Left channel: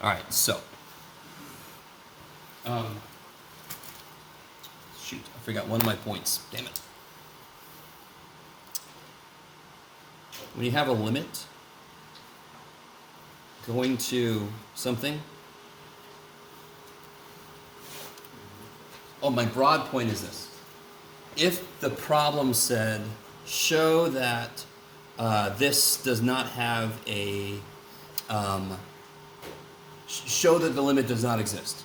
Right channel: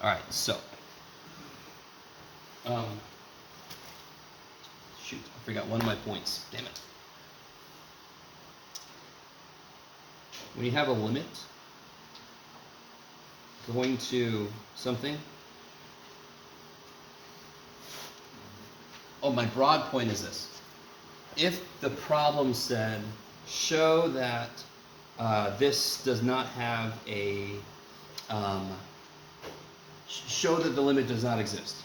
All right, so. Shoot, I forgot one of my points. Damn it. When you have a limit going to something. Oh, my broad point is this. If the problem said, show that this does not have a, show that the limit does not exist,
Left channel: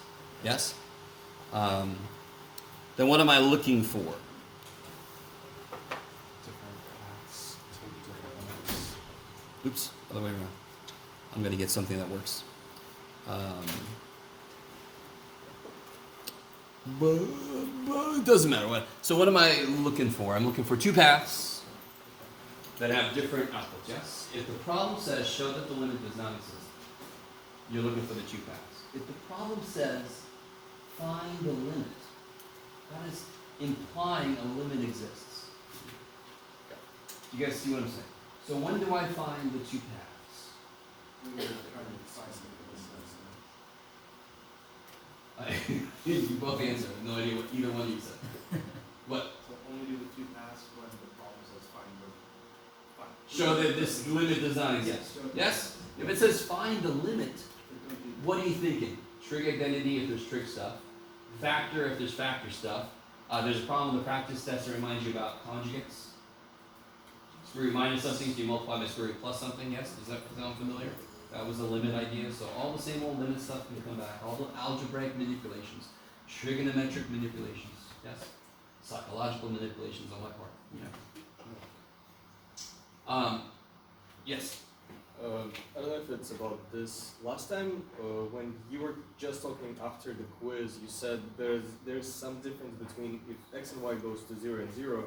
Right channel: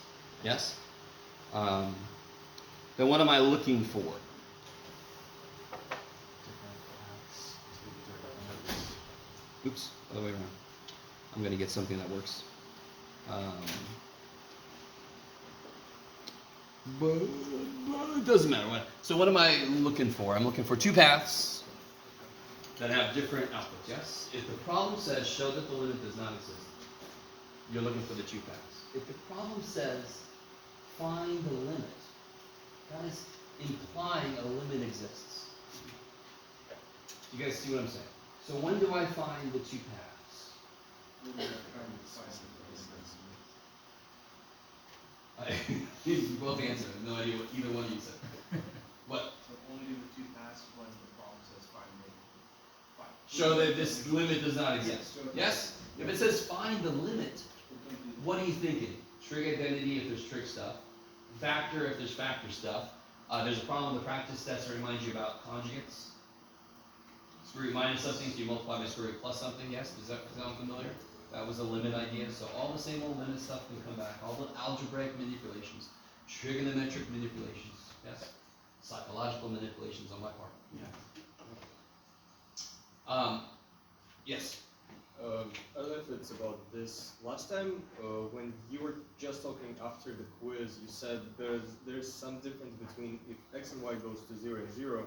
yes? Then what am I looking for? Different paths to different limits. Oops, other way around. I'm going to get something that works. But it doesn't matter what. So what am I looking for? I'm looking for two paths that have different outputs, yes? If the problem says show that the limit does not exist, you're looking for the two paths. If the problem says find the limit, that is implying a limit exists. You guys see what I'm saying? So when do I find the two paths? When you're trying to decide something for this. You both answered. I have no idea what either one you said. What? So only do the two paths when the problem says find the. Show that this limit does not exist. Yes? If it says find the limit, what are you thinking? Trig identity if there's trig stuff. Factor if there's factor stuff. There's a problem with the practice test that reminds you about conjugates. Square root minus something, so you multiply by square root plus something, yes? Does that sound familiar? That was the limit idea. So all the same old limit stuff can come back. All the algebraic manipulations, trigonometric manipulations, yes? Psychological manipulations on my part. Yeah. Yes? I don't know if it's about this. Last time, when you were just talking after the quiz, you said there's some difference between if x and y goes to 0 and 0,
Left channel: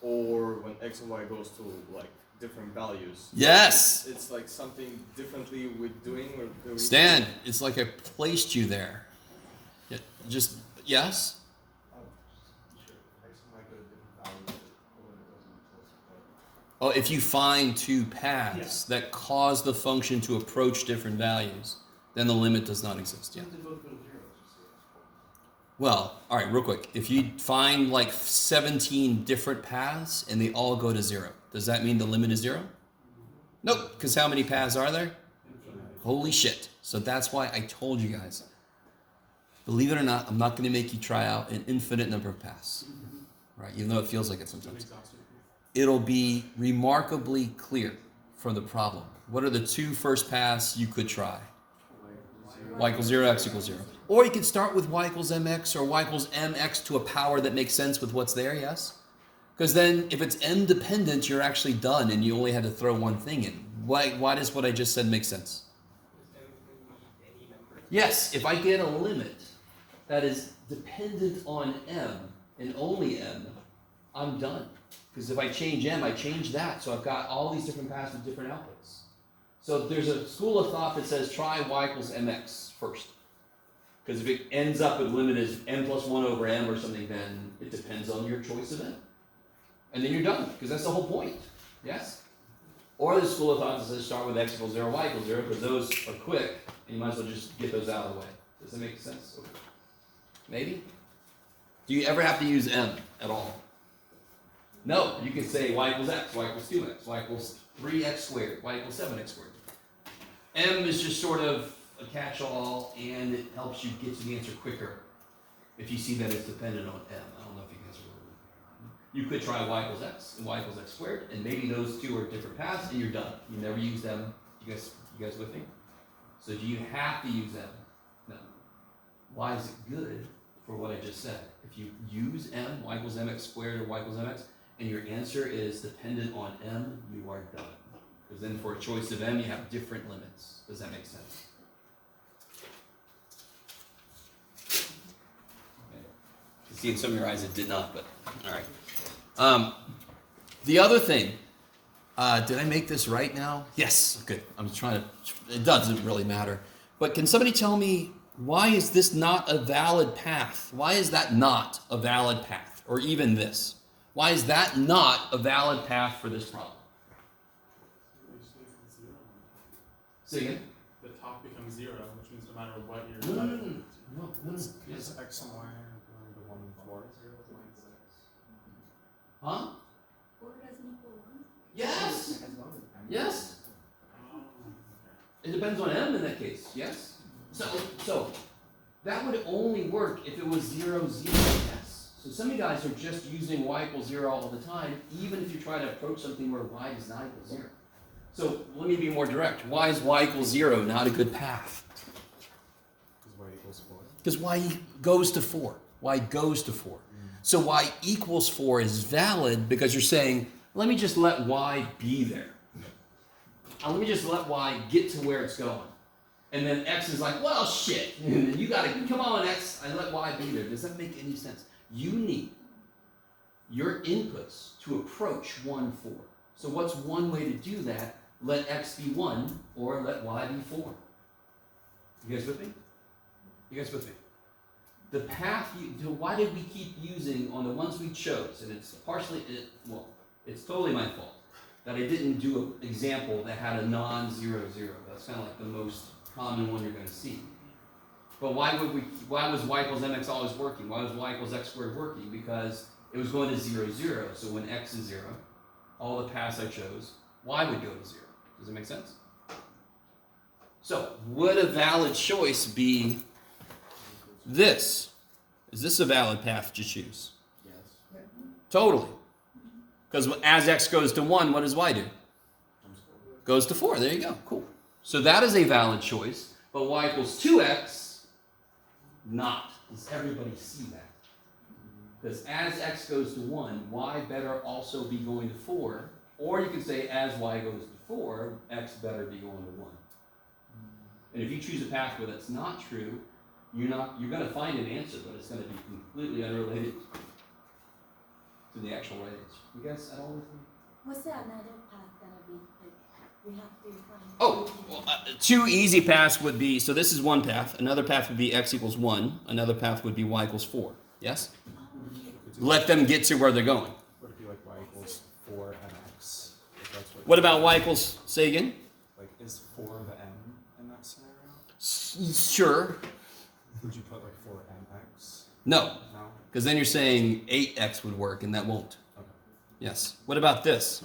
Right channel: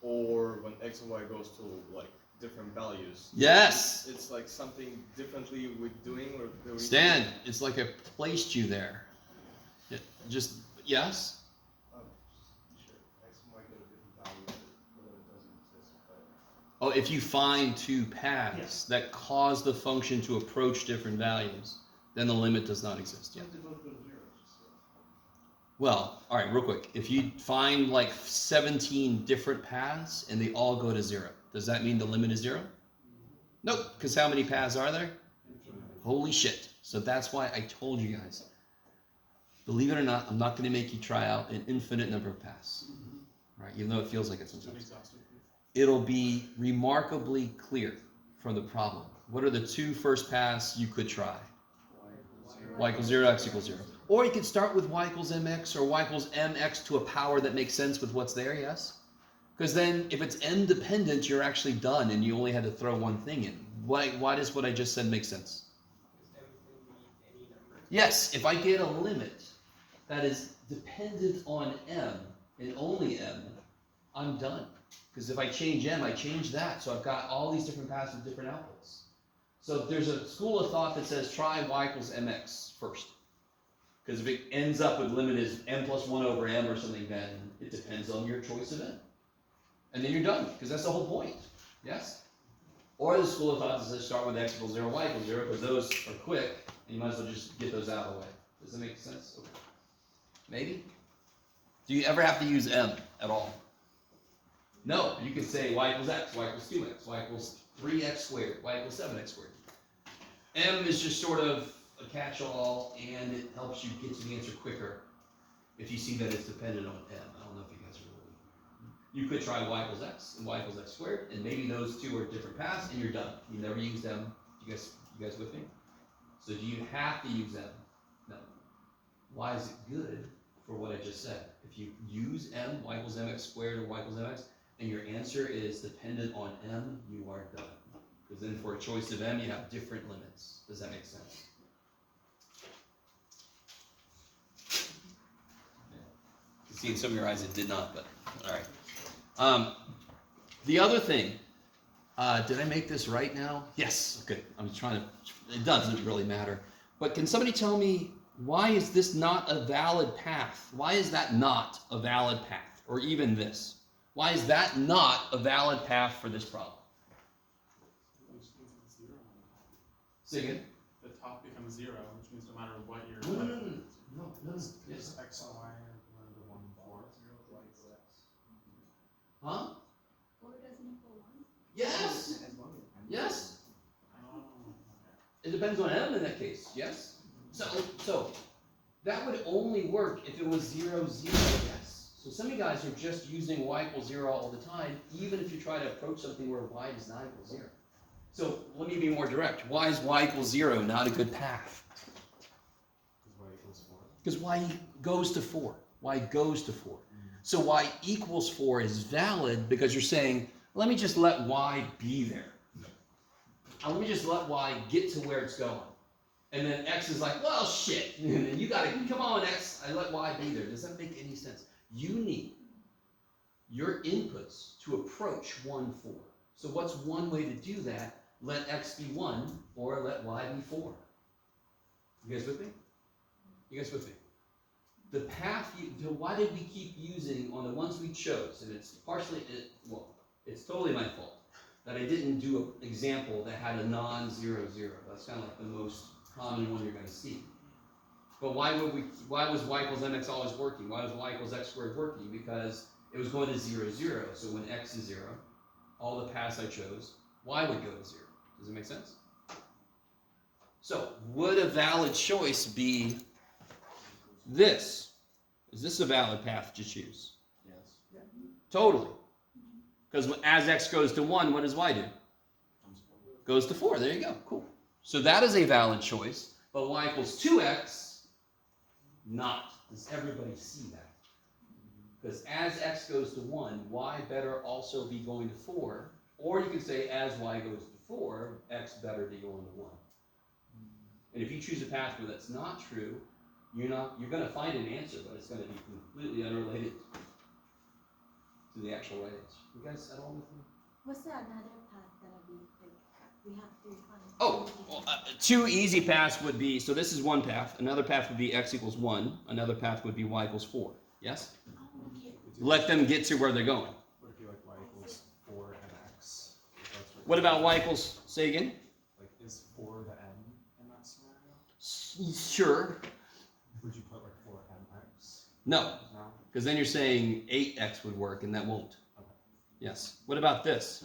or when x and y goes to like different values. Yes! It's like something differently with doing or doing. Stan, it's like I placed you there. Yeah, just, yes? Oh, if you find two paths that cause the function to approach different values, then the limit does not exist. Yeah. Well, all right, real quick. If you find like 17 different paths and they all go to 0, does that mean the limit is 0? Nope, because how many paths are there? Holy shit. So that's why I told you guys. Believe it or not, I'm not going to make you try out an infinite number of paths. Right? Even though it feels like it sometimes. It'll be remarkably clear from the problem. What are the two first paths you could try? Y equals 0, x equals 0. Or you could start with y equals mx or y equals mx to a power that makes sense with what's there, yes? Because then if it's m dependent, you're actually done and you only had to throw one thing in. Why does what I just said make sense? Yes, if I get a limit that is dependent on m and only m, I'm done. Because if I change m, I change that. So I've got all these different paths with different outputs. So there's a school of thought that says try y equals mx first. Because if it ends up with limit is m plus 1 over m or something, then it depends on your choice of m. And then you're done, because that's the whole point. Yes? Or the school of thought that says start with x equals 0, y equals 0, because those are quick, and you might as well just get those out of the way. Does that make sense? Okay. Maybe? Do you ever have to use m at all? No, you can say y equals x, y equals 2x, y equals 3x squared, y equals 7x squared. M is just sort of a catch-all, and it helps you get to the answer quicker if you see that it's dependent on m. I don't know if you guys are aware. You could try y equals x and y equals x squared, and maybe those two are different paths, and you're done. You never use them. You guys with me? So do you have to use m? No. Why is it good for what I just said? If you use m, y equals mx squared or y equals mx, and your answer is dependent on m, you are done. Because then for a choice of m, you have different limits. Does that make sense? Okay. I see in some of your eyes it did not, but all right. The other thing, did I make this right now? Yes, good. I'm trying to, it doesn't really matter. But can somebody tell me, why is this not a valid path? Why is that not a valid path? Or even this? Why is that not a valid path for this problem? Which means it's 0. Say again? The top becomes 0, which means no No, Is yes. X and Y are going to 1 and 4? Huh? 4 doesn't equal 1? Yes. Yes. It depends on m in that case. Yes. So that would only work if it was 0, 0, yes. So some of you guys are just using y equals 0 all the time, even if you try to approach something where y does not equal 0. So let me be more direct. Why is y equals 0 not a good path? Because Y equals 4. Because y goes to 4. Y goes to 4. So y equals 4 is valid because you're saying, let me just let y be there. And let me just let y get to where it's going. And then x is like, well, shit. And then you gotta, come on, x, I let y be there. Does that make any sense? You need your inputs to approach 1, 4. So what's one way to do that? Let x be 1 or let y be 4. You guys with me? You guys with me? The path, why did we keep using on the ones we chose? And it's partially, it's totally my fault that I didn't do an example that had a non-0, 0. That's kind of like the most common one you're going to see. But why was y equals mx always working? Why was y equals x squared working? Because it was going to 0, 0. So when x is 0, all the paths I chose, y would go to 0. Does it make sense? So would a valid choice be this? Is this a valid path to choose? Yes. Totally. Because as x goes to 1, what does y do? Goes to 4. There you go. Cool. So that is a valid choice. But y equals 2x, not. Does everybody see that? Because as x goes to 1, y better also be going to 4. Or you could say as y goes to 4, x better be going to 1. And if you choose a path where that's not true, you're going to find an answer, but it's going to be completely unrelated to the actual right answer. You guys at all with me? What's the another path gonna be? Like, we have to find. Oh, well, two easy paths would be, so this is one path. Another path would be x equals 1. Another path would be y equals 4. Yes? Oh, okay. Let them get to where they're going. Would it be like Y equals 4 mx? If that's What about y equals, say again? Like, is 4 the m in that scenario? Sure. Would you put like 4 mx? No, No? because then you're saying 8x would work, and that won't. Okay. Yes. What about this?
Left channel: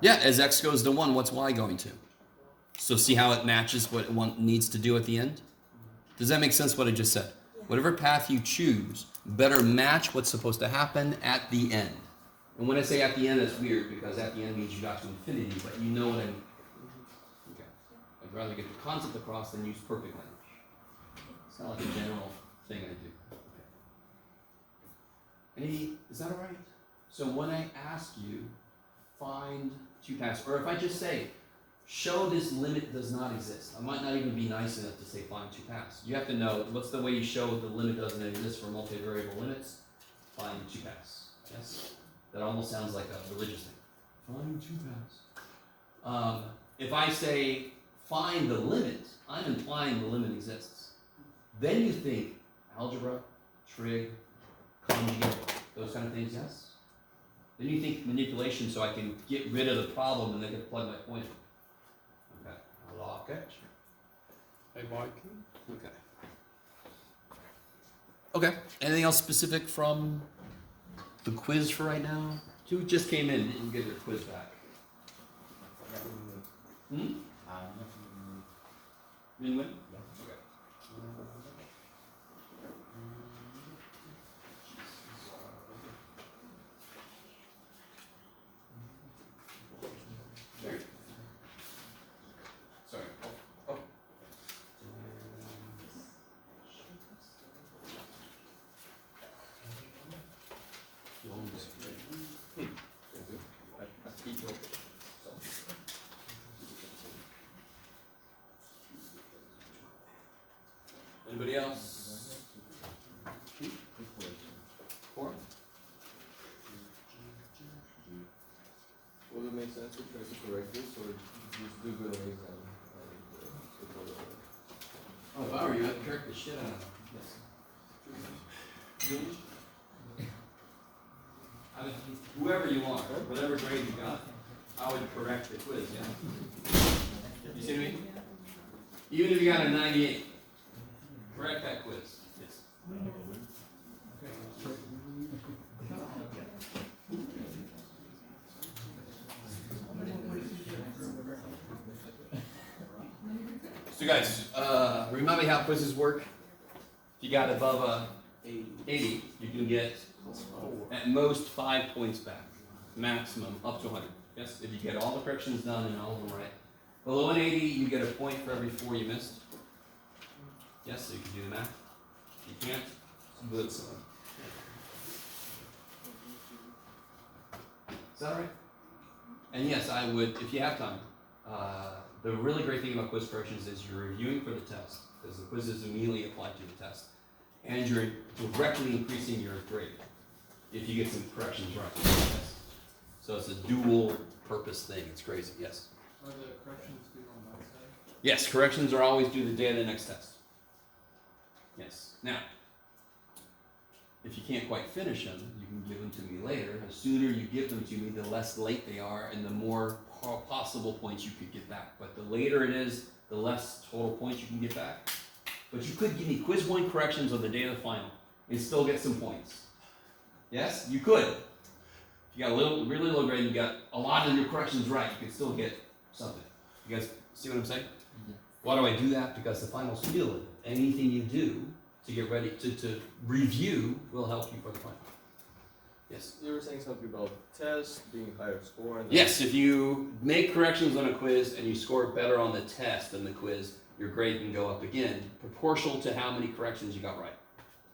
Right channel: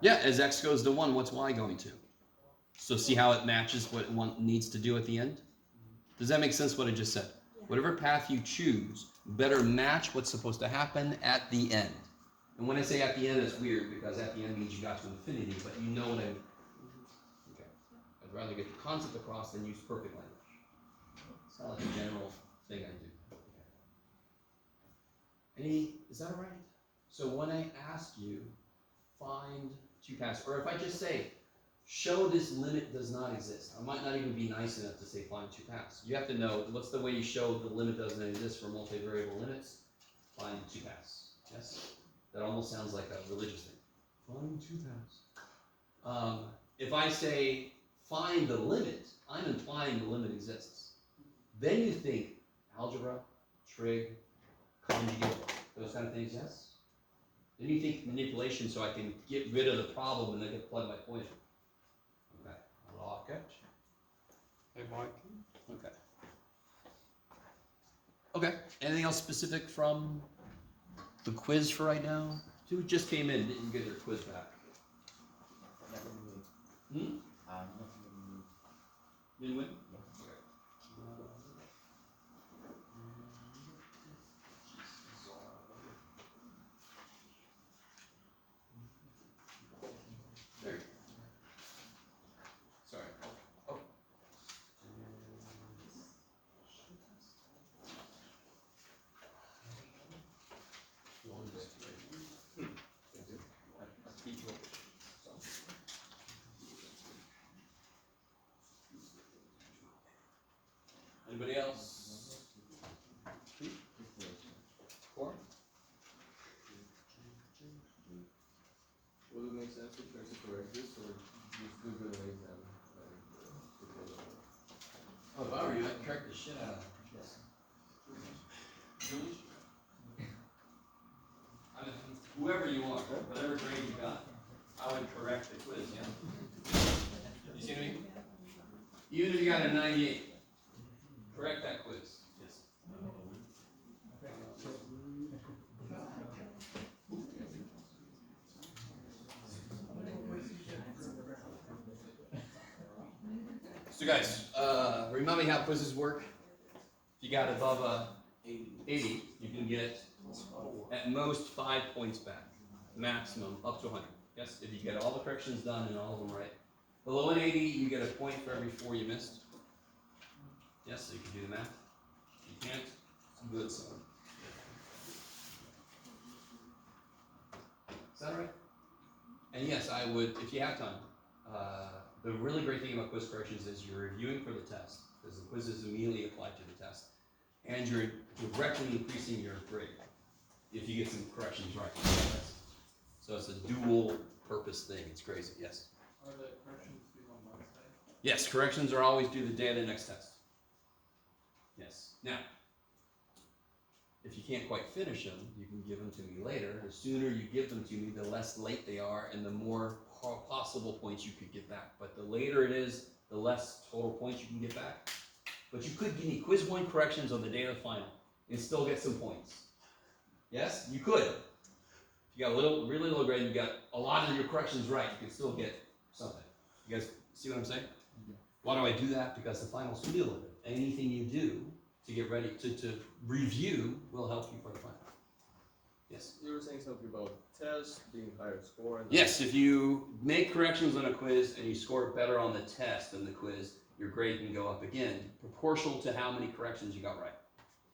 Yeah, as x goes to 1, what's y going to? So see how it matches what one needs to do at the end? Does that make sense what I just said? Yeah. Whatever path you choose better match what's supposed to happen at the end. And when I say at the end, it's weird because at the end means you got to infinity, but you know what I mean. Okay. I'd rather get the concept across than use perfect language. It's not like a general thing I do. Okay. Is that all right? So when I ask you, find two paths, or if I just say, show this limit does not exist, I might not even be nice enough to say find two paths. You have to know what's the way you show the limit doesn't exist for multivariable limits. Find two paths. Yes? That almost sounds like a religious thing. Find two paths. If I say find the limit, I'm implying the limit exists. Then you think algebra, trig, conjugate, those kind of things, yes? Then you think manipulation so I can get rid of the problem and then can plug my point in. Okay, I lock it. Hey, Mike. Okay. Okay, anything else specific from the quiz for right now? Who just came in, didn't get their quiz back? Hmm? Didn't win? Okay. There you go. Sorry. Oh. Anybody else? Four? Would it make sense to try to correct this or just do good on exam? Oh, if I were you, I'd correct the shit out of it. Yes. I mean, whoever you want, whatever grade you got, I would correct the quiz, yeah? You see what I mean? Even if you got a 98, correct that quiz. Yes. So guys, remind me how quizzes work. If you got above a 80, you can get at most 5 points back, maximum up to 100. Yes, if you get all the corrections done and all of them right. Below an 80, you get a point for every 4 you missed. Yes, so you can do the math. If you can't, do it. Is that all right? And yes, I would, if you have time. The really great thing about quiz corrections is you're reviewing for the test, because the quizzes immediately apply to the test. And you're directly increasing your grade if you get some corrections right. So it's a dual purpose thing. It's crazy. Yes? Are the corrections due on Wednesday? Yes, corrections are always due the day of the next test. Yes. Now, if you can't quite finish them, you can give them to me later. The sooner you give them to me, the less late they are and the more possible points you could get back. But the later it is, the less total points you can get back. But you could give me quiz 1 corrections on the day of the final and still get some points. Yes, you could. If you got a really low grade, you got a lot of your corrections right, you can still get something. You guys see what I'm saying? Why do I do that? Because the final's cumulative. Anything you do to get ready to review will help you for the final. Yes. You were saying something about tests being higher score. And Yes, if you make corrections on a quiz and you score better on the test than the quiz, your grade can go up again, proportional to how many corrections you got right.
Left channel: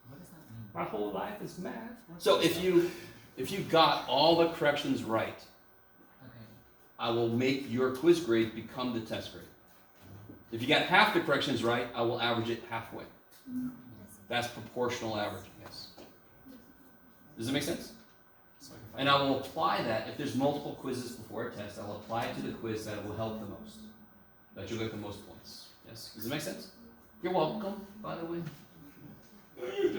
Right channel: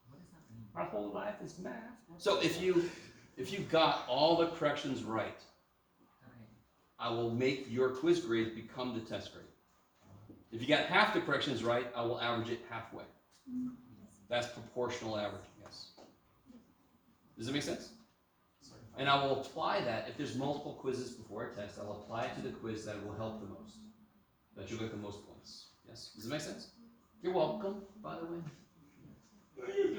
What does that mean? My whole life is math. So if you got all the corrections right, Okay. I will make your quiz grade become the test grade. If you got half the corrections right, I will average it halfway. That's proportional averaging, yes. Does that make sense? So if And I will apply that, if there's multiple quizzes before a test, I'll apply it to the quiz that will help the most. That you'll get the most points. Yes? Does it make sense? You're welcome, by the way. Okay. you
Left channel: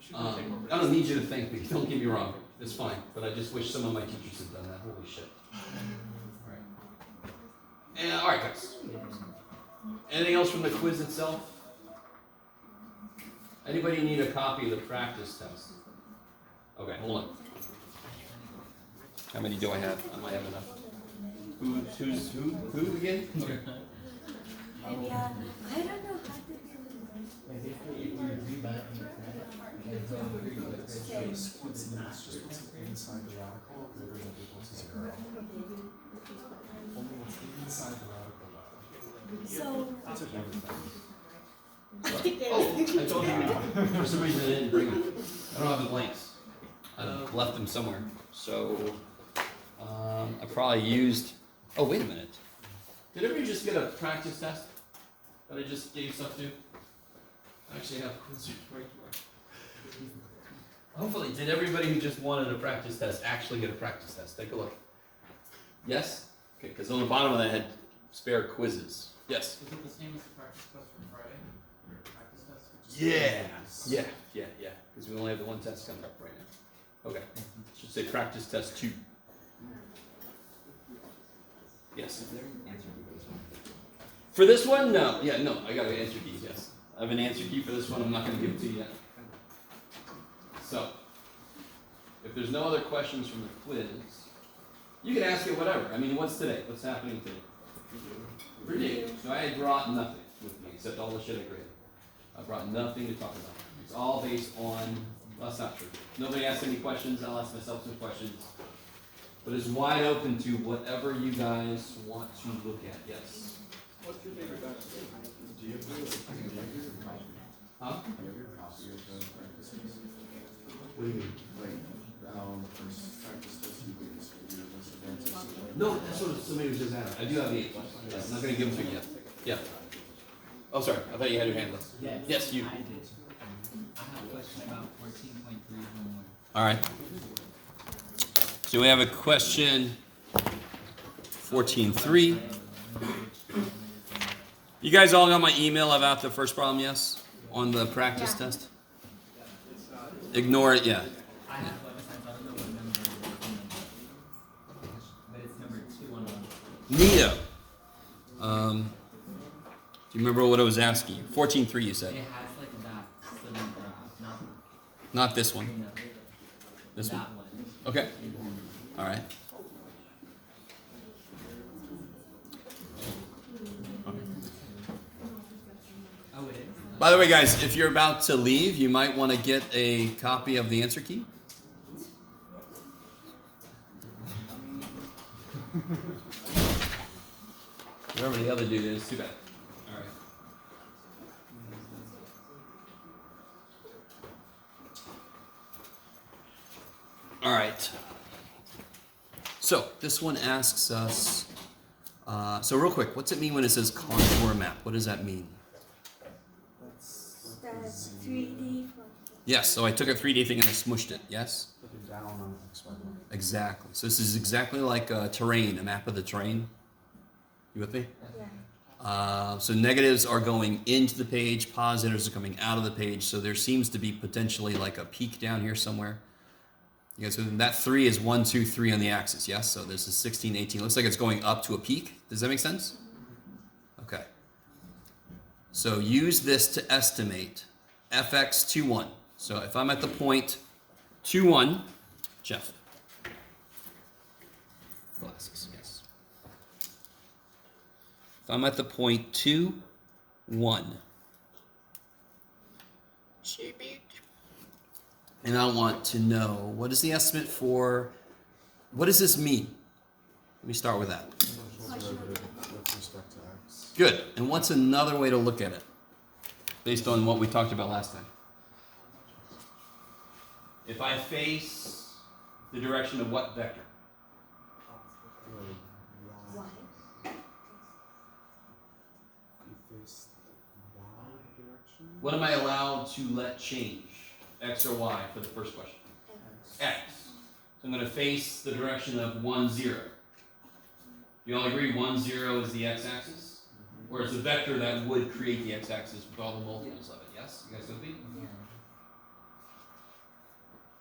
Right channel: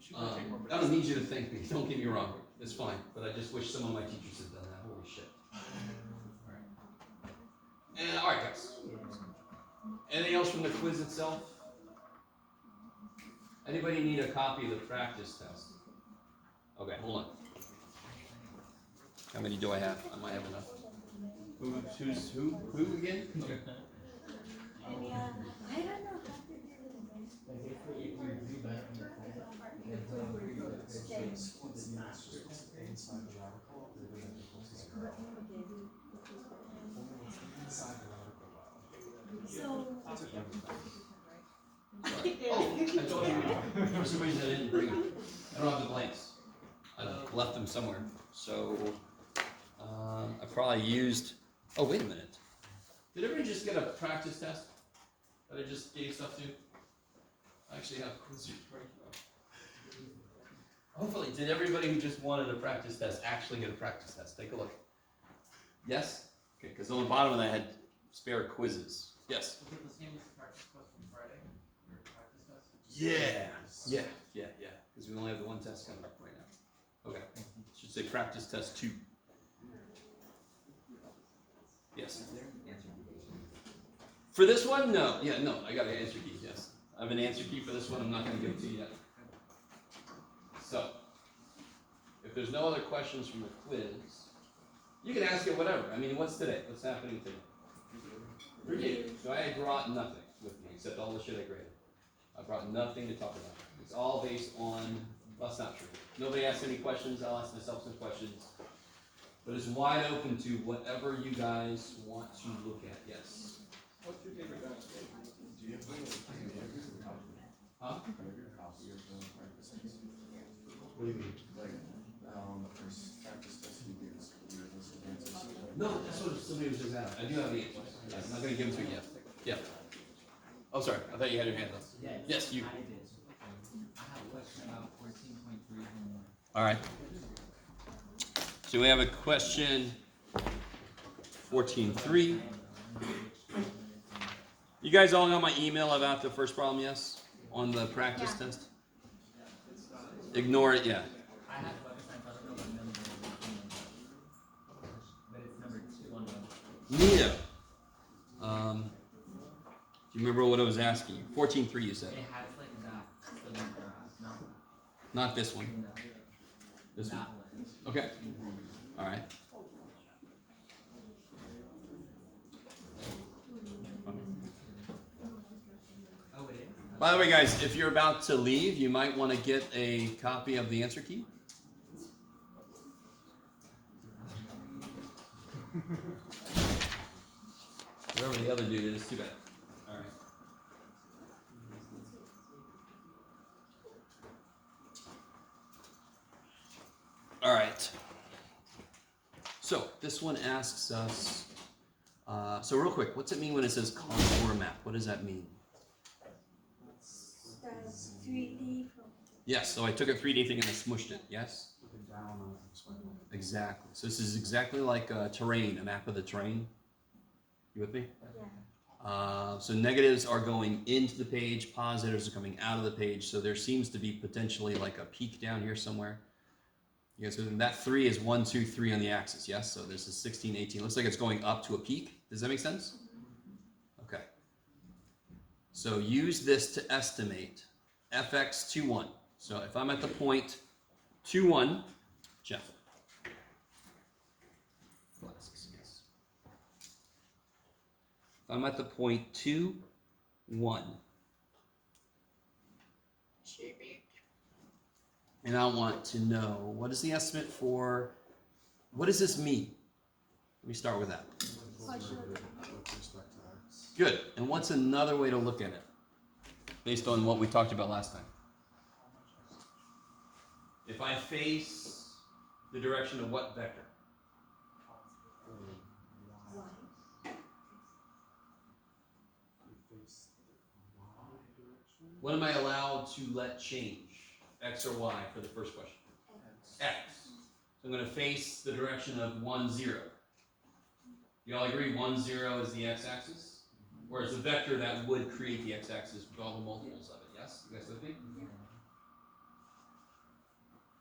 should take more I don't need you to thank me, don't get me wrong. It's fine, but I just wish some of my teachers had done that. Holy shit. Alright guys. Anything else from the quiz itself? Anybody need a copy of the practice test? Okay, hold on. How many do I have? I might have enough. Who again? Okay. And I don't know how to do inside the radical greater than or equal to 0. Only what's inside the radical level. So, That's a everything. I told you. For some reason I didn't bring them. I don't have the blanks. I left them somewhere. So, I probably used. Oh, wait a minute. Did everybody just get a practice test? That I just gave stuff to? I actually have quiz right here. Hopefully, did everybody who just wanted a practice test actually get a practice test? Take a look. Yes? Okay, because on the bottom of that had spare quizzes. Yes? Is it the same as the practice test from Friday? Your practice test? Yeah. Yeah. Because we only have the one test coming up right now. Okay. Should say practice test 2. Yes. For this one, no. Yeah, no. I got an answer key. Yes. I have an answer key for this one. I'm not going to give it to you yet. So, if there's no other questions from the quiz, you can ask it whatever. I mean, what's today? What's happening today? Review. So I brought nothing with me except all the shit I graded. I brought nothing to talk about. It's all based on. That's not true. Nobody asked any questions. I'll ask myself some questions. But it's wide open to whatever you guys want to look at. Yes. What's your favorite dinosaur? Do you have Huh? your copy of the practice test? What do you mean? Like, the first practice test you did is for your disadvantage. No, that's what somebody was just asking. I do have the answers. Yes, I'm not going to give them to you yet. Yeah. Oh, sorry. I thought you had your hand up. Yes, you. I did. I have a question about 14.3 homework. All right. So we have a question 14.3. You guys all got my email about the first problem, yes? On the practice Yeah. test? Ignore it, yeah. I have websites, I don't know what number it is on them. But it's number 2 on the. Neato. Remember what I was asking you. 14.3 you said. It has like that cylinder graph, Not this one. no, This that one. one. Okay. All right. Oh, it is? By the way, guys, if you're about to leave, you might want to get a copy of the answer key. Whoever the other dude is, too bad. All right. All right. So this one asks us. So real quick, what's it mean when it says contour map? What does that mean? That's 3D from. Yes. So I took a 3D thing and I smushed it. Yes. Looking down on X, Y, line. Exactly. So this is exactly like terrain, a map of the terrain. You with me? Yeah. So negatives are going into the page, positives are coming out of the page. So there seems to be potentially like a peak down here somewhere. You guys, that 3 is 1, 2, 3 on the axis, yes? So this is 16, 18. Looks like it's going up to a peak. Does that make sense? Okay. So use this to estimate fx 21. So if I'm at the point 21, Jeff. Glasses, yes. If I'm at the point 2, 1. And I want to know, what is the estimate for, what does this mean? Let me start with that. Partial derivative with respect to X. Good. And what's another way to look at it? Based on what we talked about last time. If I face the direction of what vector? Y. You face the Y direction. What am I allowed to let change? X or Y for the first question? X. So I'm going to face the direction of 1, 0. You all agree 1, 0 is the x-axis? Or it's a vector that would create the x-axis with all the multiples of it, yes? You guys with me?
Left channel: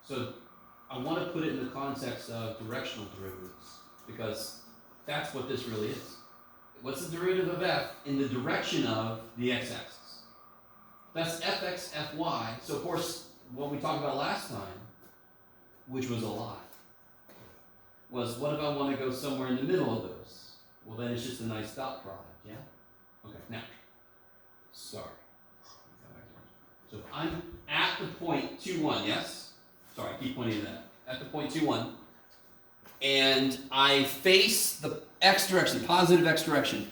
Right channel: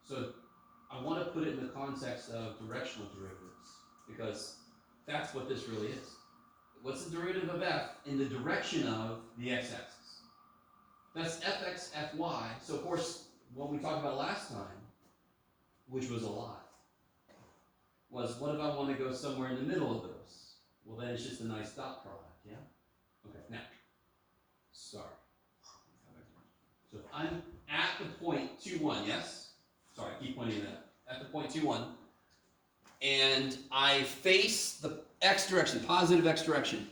So I want to put it in the context of directional derivatives, because that's what this really is. What's the derivative of f in the direction of the x-axis? That's fx, fy. So of course, what we talked about last time, which was a lot, was what if I want to go somewhere in the middle of those? Well, then it's just a nice dot product, yeah? Okay, now, sorry. So if I'm at the point 2, 1, yes? Sorry, I keep pointing to that. At the point 2, 1, and I face the x direction, positive x direction,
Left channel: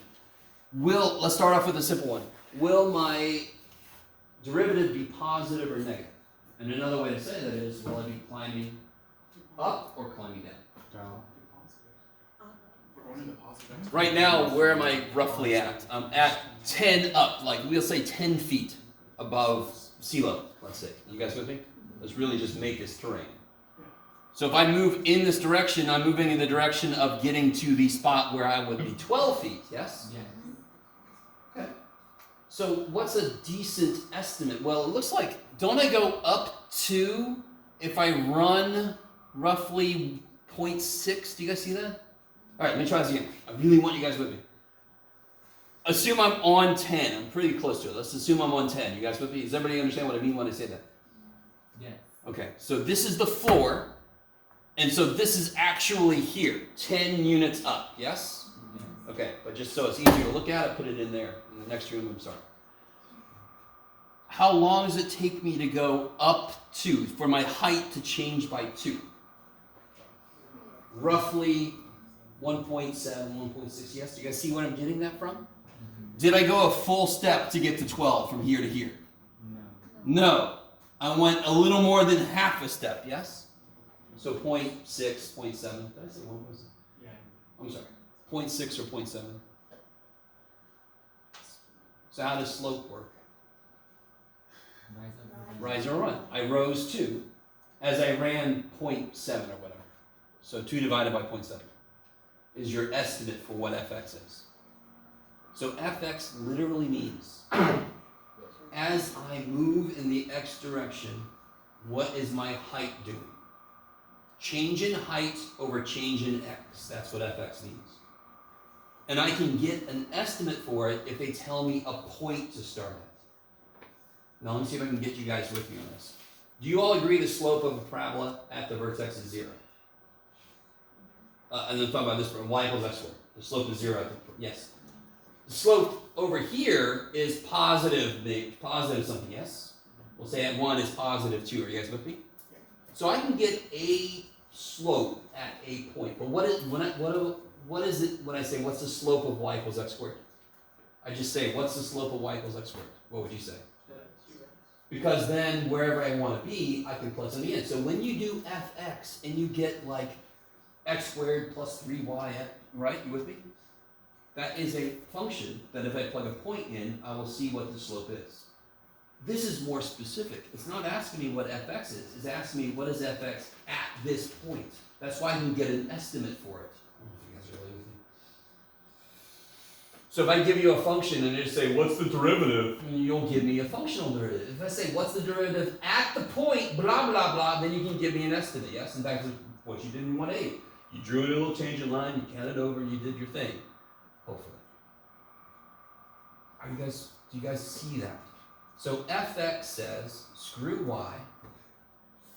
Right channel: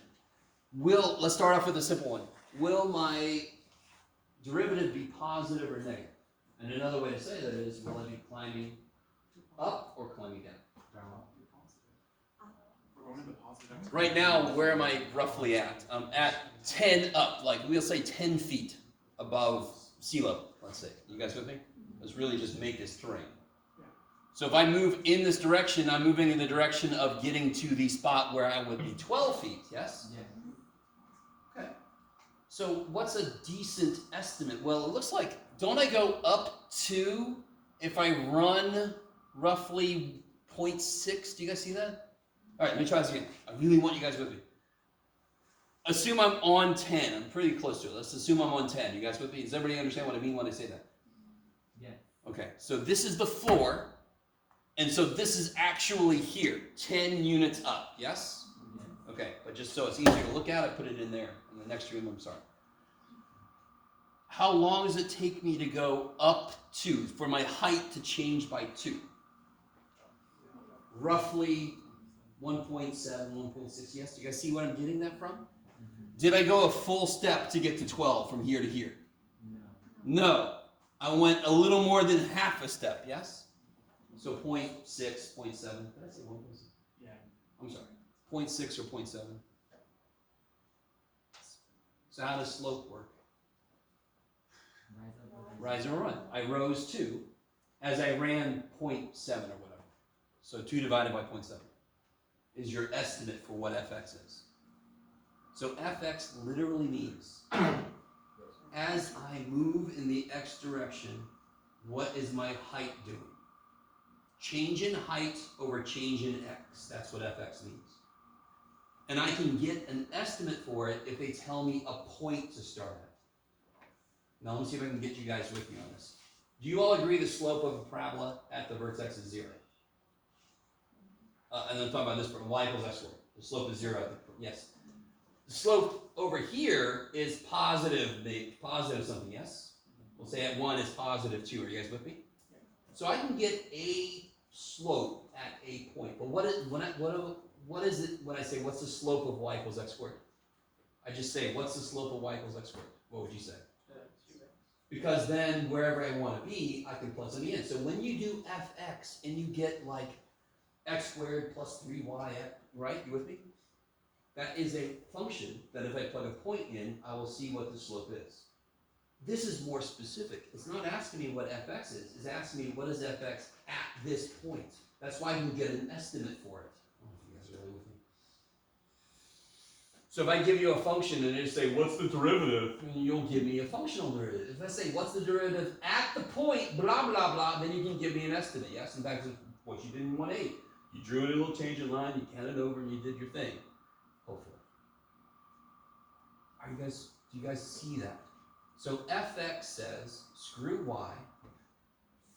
let's start off with a simple one. Will my derivative be positive or negative? And another way to say that is, will I be climbing up or climbing down? Down. Right now, where am I roughly at? I'm at 10 up, like we'll say 10 feet above sea level, let's say. You guys with me? Let's really just make this terrain. So if I move in this direction, I'm moving in the direction of getting to the spot where I would be 12 feet, yes? Yeah. Okay. So what's a decent estimate? Well, it looks like, don't I go up to, if I run roughly 0.6, do you guys see that? All right, let me try this again. I really want you guys with me. Assume I'm on 10. I'm pretty close to it. Let's assume I'm on 10. You guys with me? Does everybody understand what I mean when I say that? Yeah. Okay, so this is the floor, and so this is actually here, 10 units up, yes? Yeah. Okay, but just so it's easier to look at, I put it in there, in the next room, I'm sorry. How long does it take me to go up to, for my height to change by 2? Roughly 1.7, 1.6, yes? Do you guys see where I'm getting that from? Did I go a full step to get to 12 from here to here? No. No. I went a little more than half a step, yes? So 0.6, 0.7. Did I say 1.6? Yeah. I'm sorry. 0.6 or 0.7. So how does slope work? Rise or run. I rose 2 as I ran 0.7 or whatever. So 2 divided by 0.7 is your estimate for what fx is. So fx literally means as I move in the x direction, what is my height doing? Change in height over change in x. That's what fx means. And I can get an estimate for it if they tell me a point to start at. Now let me see if I can get you guys with me on this. Do you all agree the slope of a parabola at the vertex is 0? And I'm talking about this for y equals x squared. The slope is 0 at the, yes. The slope over here is positive something, yes? We'll say at 1 is positive 2. Are you guys with me? So I can get a slope at a point. But what is it when I say what's the slope of y equals x squared? I just say what's the slope of y equals x squared? What would you say? Because then wherever I want to be, I can plug something in. So when you do fx and you get like x squared plus 3y, right? You with me? That is a function that if I plug a point in, I will see what the slope is. This is more specific. It's not asking me what fx is. It's asking me what is fx at this point. That's why I can get an estimate for it. I don't know if you guys are really with me. So if I give you a function and just say, what's the derivative? You'll give me a functional derivative. If I say, what's the derivative at the point, blah, blah, blah, then you can give me an estimate, yes? In fact, what you did in 1A. You drew in a little change in line, you counted over, and you did your thing. Hopefully. Do you guys see that? So fx says, screw y,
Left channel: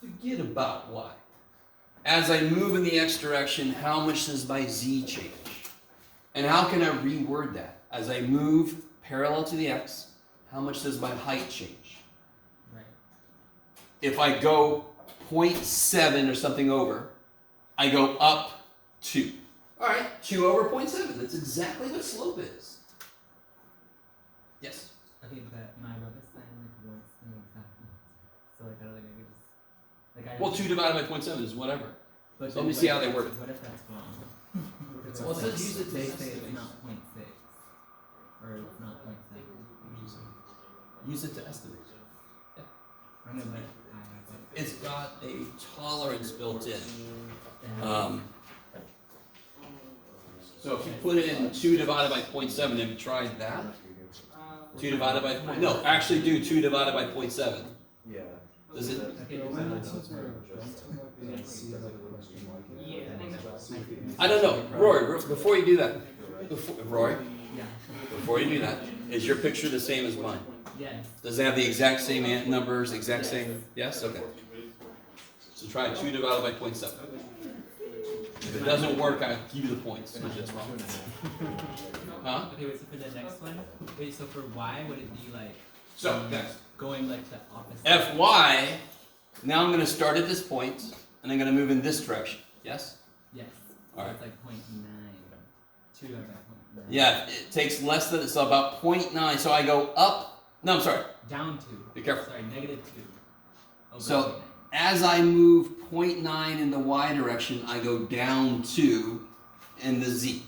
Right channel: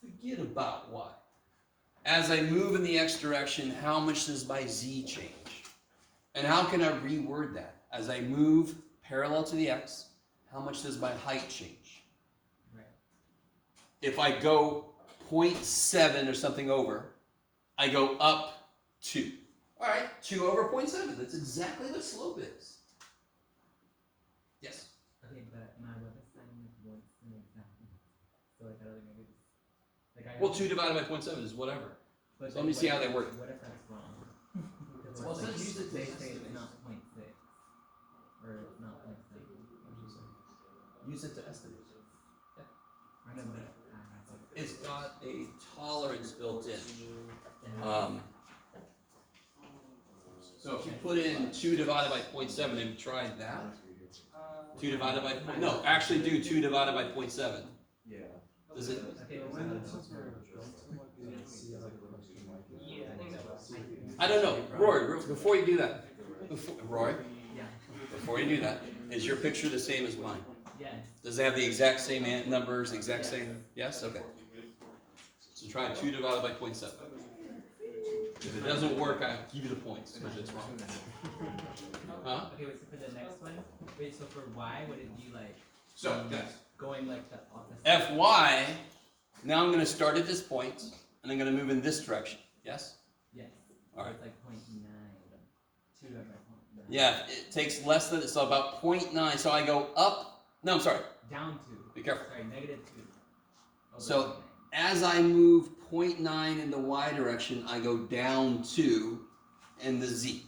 forget about y. As I move in the x direction, how much does my z change? And how can I reword that? As I move parallel to the x, how much does my height change? Right. If I go 0.7 or something over, I go up 2. All right, 2 over 0.7. That's exactly what slope is. Yes? Okay, but my brother said like what's the exact? So like I don't think I could just like I. Well, 2 divided by 0.7 is whatever. But so let me see how they that's- work. What if that's wrong? Well, it says use it to They test say it. it's not 0.6 or it's not 0.7. Use it to estimate. I know, but I It's got a tolerance built in. So if you put in 2 divided by 0.7, have you tried that? 2 divided by, no, actually do 2 divided by 0.7. Yeah. Does it? Okay, I don't know. Rory, before you do that, Rory, yeah. before you do that, is your picture the same as mine? Yes. Does it have the exact same numbers, exact same? Yes? Okay. So try 2 divided by 0.7. If it doesn't work, I give you the points. If it's wrong. Huh? Okay, wait, so for the next one, wait, so for y, would it be like So, next. going like the opposite? Fy, now I'm going to start at this point, and I'm going to move in this direction. Yes? Yes. So Alright. it's like 0.9. 2 divided by 0.9. Yeah, it takes less than, so about 0.9. So I go up, no, I'm sorry. Down 2. Be careful. Sorry, negative 2. Over So- 0.9. As I move 0.9 in the y direction, I go down 2 in the z.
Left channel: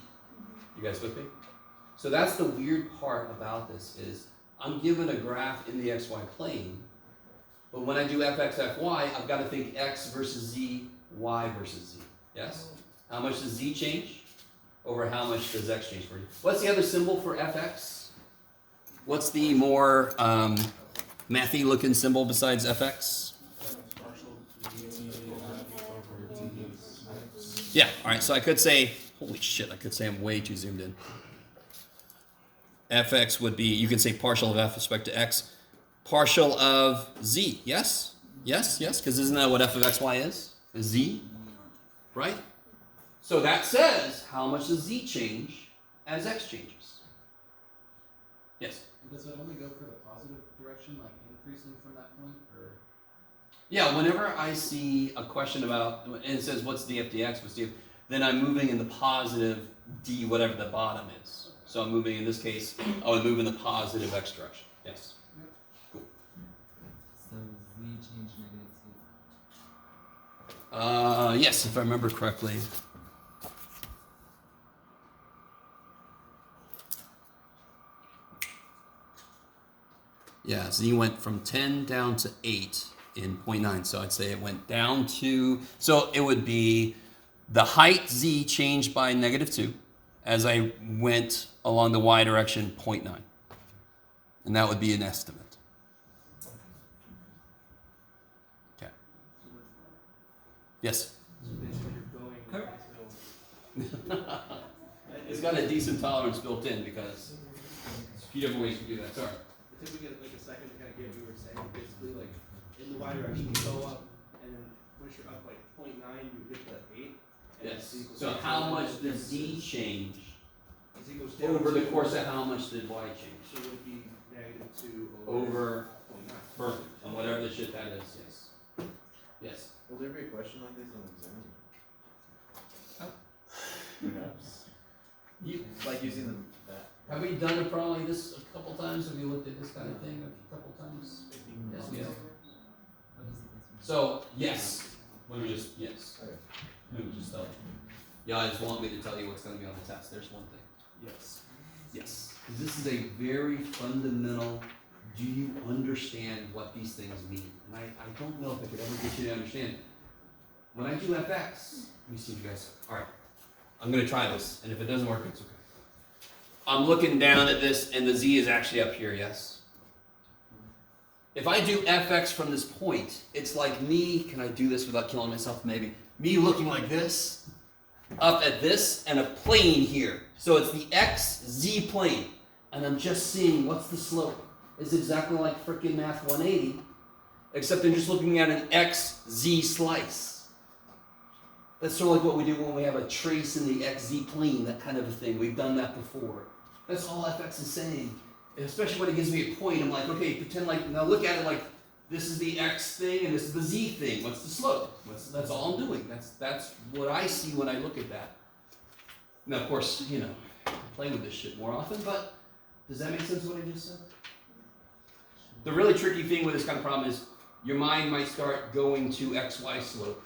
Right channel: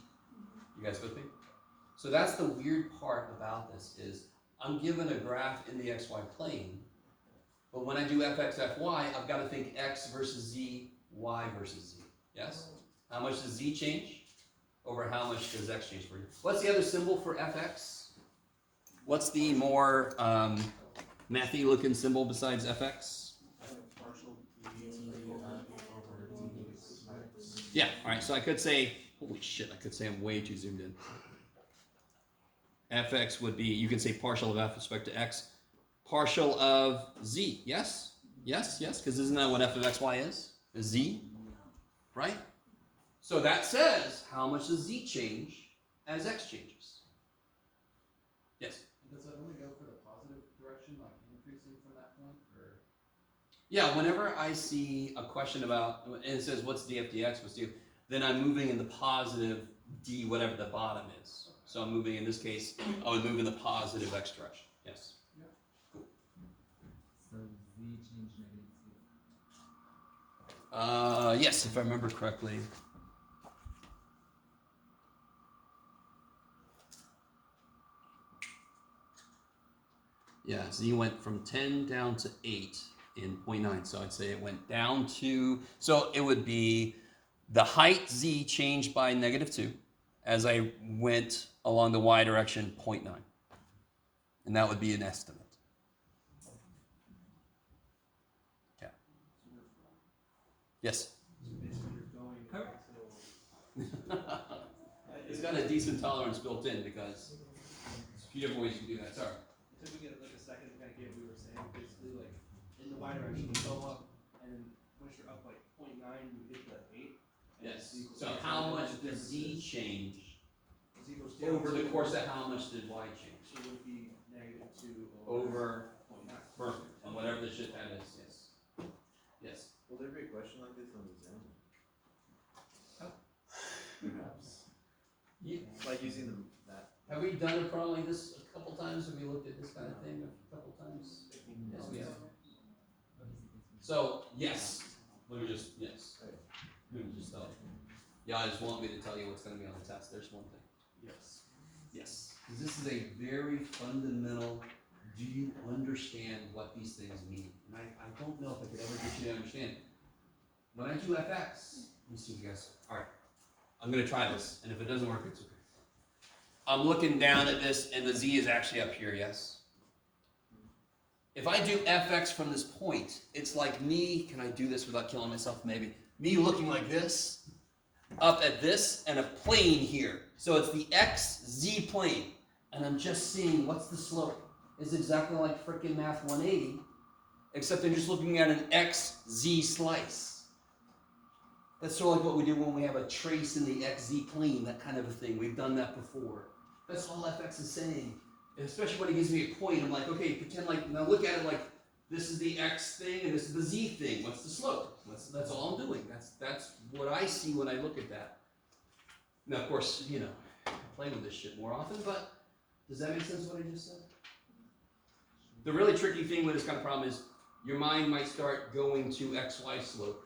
You guys with me? So that's the weird part about this is I'm given a graph in the xy plane, but when I do fx, fy, I've got to think x versus z, y versus z. Yes? How much does z change? Over how much does x change for you? What's the other symbol for fx? What's the more mathy looking symbol besides fx? Yeah, all right, so I could say, holy shit, I could say I'm way too zoomed in. Fx would be, you can say partial of f with respect to x, partial of z, yes? Yes, yes, because isn't that what f of xy is z, right? So that says, how much does z change as x changes? Yes? Does it only go for the positive direction, like increasing from that point, or? Yeah, whenever I see a question about, and it says, what's df dx, what's df, then I'm moving in the positive d, whatever the bottom is. So I'm moving, in this case, I would move in the positive x direction. Yes. Cool. So z change negative 2. Yes, if I remember correctly. Yeah, z went from 10 down to 8 in 0.9. So I'd say it went down to, so it would be the height z changed by negative 2 as I went along the y direction 0.9. And that would be an estimate. Okay. Yes? it's got a decent tolerance built in because there's a few different ways you can do that. Sorry. If we get like a second to kind of get what you were saying, basically like in the y direction you go up, and then once you're up like 0.9, you get to 8. And Yes. z equals So eight. how much does Z change Z equals down over the to- course of how much did Y change? So it would be -2 Over 0.9. perfect and whatever the shit that is. Yes. Yes. Will there be a question like this on the exam? Oh. Perhaps. You, Like using the, that. have we done a problem like this a couple times? Have you looked at this kind of thing a couple times? Yes, we have. So, yes. Let me just, yes. Okay. Let me just tell you. Yeah, I just want me to tell you what's gonna be on the test. There's one thing. Yes. Yes. 'Cause this is a very fundamental, do you understand what these things mean? And I don't know if I could ever get you to understand it. When I do FX, let me see if you guys, alright. I'm gonna try this, and if it doesn't work, it's okay. I'm looking down at this, and the Z is actually up here, yes? If I do FX from this point, it's like me, can I do this without killing myself? Maybe. Me looking like this, up at this, and a plane here. So it's the XZ plane. And I'm just seeing what's the slope. It's exactly like frickin' Math 180, except I'm just looking at an XZ slice. That's sort of like what we do when we have a trace in the XZ plane, that kind of a thing. We've done that before. That's all FX is saying. And especially when it gives me a point, I'm like, okay, pretend like, now look at it like this is the X thing and this is the Z thing. What's the slope? That's all I'm doing. That's what I see when I look at that. Now, of course, you know, I play with this shit more often, but does that make sense what I just said? The really tricky thing with this kind of problem is your mind might start going to XY slope.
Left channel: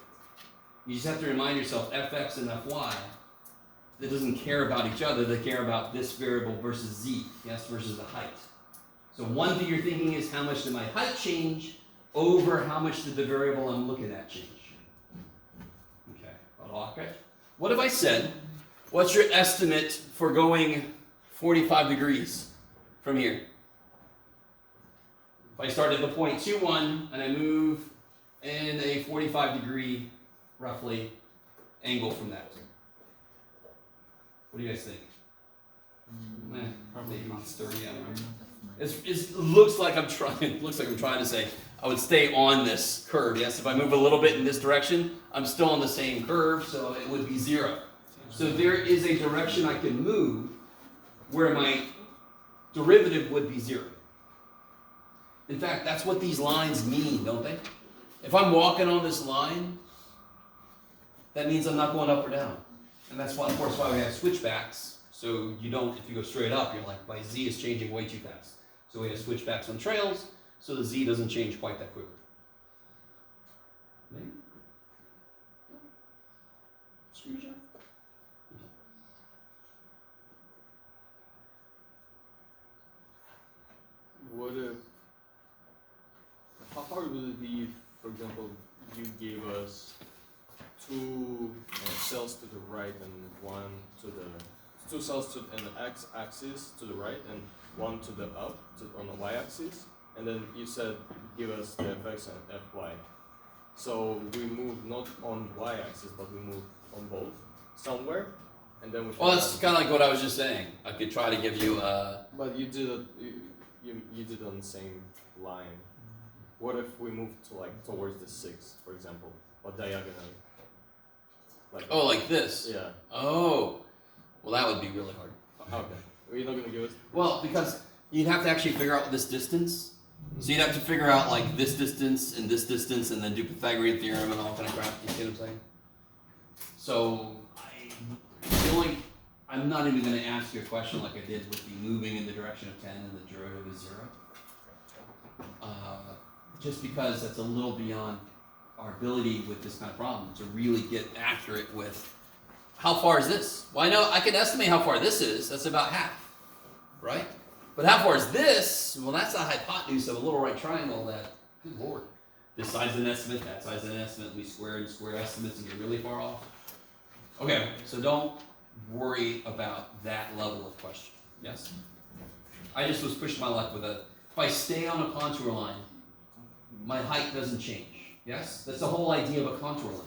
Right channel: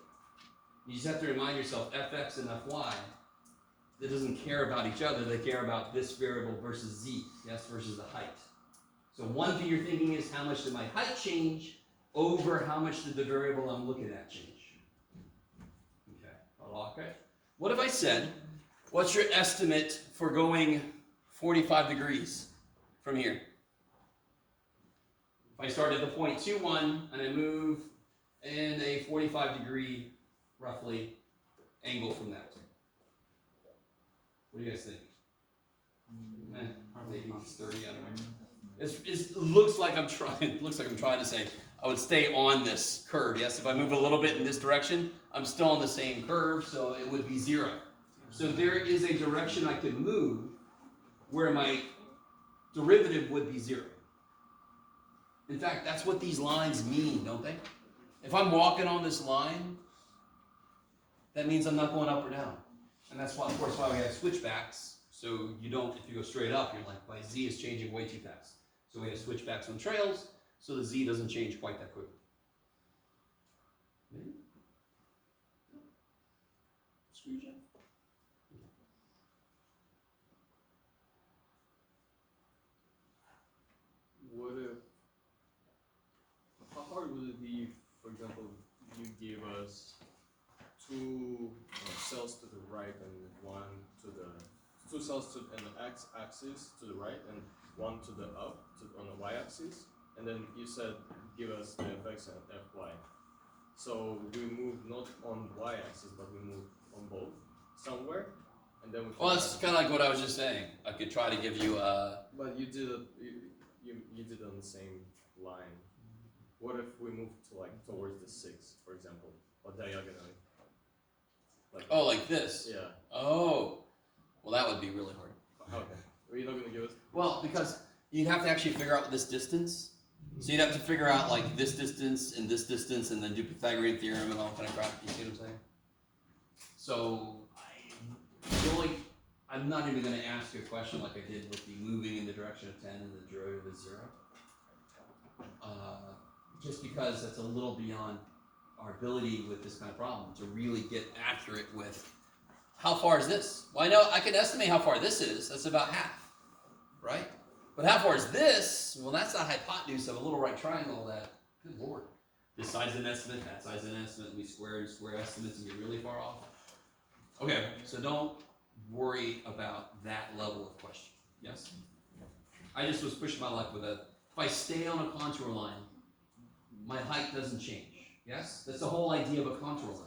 You just have to remind yourself, Fx and Fy, that doesn't care about each other, they care about this variable versus Z, yes, versus the height. So one thing you're thinking is how much did my height change over how much did the variable I'm looking at change? Okay. What if I said, what's your estimate for going 45 degrees from here? If I start at the point 2,1 and I move in a 45 degree, roughly, angle from that. What do you guys think? Maybe it's 30, I don't know. It looks like I'm trying to say I would stay on this curve. Yes, if I move a little bit in this direction, I'm still on the same curve, so it would be 0. So there is a direction I can move where my derivative would be 0. In fact, that's what these lines mean, don't they? If I'm walking on this line, that means I'm not going up or down. And that's why, of course, why we have switchbacks. So you don't, if you go straight up, you're like, my Z is changing way too fast. So we have switchbacks on trails, so the Z doesn't change quite that quickly. Maybe? Screw job? What if, how hard would it be, for example, you gave us two cells to the right and one to the, two cells to an x-axis to the right and one to the up on the y-axis, and then you said give us the fx and fy. So we move not on y-axis, but we move on both somewhere, and then we. Well, that's kind of like what I was just saying. I could try to give you But you did it. You did it on the same line. What if we move to like towards the 6, for example, or diagonally? Like. oh, like this. Yeah. Oh, well, that would be really hard. Okay. Are you not gonna give us? Well, because you'd have to actually figure out this distance. So you'd have to figure out like this distance, and then do Pythagorean theorem and all kind of crap. You see what I'm saying? So I'm not even going to ask you a question like I did with the moving in the direction of 10 and the derivative is 0. Just because that's a little beyond our ability with this kind of problem to really get accurate with how far is this? Well, I know I can estimate how far this is. That's about half, right? But how far is this? Well, that's the hypotenuse of a little right triangle that, good lord, this side's an estimate, that side's an estimate, we square estimates and get really far off. Okay, so don't worry about that level of question, yes? I just was pushing my luck with a, if I stay on a contour line, my height doesn't change, yes? That's the whole idea of a contour line.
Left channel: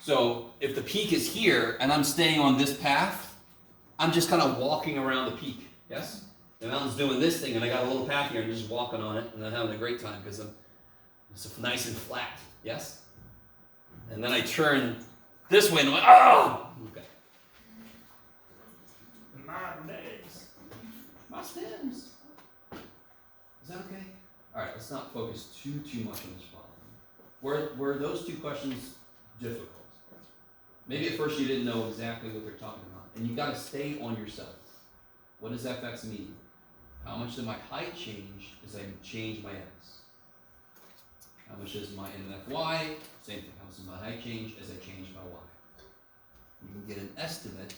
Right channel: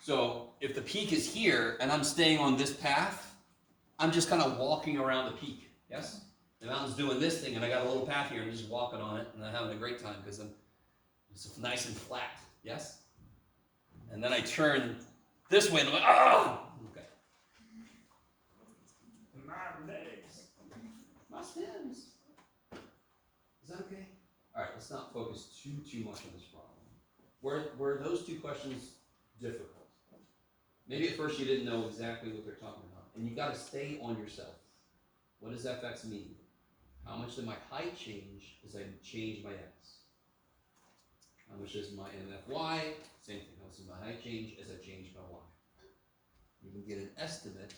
So if the peak is here and I'm staying on this path, I'm just kind of walking around the peak, yes? The mountain's doing this thing, and I got a little path here, and I'm just walking on it, and I'm having a great time because it's nice and flat, yes? And then I turn this way, and I'm like, oh! Okay. My legs. My stems. Is that okay? All right, let's not focus too much on this problem. Were those two questions difficult? Maybe at first you didn't know exactly what they're talking about, and you got to stay on yourself. What does fx mean? How much does my height change as I change my x? How much does my n of fy? Same thing. How much does my height change as I change my y? You can get an estimate,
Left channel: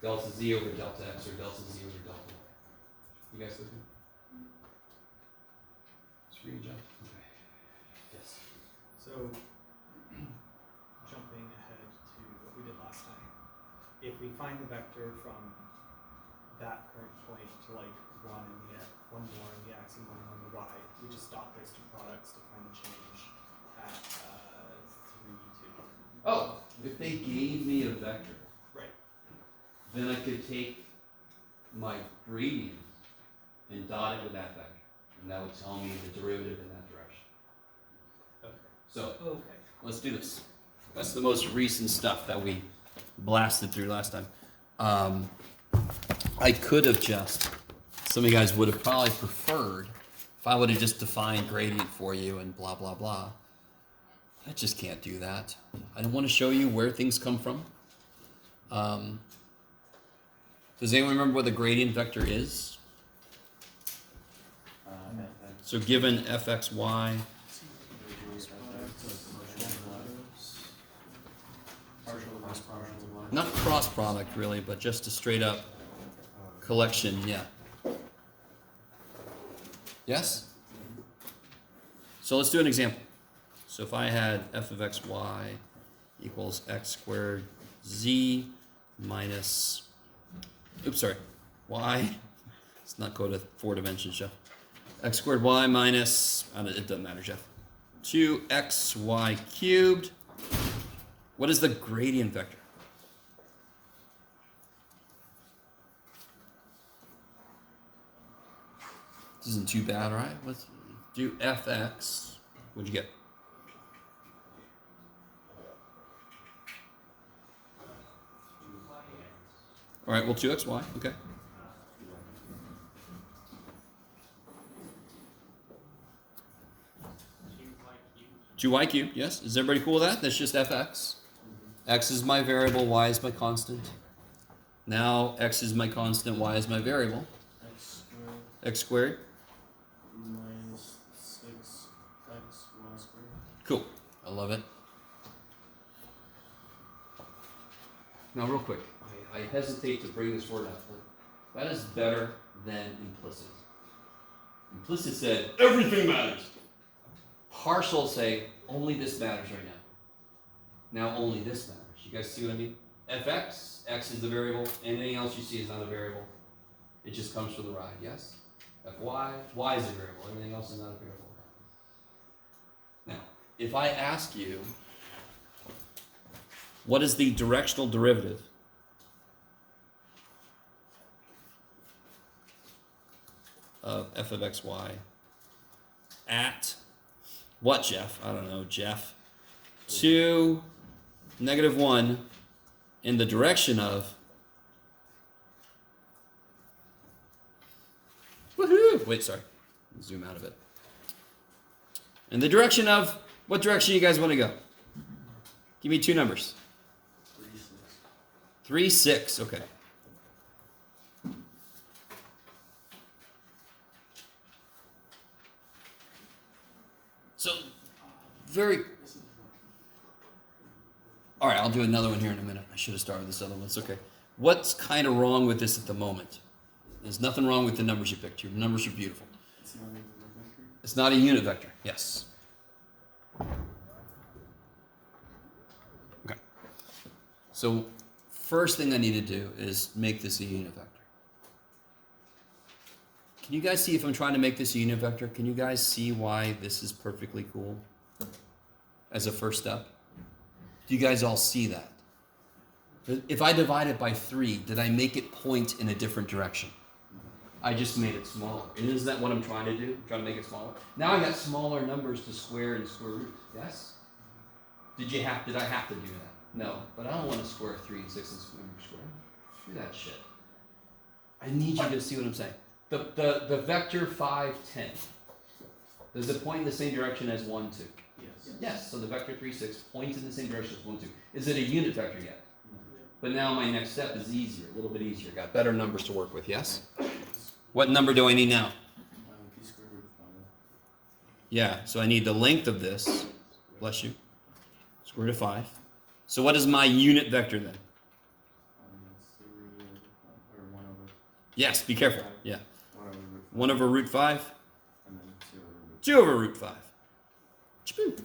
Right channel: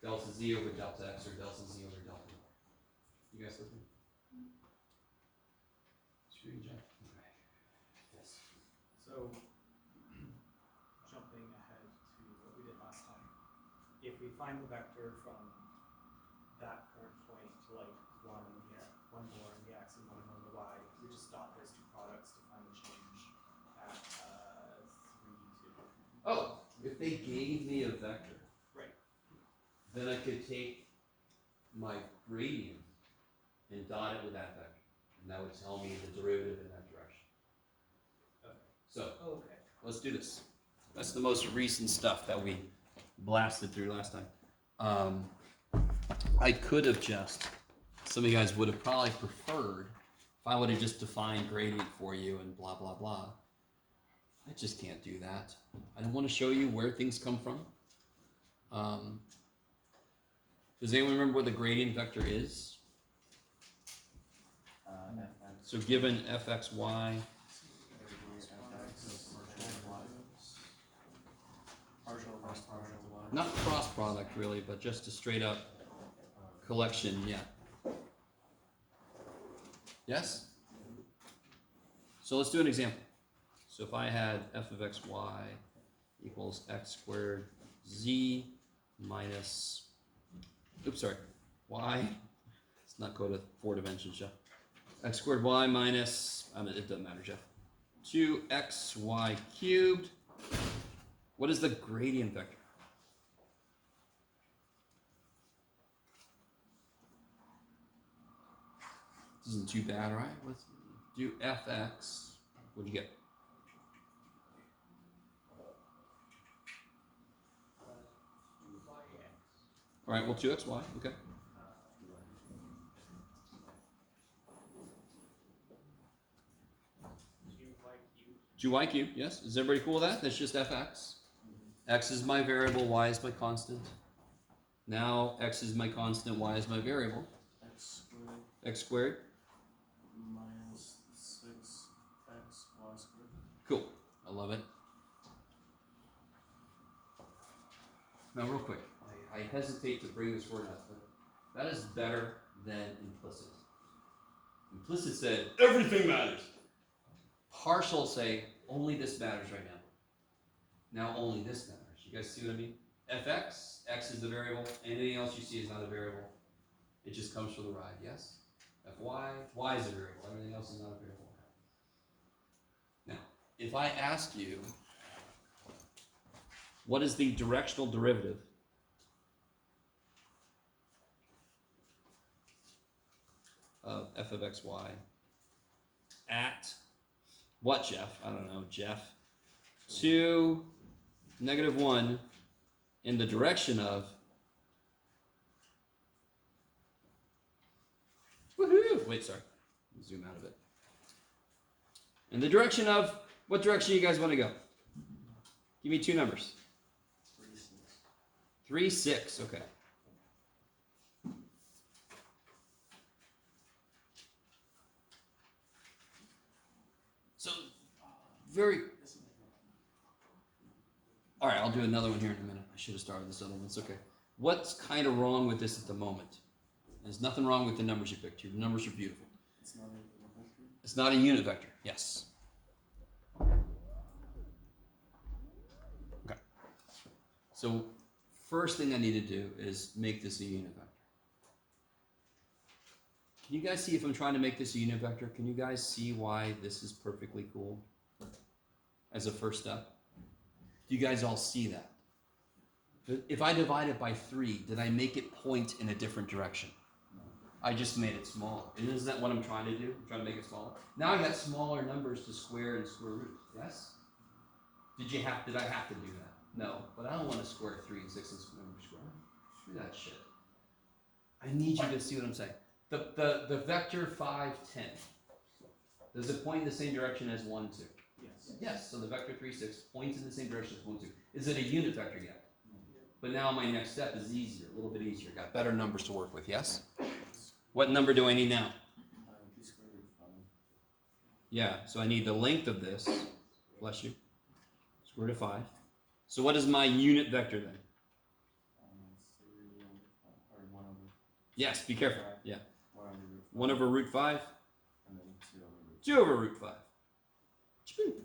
delta z over delta x or delta z over delta y. You guys with me? Screen jump. Okay. Yes. So, jumping ahead to what we did last time, if we find the vector from that current point to like one more in the x and one more in the y, we just dot those two products to find the change at 3, 2. Oh, if they gave me a vector, Right. then I could take my gradient and dot it with that vector, and that would tell me the derivative in that direction. Okay. So Okay. let's do this. That's the most recent stuff that we blasted through last time. I could have just, some of you guys would have probably preferred if I would have just defined gradient for you and blah, blah, blah. I just can't do that. I don't want to show you where things come from. Does anyone remember what the gradient vector is? So given fxy, not cross product really, but just a straight up collection, yeah. Yes? So let's do an example. So if I had f of xy equals x squared z minus, oops, sorry, y, let's not go to 4 dimensions, Jeff. X squared y minus, it doesn't matter, Jeff. 2xy cubed. What is the gradient vector? This isn't too bad, right? Let's do fx. What'd you get? All right, well, 2xy, okay. 2y cubed, yes. Is everybody cool with that? That's just fx. X is my variable, y is my constant. Now x is my constant, y is my variable. X squared. Minus 6x y squared. Cool. I love it. Now, real quick, I hesitate to bring this word up, but that is better than implicit. Implicit said, everything matters. Partial say, only this matters right now. Now only this matters. You guys see what I mean? fx, x is the variable, anything else you see is not a variable. It just comes for the ride, yes? Fy, y is a variable, everything else is not a variable. Now, if I ask you, what is the directional derivative of f of xy at what, Jeff? I don't know, Jeff. 2, -1 in the direction of, woohoo! Wait, sorry. Zoom out of it. In the direction of, what direction you guys want to go? Give me 2 numbers. 3, 6, okay. So, all right, I'll do another one here in a minute. I should have started with this other one. It's okay. What's kind of wrong with this at the moment? There's nothing wrong with the numbers you picked. Your numbers are beautiful. It's not a unit vector. Yes. Okay. So, first thing I need to do is make this a unit vector. Can you guys see if I'm trying to make this a unit vector? Can you guys see why this is perfectly cool as a first step? Do you guys all see that? If I divide it by 3, did I make it point in a different direction? I just made it smaller. And isn't that what I'm trying to do? I'm trying to make it smaller. Now I got smaller numbers to square and square root. Yes? Did I have to do that? No. But I don't want to square 3 and 6 and square. Screw that shit. I need you to see what I'm saying. The vector 5, 10. Does it point in the same direction as 1, 2? Yes. Yes. So the vector 3, 6 points in the same direction as 1, 2. Is it a unit vector yet? But now my next step is easier, a little bit easier. Got better numbers to work with, yes? What number do I need now? P square root of 5. Yeah, so I need the length of this, bless you, square root of 5. So what is my unit vector then? That's 3 over 5, or 1 over, Yes, be careful. Yeah, 1 over root 5. 1 over root 5, And then 2 over root 2 over root 5. Chboom.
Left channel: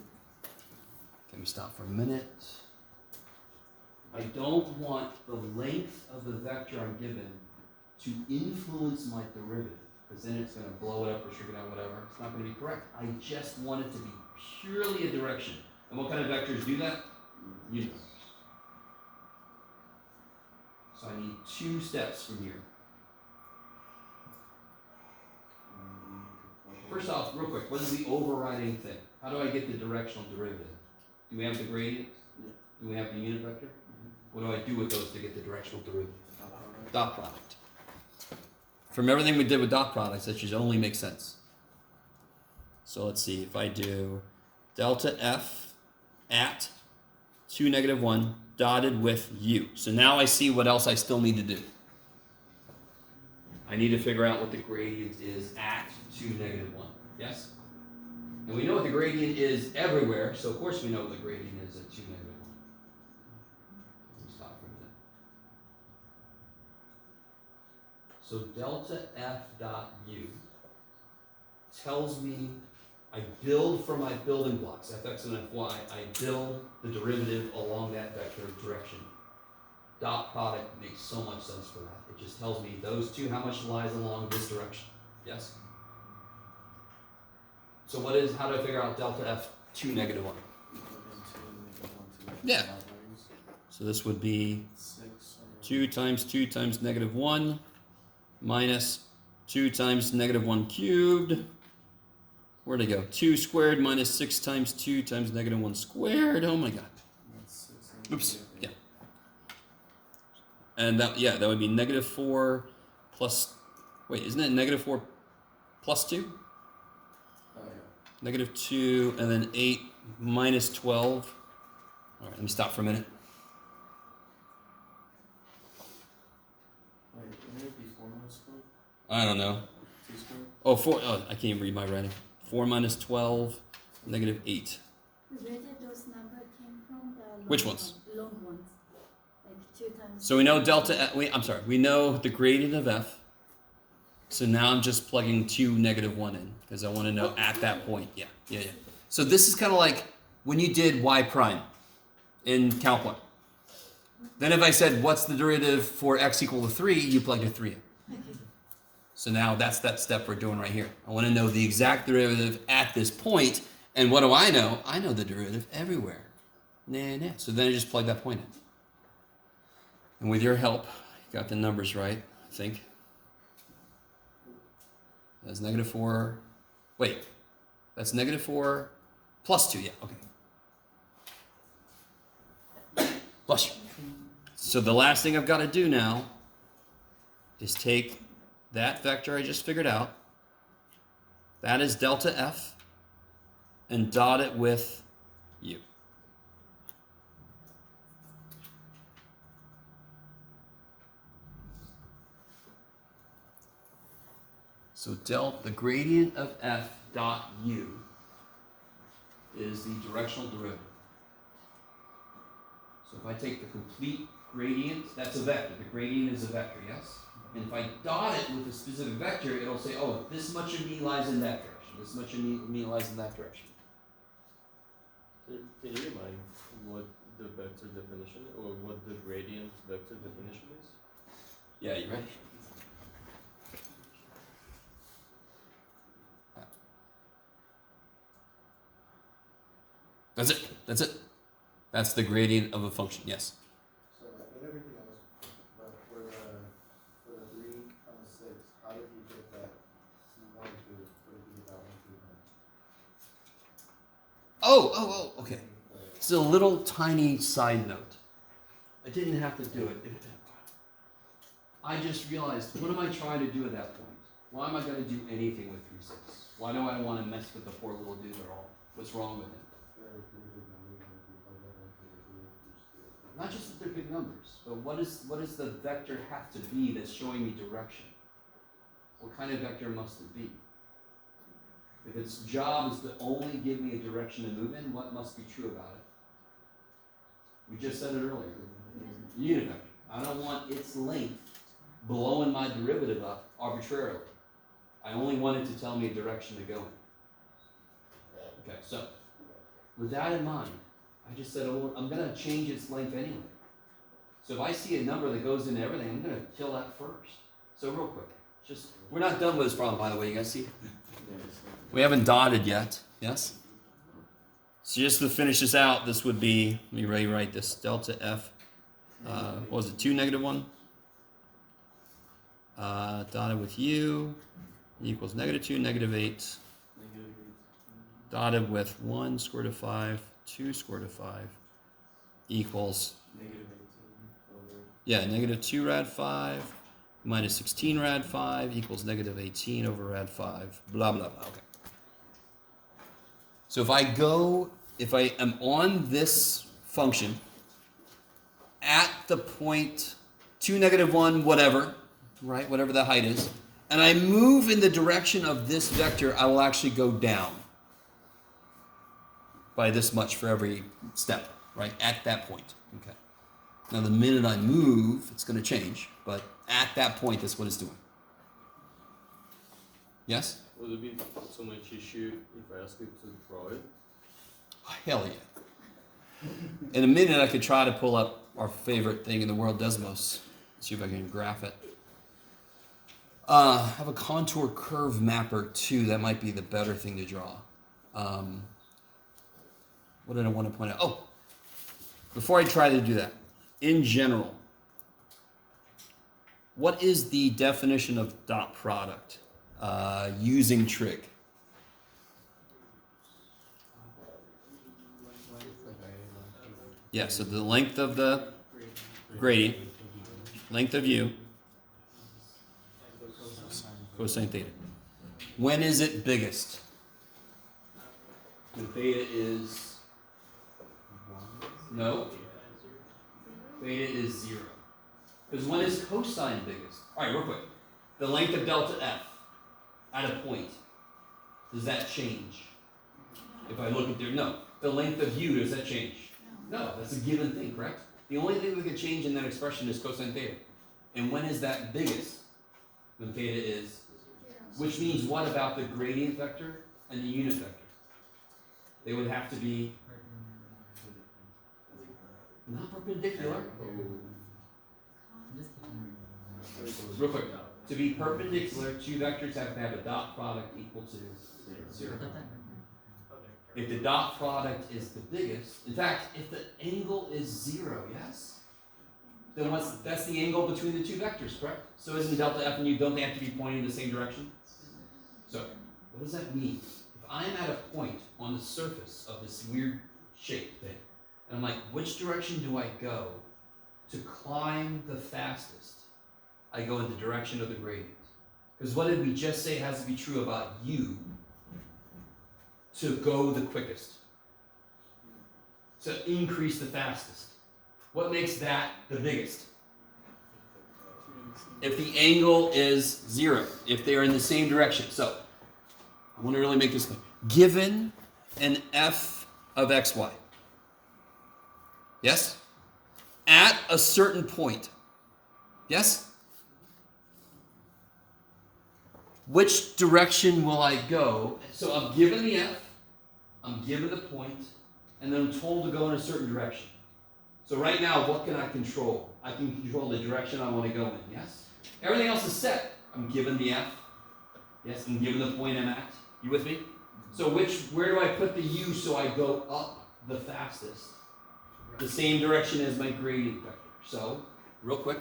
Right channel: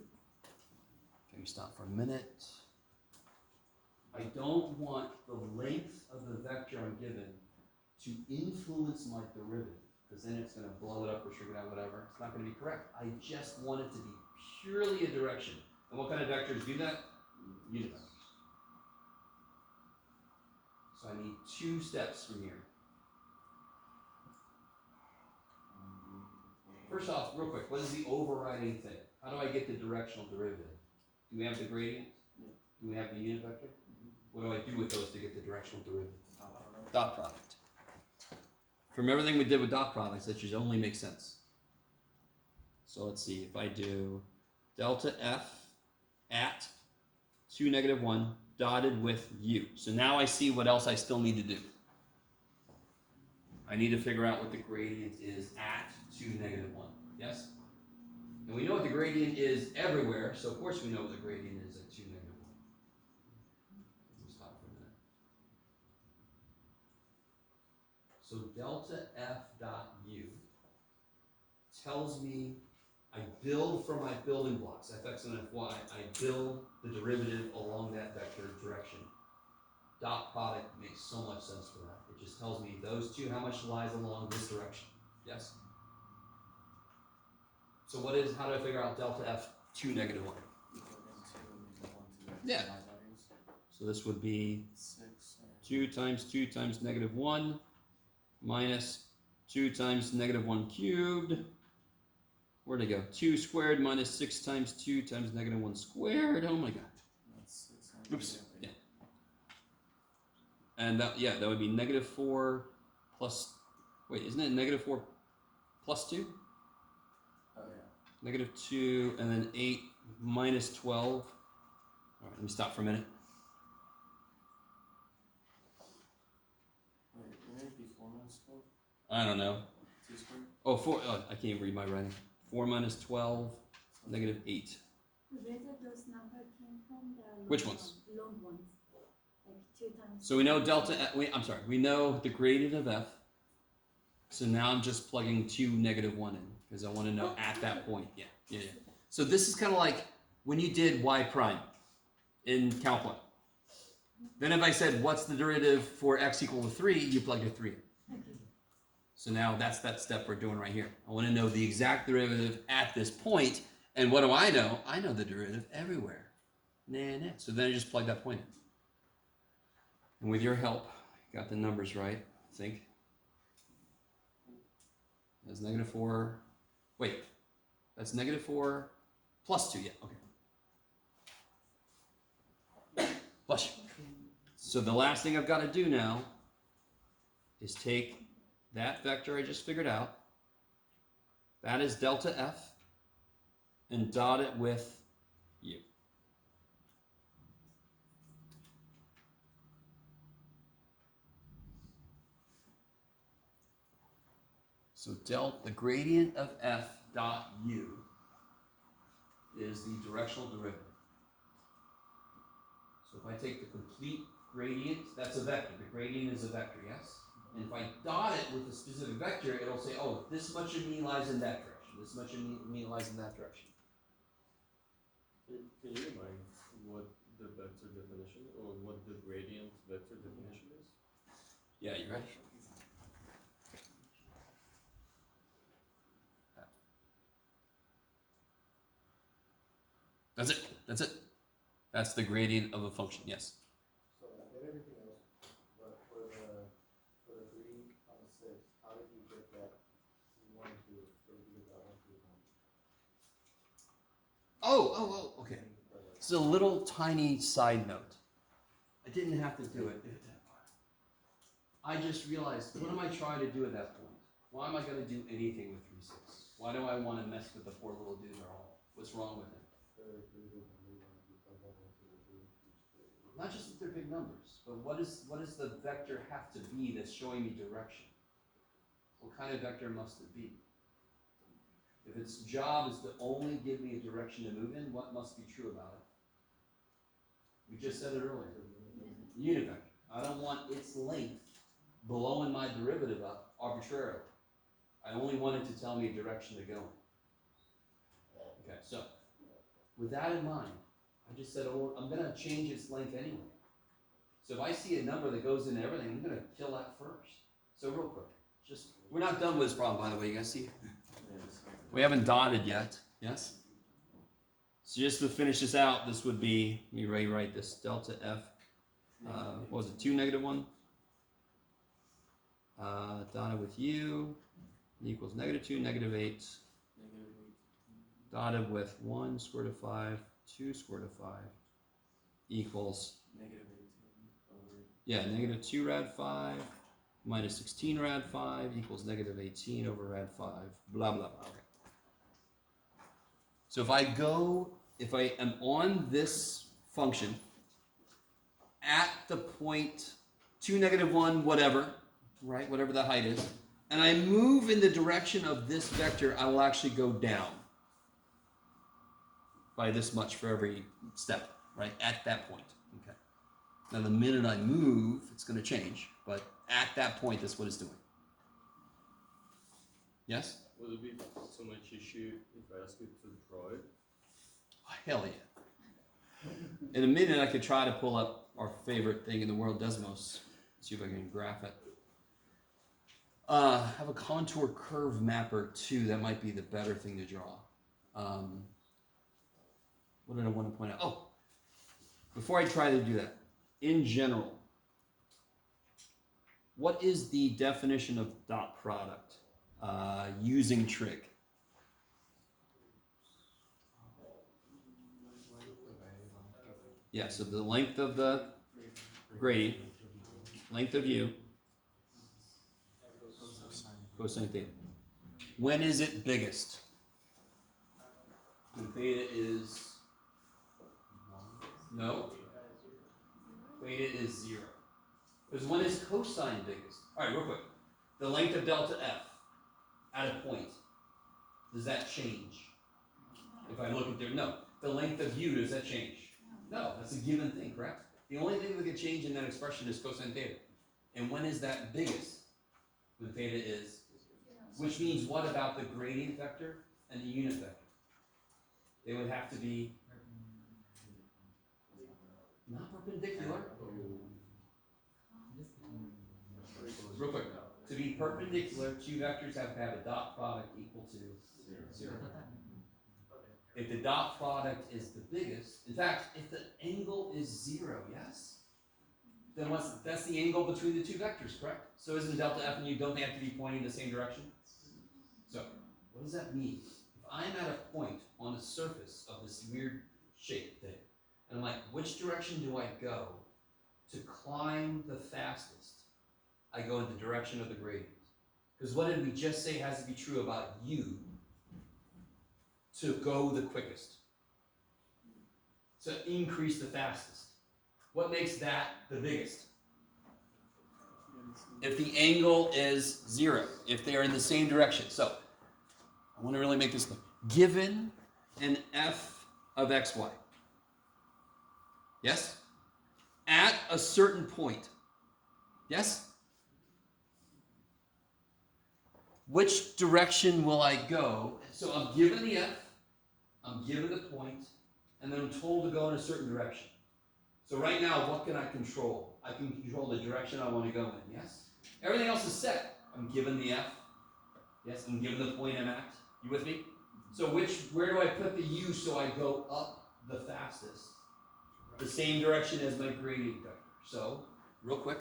Let me stop for a minute. I don't want the length of the vector I'm given to influence my derivative, because then it's going to blow it up or shrink it out, whatever. It's not going to be correct. I just want it to be purely a direction. And what kind of vectors do that? Unit vectors. So I need 2 steps from here. First off, real quick, what is the overriding thing? How do I get the directional derivative? Do we have the gradient? Do we have the unit vector? What do I do with those to get the directional derivative? Dot product. From everything we did with dot products, that should only make sense. So let's see, if I do delta f at 2, negative 1, dotted with u. So now I see what else I still need to do. I need to figure out what the gradient is at 2, negative 1. Yes? And we know what the gradient is everywhere, so of course we know what the gradient is at 2, negative 1. Let me stop for a minute. So delta f dot u tells me I build from my building blocks, fx and fy, I build the derivative along that vector direction. Dot product makes so much sense for that. It just tells me those two, how much lies along this direction. Yes? So how do I figure out delta f 2, negative 1? Yeah. So this would be 2 times 2 times negative 1 minus 2 times negative 1 cubed. Where'd it go? 2 squared minus 6 times 2 times negative 1 squared. Oh my god. Oops. Yeah. And that would be negative 4 plus, wait, isn't it negative 4 plus 2? Negative 2, and then 8 minus 12. All right, let me stop for a minute. Wait, wouldn't it be 4 minus 12? I don't know. 2 squared? Oh, 4, I can't even read my writing. 4 minus 12, negative 8. Where did those numbers came from? The long Which ones? Long ones. Like 2 times. So we know delta, we know the gradient of f. So now I'm just plugging 2, negative 1 in, because I want to know at that point. Yeah. So this is kind of like when you did y prime in Calc 1. Then if I said, what's the derivative for x equal to 3, you plug your 3 in. Okay. So now that's that step we're doing right here. I want to know the exact derivative at this point, and what do I know? I know the derivative everywhere. Nah. So then I just plug that point in. And with your help, you got the numbers right, I think. That's negative 4. Wait, that's negative 4 plus 2. Yeah, okay. Plus you. So the last thing I've got to do now is take that vector I just figured out. That is delta f, and dot it with u. So the gradient of f dot u is the directional derivative. So if I take the complete gradient, that's a vector. The gradient is a vector, yes? And if I dot it with a specific vector, it'll say, oh, this much of me lies in that direction. This much of me lies in that direction. Can you remind what the vector definition or what the gradient vector definition is? Yeah, you ready? That's it. That's the gradient of a function, yes. So whenever Okay. It's a little tiny side note. I didn't have to do it. I just realized, what am I trying to do at that point? Why am I going to do anything with 3-6? Why do I want to mess with the poor little dude at all? What's wrong with him? Not just that they're big numbers, but what does the vector have to be that's showing me direction? What kind of vector must it be? If its job is to only give me a direction to move in, what must be true about it? We just said it earlier. Unit vector. I don't want its length blowing my derivative up arbitrarily. I only want it to tell me a direction to go in. Okay, so with that in mind, I just said, oh, I'm going to change its length anyway. So if I see a number that goes into everything, I'm going to kill that first. So real quick, we're not done with this problem, by the way. You guys see? We haven't dotted yet. Yes? So just to finish this out, this would be, let me rewrite this, delta f, what was it, 2, -1? Dotted with u equals -2, -8. Dotted with 1 square root of 5, 2 square root of 5 equals, -2 rad 5 minus 16 rad 5 equals -18 over rad 5, blah, blah, blah. Okay. So if I am on this function at the point 2, -1, whatever, right, whatever the height is, and I move in the direction of this vector, I will actually go down by this much for every step, right, at that point. Okay. Now the minute I move, it's going to change, but at that point, that's what it's doing. Yes? Would it be so much issue if I ask you to draw it? Hell yeah. In a minute, I could try to pull up our favorite thing in the world, Desmos. See if I can graph it. I have a contour curve mapper too. That might be the better thing to draw. What did I want to point out? Oh, before I try to do that, in general, what is the definition of dot product using trig? Yeah, so the length of the gradient, length of u, cosine theta. When is it biggest? When theta is, no, theta is 0. Because when is cosine biggest? All right, real quick. The length of delta f at a point, does that change? If I look at there, no. The length of u, does that change? No, that's a given thing, correct? The only thing that could change in that expression is cosine theta. And when is that biggest? When theta is, which means what about the gradient vector and the unit vector? They would have to be not perpendicular. Real quick, to be perpendicular, two vectors have to have a dot product equal to 0. If the dot product is the biggest, in fact, if the angle is 0, yes? Then that's the angle between the two vectors, correct? So isn't delta f and u, don't they have to be pointing in the same direction? So, what does that mean? If I'm at a point on the surface of this weird shape thing, and I'm like, which direction do I go to climb the fastest? I go in the direction of the gradient. Because what did we just say has to be true about u to go the quickest? To increase the fastest. What makes that the biggest? If the angle is 0, if they're in the same direction. So, I want to really make this clear. Given an f of xy, yes? At a certain point, yes? Which direction will I go? So I'm given the f, I'm given the point, and then I'm told to go in a certain direction. So right now, what can I control? I can control the direction I want to go in, yes? Everything else is set. I'm given the f, yes, I'm given the point I'm at. You with me? So where do I put the u so I go up the fastest? The same direction as my gradient vector. So, real quick,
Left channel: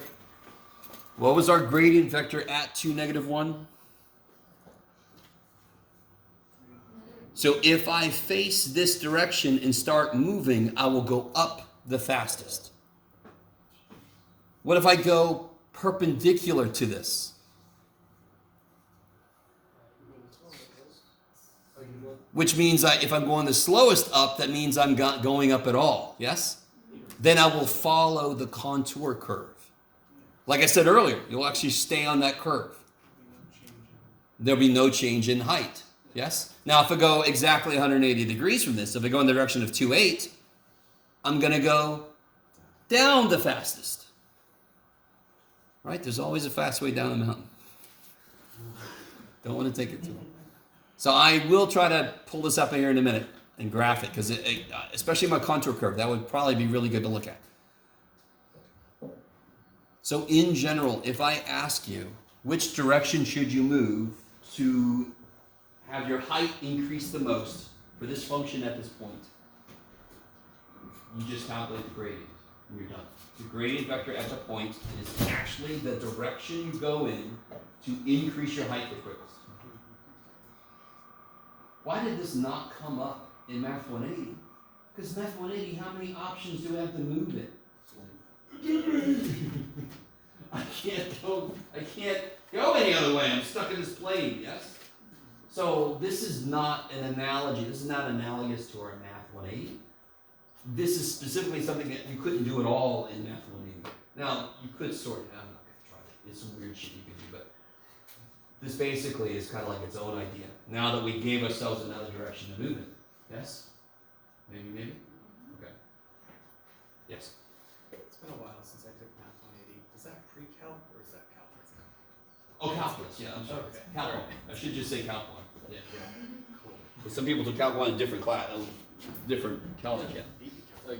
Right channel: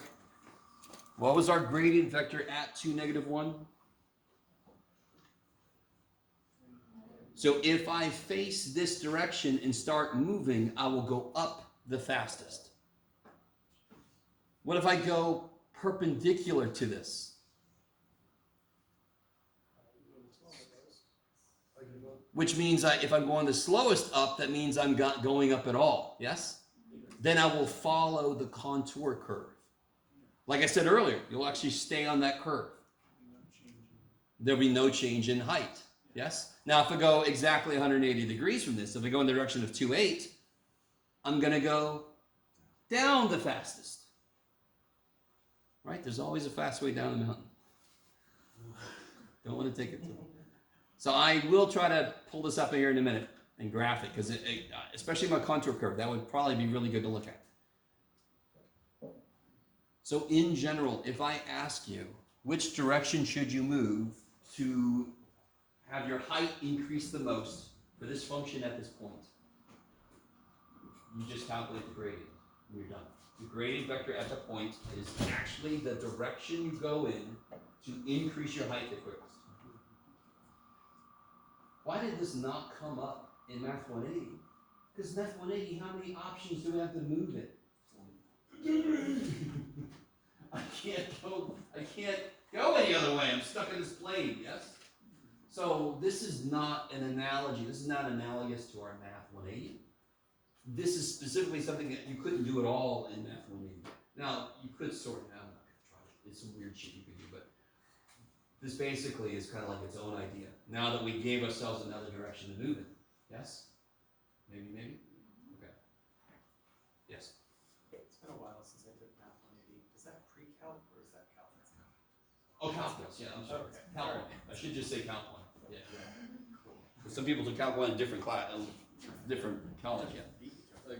what was our gradient vector at 2, -1? So if I face this direction and start moving, I will go up the fastest. What if I go perpendicular to this? Which means if I'm going the slowest up, that means I'm not going up at all. Yes? Then I will follow the contour curve. Like I said earlier, you'll actually stay on that curve. There'll be no change in height. Yes? Now, if I go exactly 180 degrees from this, if I go in the direction of 2.8, I'm going to go down the fastest. Right? There's always a fast way down the mountain. Don't want to take it too long. So I will try to pull this up here in a minute and graph it, because especially my contour curve, that would probably be really good to look at. So in general, if I ask you, which direction should you move to have your height increase the most for this function at this point? You just calculate the gradient and you're done. The gradient vector at the point is actually the direction you go in to increase your height the quickest. Why did this not come up in Math 180? Because Math 180, how many options do we have to move it? I can't go any other way. I'm stuck in this plane, yes? So this is not an analogy. This is not analogous to our Math 180. This is specifically something that you couldn't do at all in Math 180. Now, you could sort it out. I'm not going to try it. It's some weird shit you can do, but this basically is kind of like its own idea. Now that we gave ourselves another direction to move it. Yes? Maybe? Okay. Yes? It's been a while since I took Math 180. Is that pre-calc or is that calculus? Oh, calculus. Yeah, I'm sorry. Okay. Calc 1. I should just say Calc 1. Yeah. Cool. But some people took Calc 1 in different class, different college. Yeah. I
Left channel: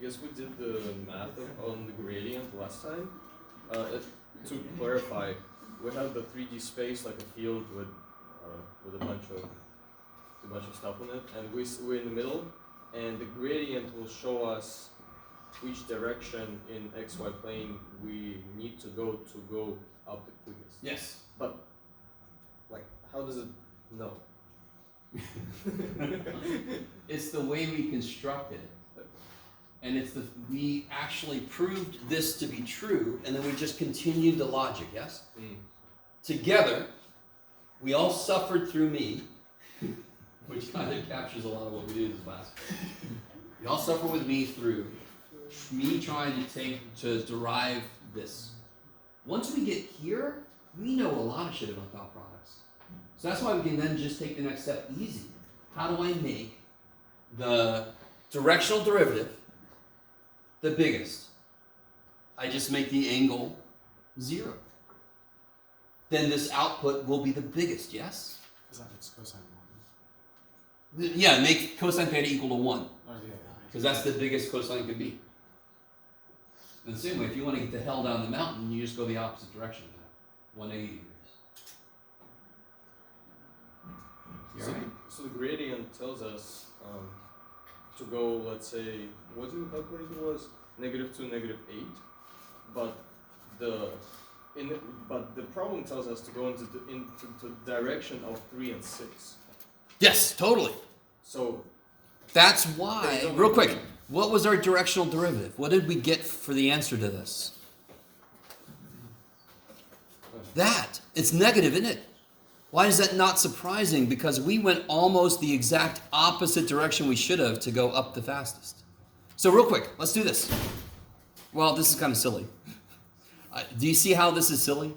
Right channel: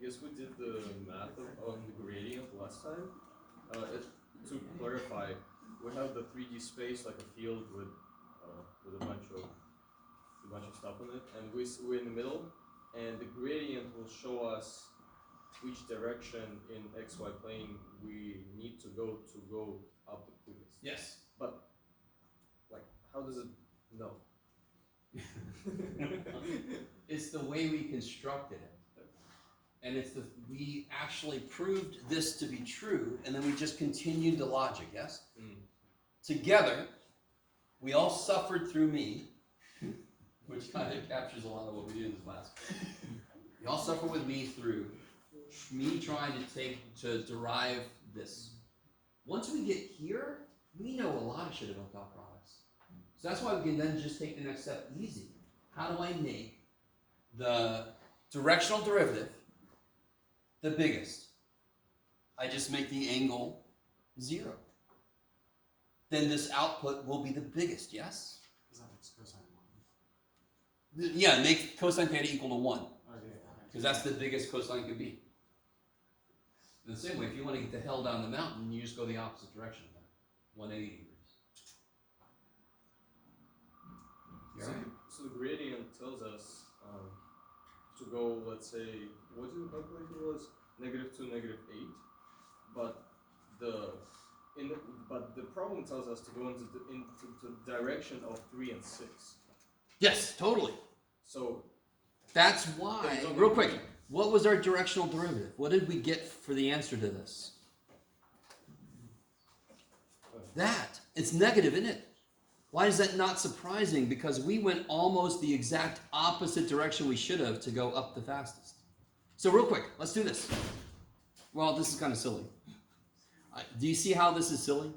guess we did the math on the gradient last time. To clarify, we have the 3D space like a field with a bunch of stuff on it, and we're in the middle, and the gradient will show us which direction in XY plane we need to go up the quickest. Yes. But like, how does it know? It's the way we constructed it. And we actually proved this to be true, and then we just continued the logic, yes? Together, we all suffered through me, which kind of captures a lot of what we did in this class. You all suffer with me through me trying to derive this. Once we get here, we know a lot of shit about dot products. So that's why we can then just take the next step easy. How do I make the directional derivative the biggest? I just make the angle 0. Then this output will be the biggest, yes? Is that its cosine 1? Yeah, make cosine theta equal to 1. Or the other. Because that's the biggest cosine could be. In the same way, if you want to get the hell down the mountain, you just go the opposite direction of that. 180 degrees. You all right? So the gradient tells us to go, let's say, what did we calculate it was? -2, -8. But the problem tells us to go into the direction of 3 and 6. Yes, totally. So That's why, real quick, what was our directional derivative? What did we get for the answer to this? That. It's negative, isn't it? Why is that not surprising? Because we went almost the exact opposite direction we should have to go up the fastest. So real quick, let's do this. Well, this is kind of silly. Do you see how this is silly?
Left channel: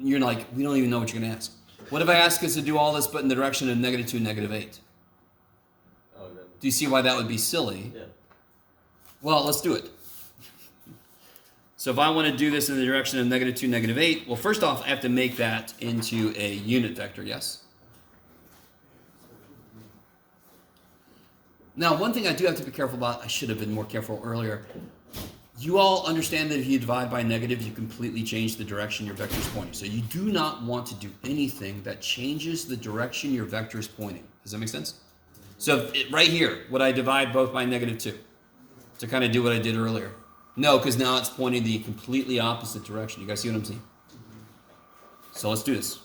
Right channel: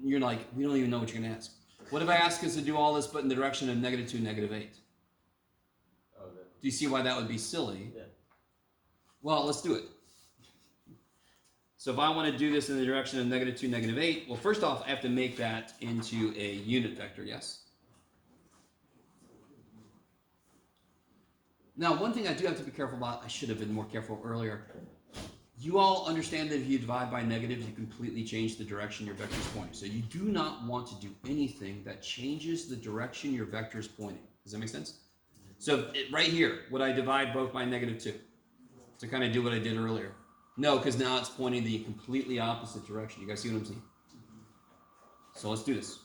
You're like, we don't even know what you're going to ask. What if I ask us to do all this but in the direction of -2, -8? Do you see why that would be silly? Yeah. Well, let's do it. So if I want to do this in the direction of -2, -8, well, first off, I have to make that into a unit vector, yes? Now, one thing I do have to be careful about, I should have been more careful earlier. You all understand that if you divide by negative, you completely change the direction your vector is pointing. So you do not want to do anything that changes the direction your vector is pointing. Does that make sense? So right here, would I divide both by -2 to kind of do what I did earlier? No, because now it's pointing the completely opposite direction. You guys see what I'm saying? So let's do this.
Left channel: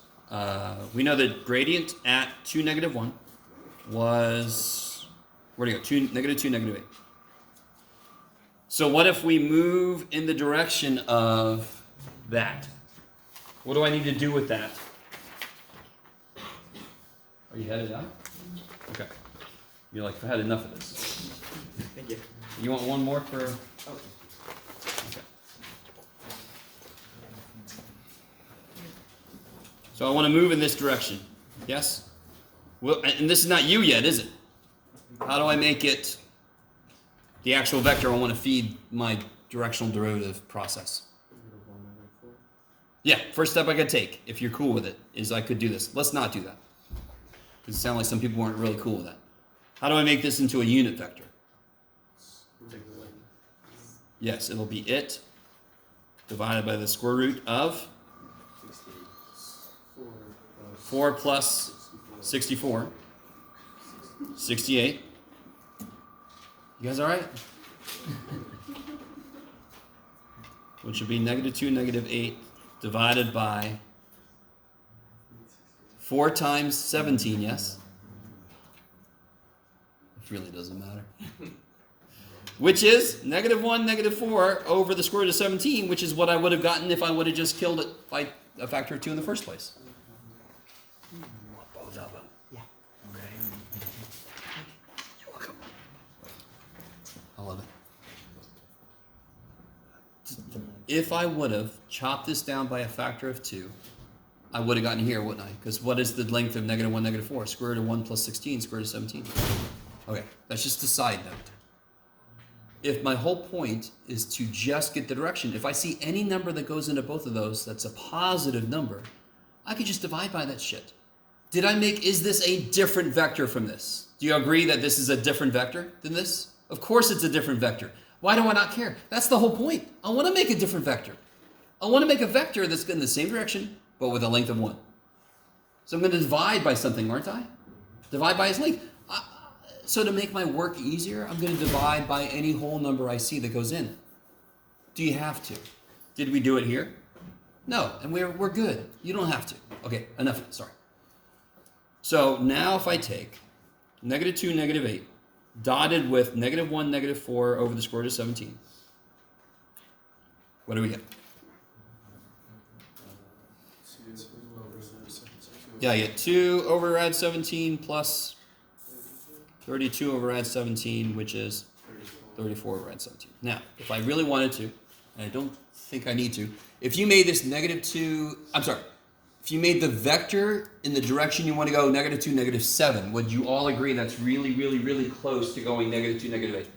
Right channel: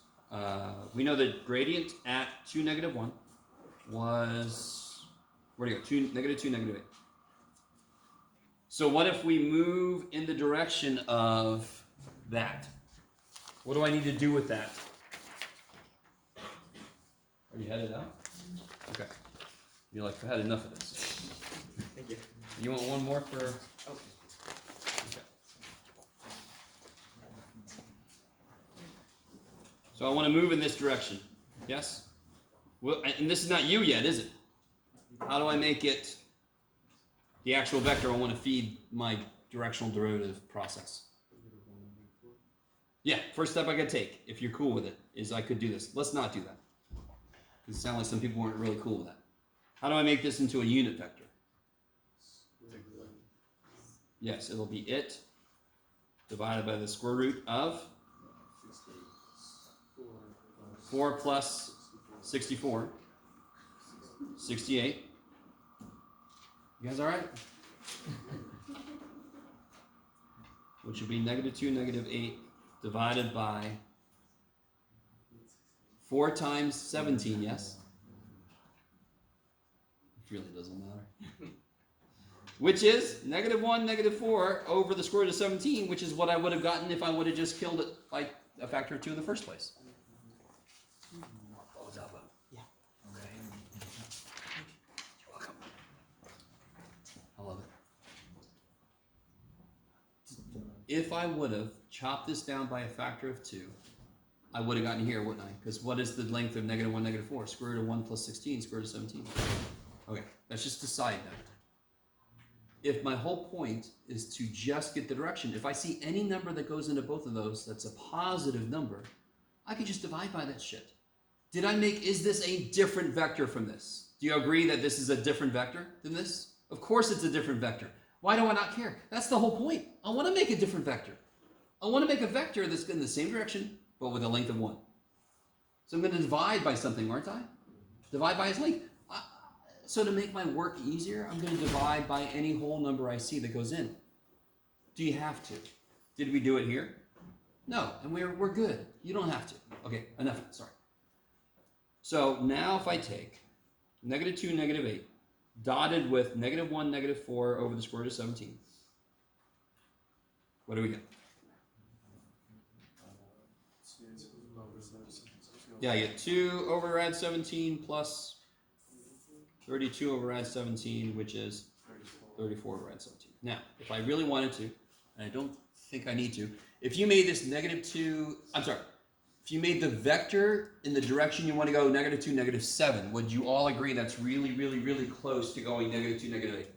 we know the gradient at 2, -1 was, where'd it go? 2, -2, -8. So what if we move in the direction of that? What do I need to do with that? Are you headed out? Okay. You're like, I had enough of this. Thank you. You want one more for? Okay. So I want to move in this direction. Yes? Well, and this is not you yet, is it? How do I make it the actual vector I want to feed my directional derivative process? Yeah, first step I could take, if you're cool with it, is I could do this. Let's not do that. Because it sounds like some people weren't really cool with that. How do I make this into a unit vector? Yes, it'll be it divided by the square root of 4 plus 64. 68. You guys all right? Which would be -2, -8 divided by 4 times 17, yes? It really doesn't matter. Which is -1, -4 over the square root of 17, which is what I would have gotten if I would have just killed it by a factor of 2 in the first place. Both of them. Yeah. Okay. You're welcome. I love it. If I would have chopped this down by a factor of 2, I would have gotten here, wouldn't I? Because what is the length of -1, -4? Square root of 1 plus 16, square root of 17. Okay, that's just a side note. If my whole point is to just get the direction, if I see any number that goes into both of those that's a positive number, I could just divide by that shit. Is this a different vector from this? Do you agree that this is a different vector than this? Of course it's a different vector. Why do I not care? That's the whole point. I want to make a different vector. I want to make a vector that's in the same direction, but with a length of 1. So I'm going to divide by something, aren't I? Divide by its length. So to make my work easier, I'm going to divide by any whole number I see that goes in. Do you have to? Did we do it here? No, and we're good. You don't have to. Okay, enough. Sorry. So now if I take -2, -8, dotted with -1, -4 over the square root of 17, what do we get? Yeah, I get 2 override 17 plus 32 override 17, which is 34 override 17. Now, if I really wanted to, and I don't think I need to, if you made this -2, if you made the vector in the direction you want to go -2, -7, would you all agree that's really, really, really close to going -2, -8?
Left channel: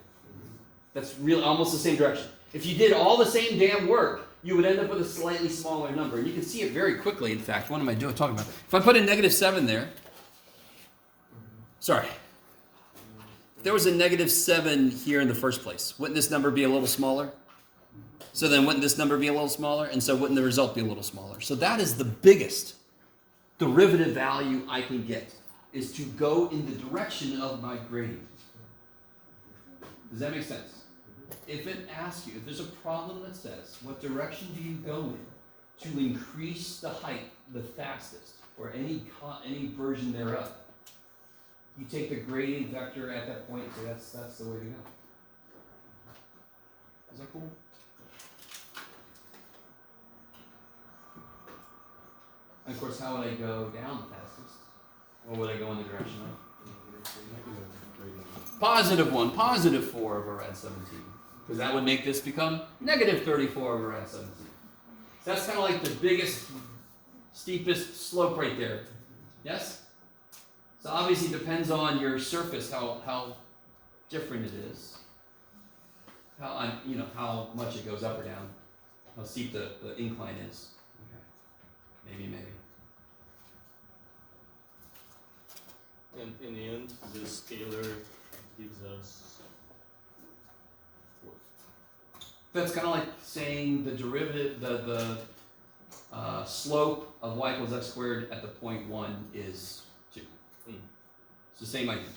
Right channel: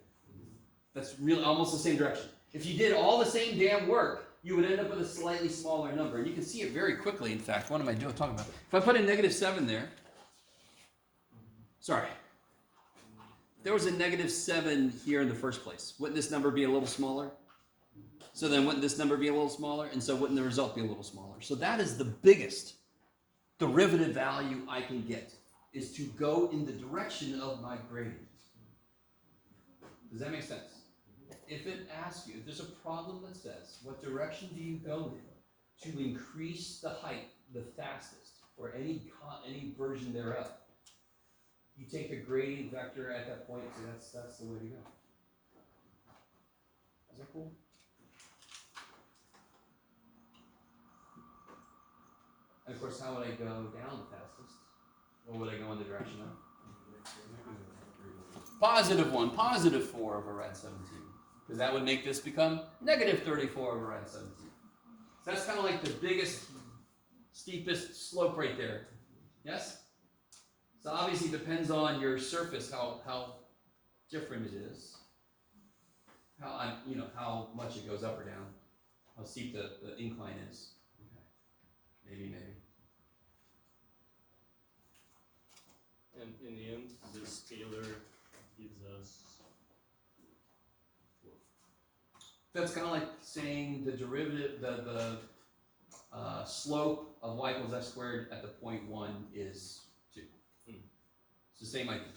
That's really almost the same direction. If you did all the same damn work, you would end up with a slightly smaller number. And you can see it very quickly, in fact. What am I talking about? If I put a -7 there, sorry. If there was a -7 here in the first place, wouldn't this number be a little smaller? So then wouldn't this number be a little smaller? And so wouldn't the result be a little smaller? So that is the biggest derivative value I can get, is to go in the direction of my gradient. Does that make sense? If it asks you, if there's a problem that says, what direction do you go in to increase the height the fastest, or any version thereof, you take the gradient vector at that point, so that's the way to go. Is that cool? And of course, how would I go down the fastest? Or would I go in the direction of? +1, +4 over rad 17. Because that would make this become -34 over rad 17. So that's kind of like the biggest, steepest slope right there. Yes? So obviously it depends on your surface, how different it is. How much it goes up or down. How steep the incline is. Okay. Maybe. And in the end, the scalar gives us what? That's kind of like saying the derivative, the slope of y equals x squared at the point 1 is 2. It's the same idea.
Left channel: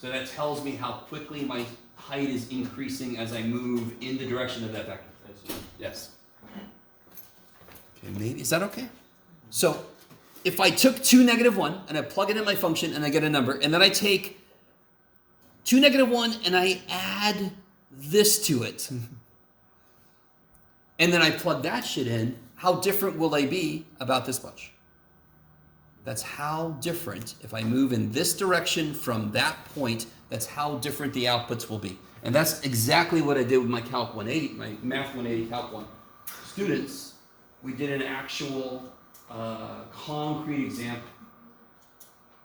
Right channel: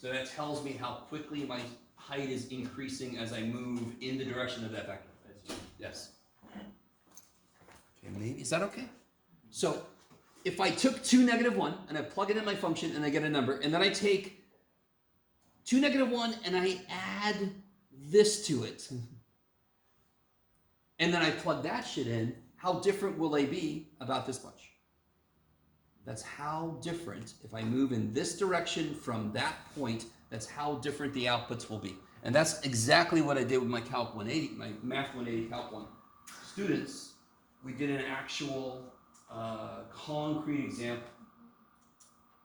So that tells me how quickly my height is increasing as I move in the direction of that vector. I see. Yes. Okay, maybe, is that okay? So, if I took 2, -1, and I plug it in my function and I get a number, and then I take 2, -1, and I add this to it, and then I plug that shit in, how different will they be about this much? That's how different, if I move in this direction from that point, that's how different the outputs will be. And that's exactly what I did with my Calc 180, my Math 180 Calc 1 students. We did an actual concrete example.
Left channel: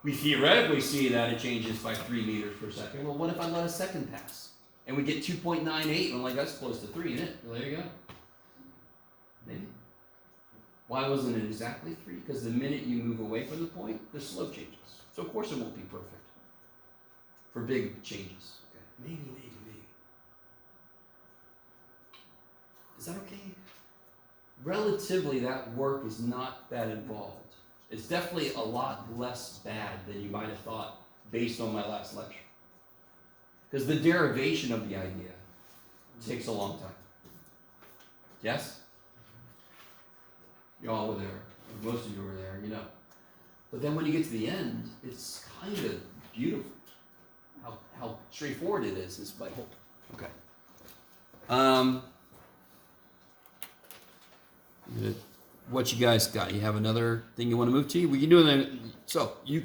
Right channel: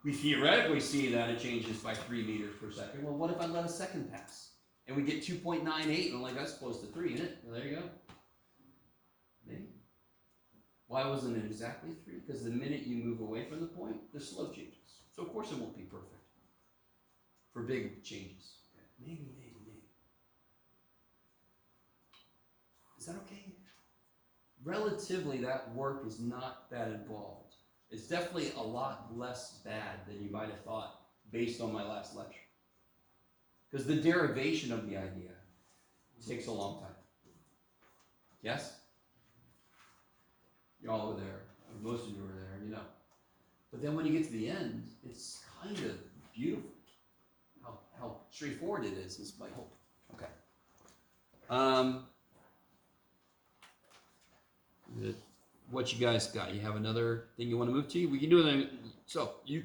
We theoretically see that it changes by 3 meters per second. Well, what if I let a second pass? And we get 2.98, and like that's close to 3, isn't it? Well, there you go. Maybe. Why wasn't it exactly 3? Because the minute you move away from the point, the slope changes. So of course it won't be perfect for big changes. Okay. Maybe. Is that okay? Relatively, that work is not that involved. It's definitely a lot less bad than you might have thought based on my last lecture. Because the derivation of the idea takes a long time. Yes? You all were there. Most of you were there, you know. But then when you get to the end, it's kind of beautiful. How straightforward it is my hope. Okay. What you guys got? You have another thing you want to move to? We can do it.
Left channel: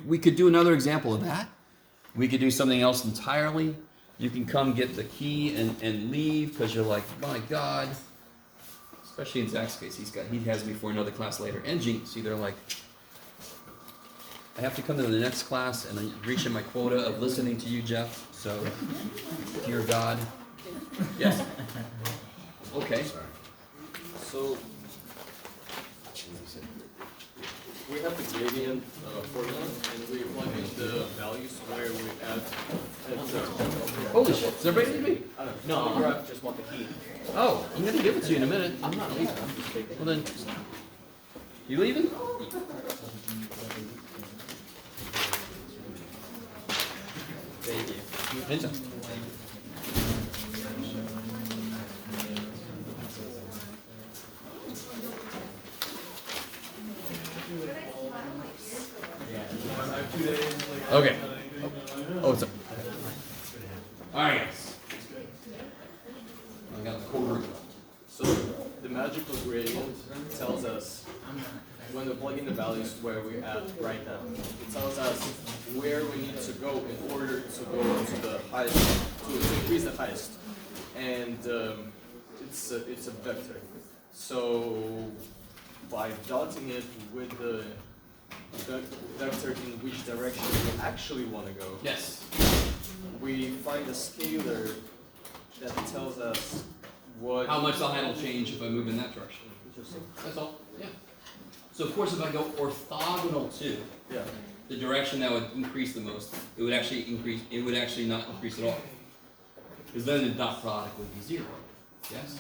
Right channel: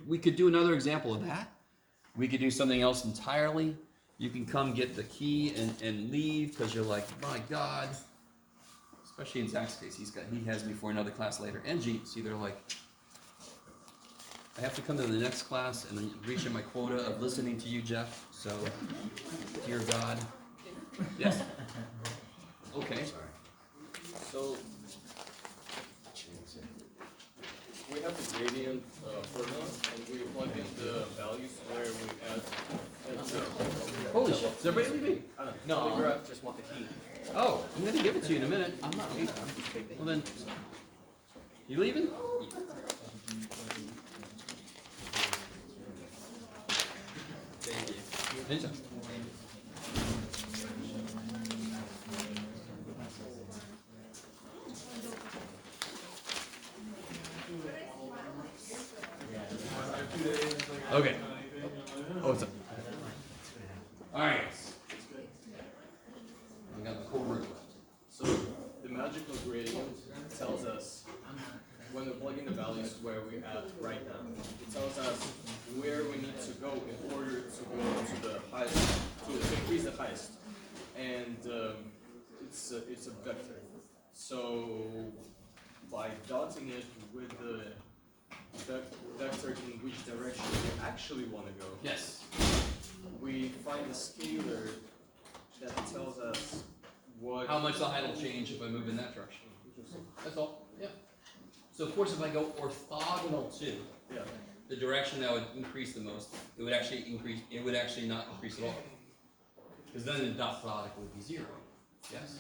We could do another example of that. We could do something else entirely. You can come get the key and leave because you're like, my God. Especially in Zach's case, he has me for another class later. And Gene, see, they're like, I have to come to the next class and then reaching my quota of listening to you, Jeff. So, dear God. Yes. Okay. So we have the gradient formula, and we plug in the values where we add. Holy shit! Is everybody leaving? I don't know. No. The graph just want the key. Oh, I'm gonna give it to you in a minute. I'm not leaving. Well then, you leaving? Thank you. Anytime. Okay. Oh, it's up. All right. I got the quarter. So the magical gradient tells us when we plug in the values where we're at right now. It tells us where we need to go in order to go to the highest, to increase the highest. And it's a vector. So by dotting it with the vector in which direction we actually want to go, Yes. we find a scalar that tells us what. How much the height will change if I move in that direction. That's all. Yeah. So of course, if I go orthogonal to Yeah. the direction that would increase the most, it would actually increase. It would actually not increase at all, because then the dot product would be 0. Yes.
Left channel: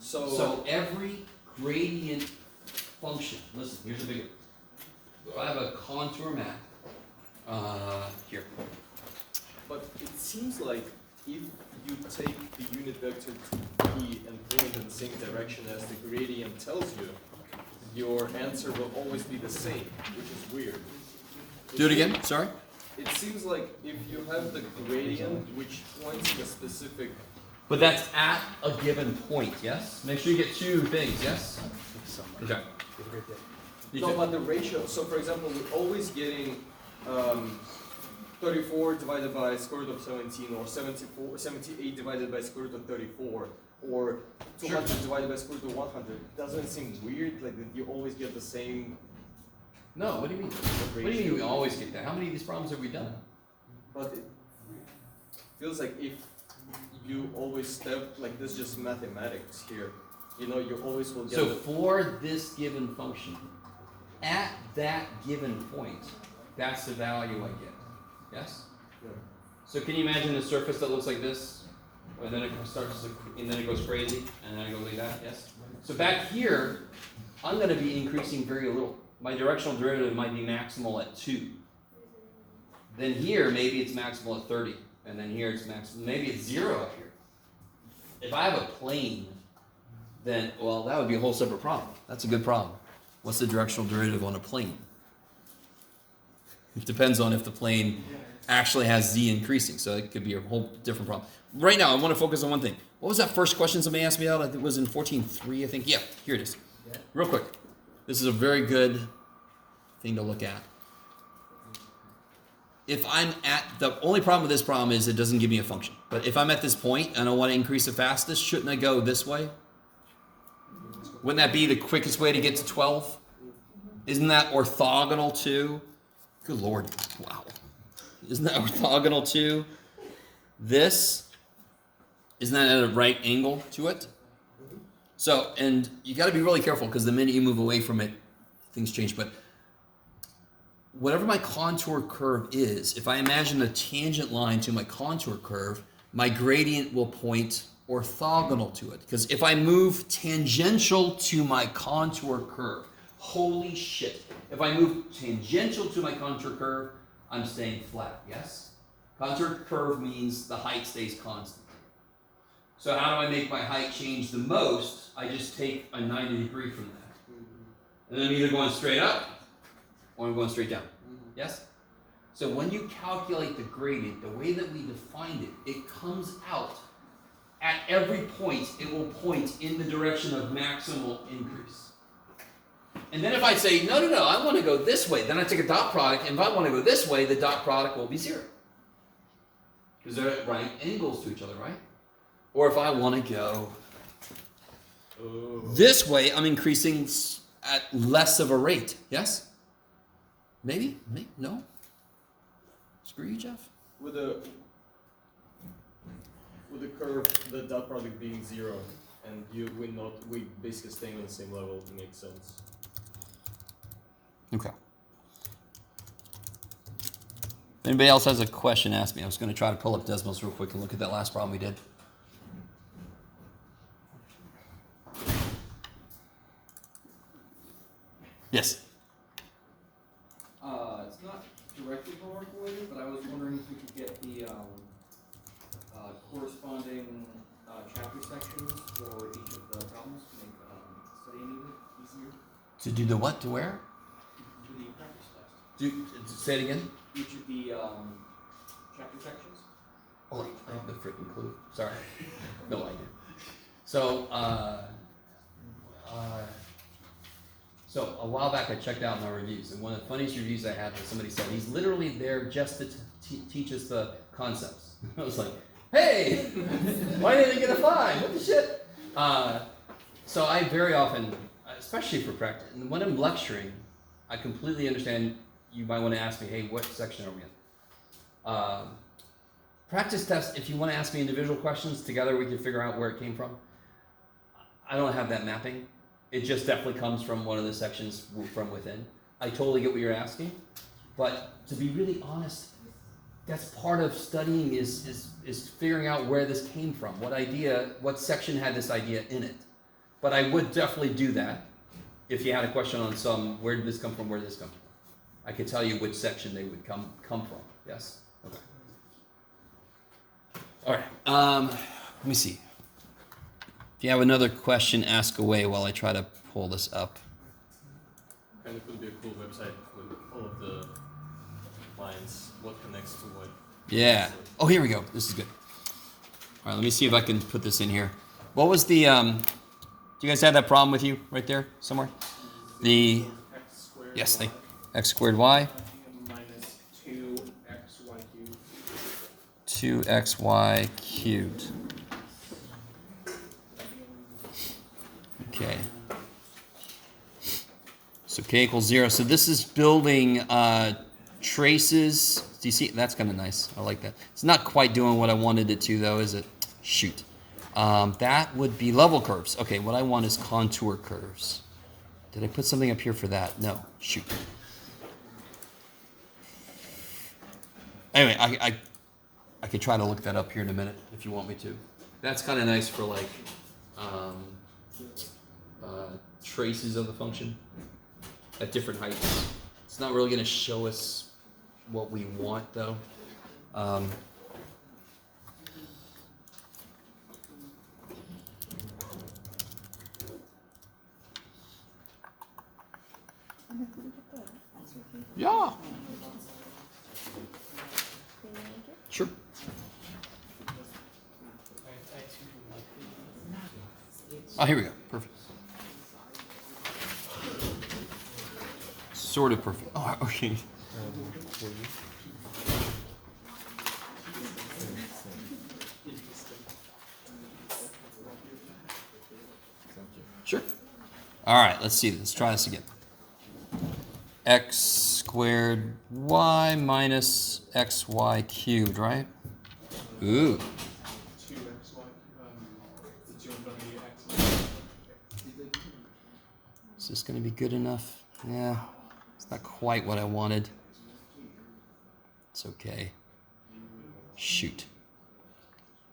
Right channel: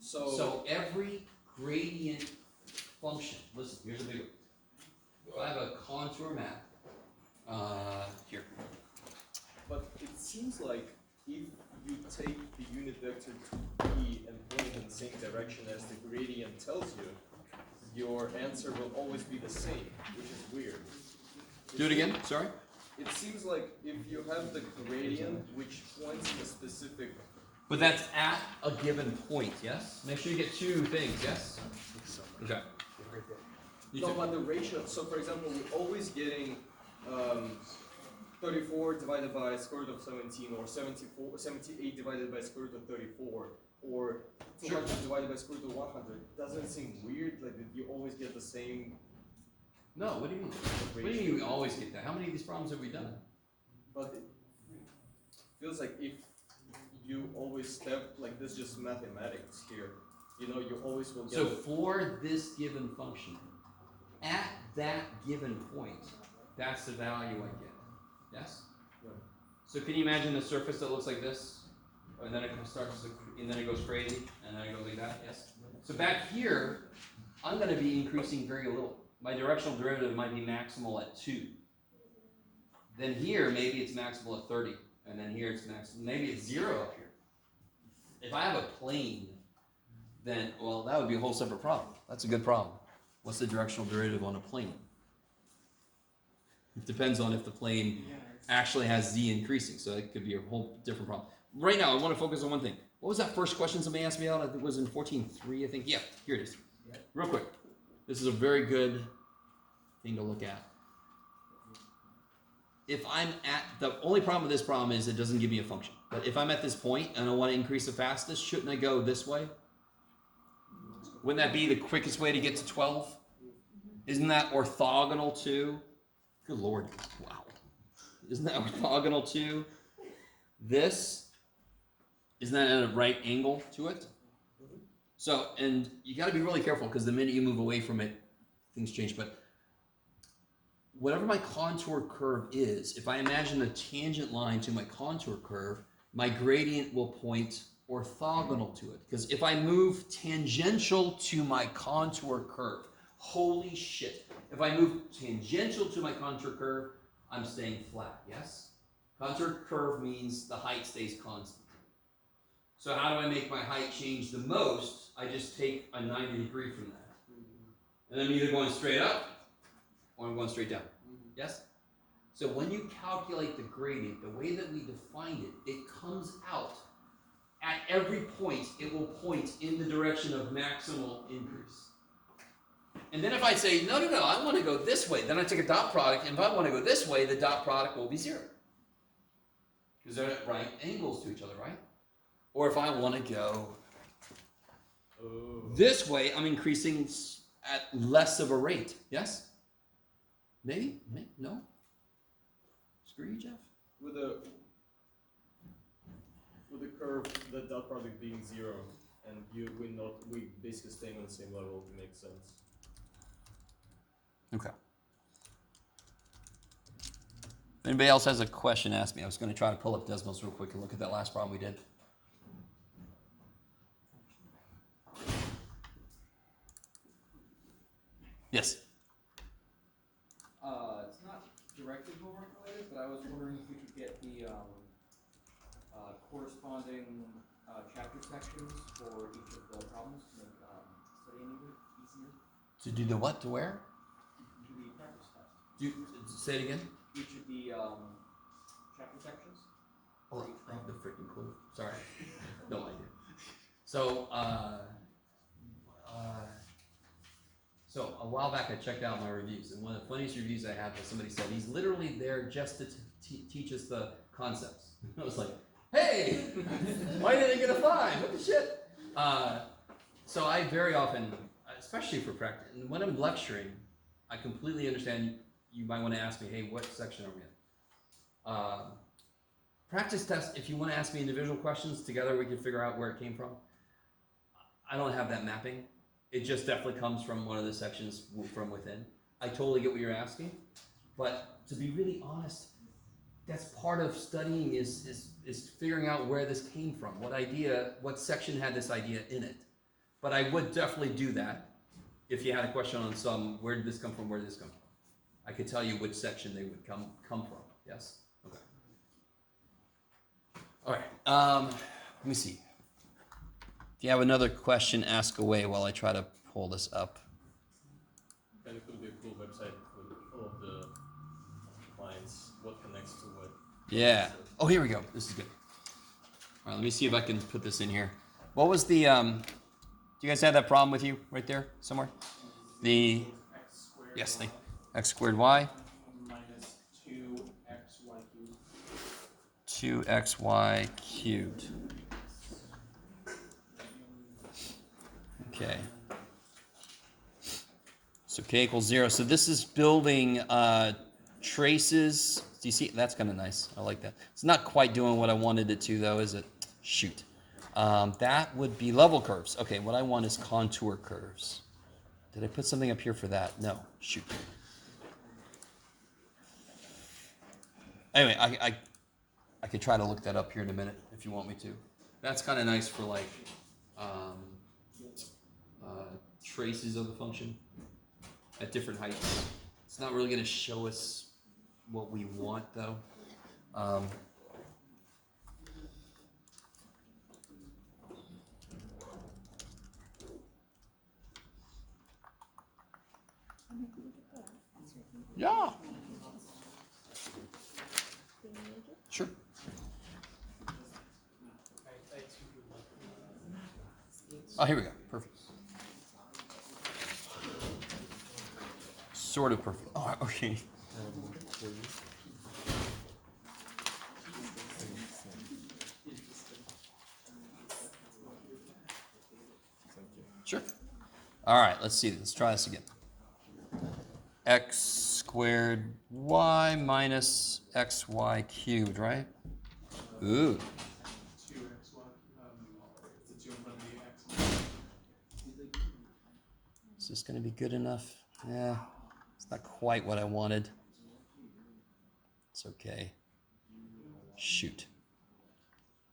So every gradient function. Listen, here's a big. If I have a contour map, here. But it seems like if you take the unit vector to P and point in the same direction as the gradient tells you, your answer will always be the same, which is weird. Do it again. Sorry. It seems like if you have the gradient which points in a specific. But that's at a given point. Yes. Make sure you get 2 things. Yes. Okay. No, but the ratio. So for example, we're always getting 34 divided by square root of 17, or 78 divided by square root of 34, or 200 divided by square root of 100. Doesn't it seem weird, like that you always get the same? No. What do you mean? What do you mean we always get that? How many of these problems have we done? But it feels like if you always step like this, just mathematics here. You know, you always will get. So for this given function, at that given point, that's the value I get. Yes? Yeah. So can you imagine a surface that looks like this? And then it starts to, and then it goes crazy, and then it goes like that, yes? So back here, I'm gonna be increasing very little. My directional derivative might be maximal at 2. Then here, maybe it's maximal at 30. And then here it's maximal, maybe it's 0 up here. If I have a plane, then, well, that would be a whole separate problem. That's a good problem. What's the directional derivative on a plane? It depends on if the plane actually has z increasing, so it could be a whole different problem. Right now, I want to focus on one thing. What was that first question somebody asked me out? I think it was in 14.3, I think. Yeah, here it is. Real quick. This is a very good thing to look at. If I'm at, the only problem with this problem is it doesn't give me a function. But if I'm at this point and I want to increase the fastest, shouldn't I go this way? Wouldn't that be the quickest way to get to 12? Isn't that orthogonal to? Good Lord. Wow. Isn't that orthogonal to this? Isn't that at a right angle to it? So, and you got to be really careful because the minute you move away from it, things change. But whatever my contour curve is, if I imagine a tangent line to my contour curve, my gradient will point orthogonal to it. Because if I move tangential to my contour curve, holy shit. If I move tangential to my contour curve, I'm staying flat, yes? Contour curve means the height stays constant. So how do I make my height change the most? I just take a 90 degree from that. And I'm either going straight up or I'm going straight down. Yes? So when you calculate the gradient, the way that we defined it, it comes out at every point, it will point in the direction of maximal increase. And then if I say, no, I want to go this way, then I take a dot product, and if I want to go this way, the dot product will be 0. Because they're at right angles to each other, right? Or if I want to go this way, I'm increasing at less of a rate. Yes? Maybe? No? Screw you, Jeff? With the curve, the dot product being 0, and we basically staying on the same level, makes sense. Okay. If anybody else has a question, ask me. I was going to try to pull up Desmos real quick and look at that last problem we did. Yes. It's not directly homework related, but I was wondering if we could get the corresponding chapter sections for each of the problems to make studying easier. To do the what? To where? For the practice test. Say it again. Each of the chapter sections. Oh, I have the freaking clue. Sorry. No idea. So, so a while back I checked out my reviews, and one of the funniest reviews I had was somebody said, he's literally there just to teach us the concepts. I was like, hey, why didn't I get a 5? What the shit? So I very often, especially for practice, and when I'm lecturing, I completely understand you might want to ask me, hey, what section are we in? Practice test, if you want to ask me individual questions, together we can figure out where it came from. I don't have that mapping. It just definitely comes from one of the sections from within. I totally get what you're asking, but to be really honest, that's part of studying is figuring out where this came from, what section had this idea in it. But I would definitely do that if you had a question on where did this come from, where did this come from? I could tell you which section they would come from. Yes? Okay. All right. Let me see. If you have another question, ask away while I try to pull this up. And it could be a cool website with all of the lines, what connects to what. Yeah. Oh, here we go. This is good. All right, let me see if I can put this in here. What was the, do you guys have that problem with you right there somewhere? The, X squared. yes, x squared y. Minus 2xy cubed. 2xy cubed. Okay. So k equals 0. So this is building traces. Do you see? That's kind of nice. I like that. It's not quite doing what I wanted it to, though, is it? Shoot. That would be level curves. Okay, what I want is contour curves. Did I put something up here for that? No. Shoot. Anyway, I could try to look that up here in a minute if you want me to. That's kind of nice for like traces of the function at different heights. It's not really going to show us what we want though. Yeah. Sure. Oh, here we go. Perfect. Sort of perfect. Oh, okay. Sure. All right, let's see. Let's try this again. X squared y minus xy cubed, right? Ooh. 2xy, the 2 in front of the x. Is this going to be good enough? Yeah, it's not quite what I wanted. It's okay. Shoot.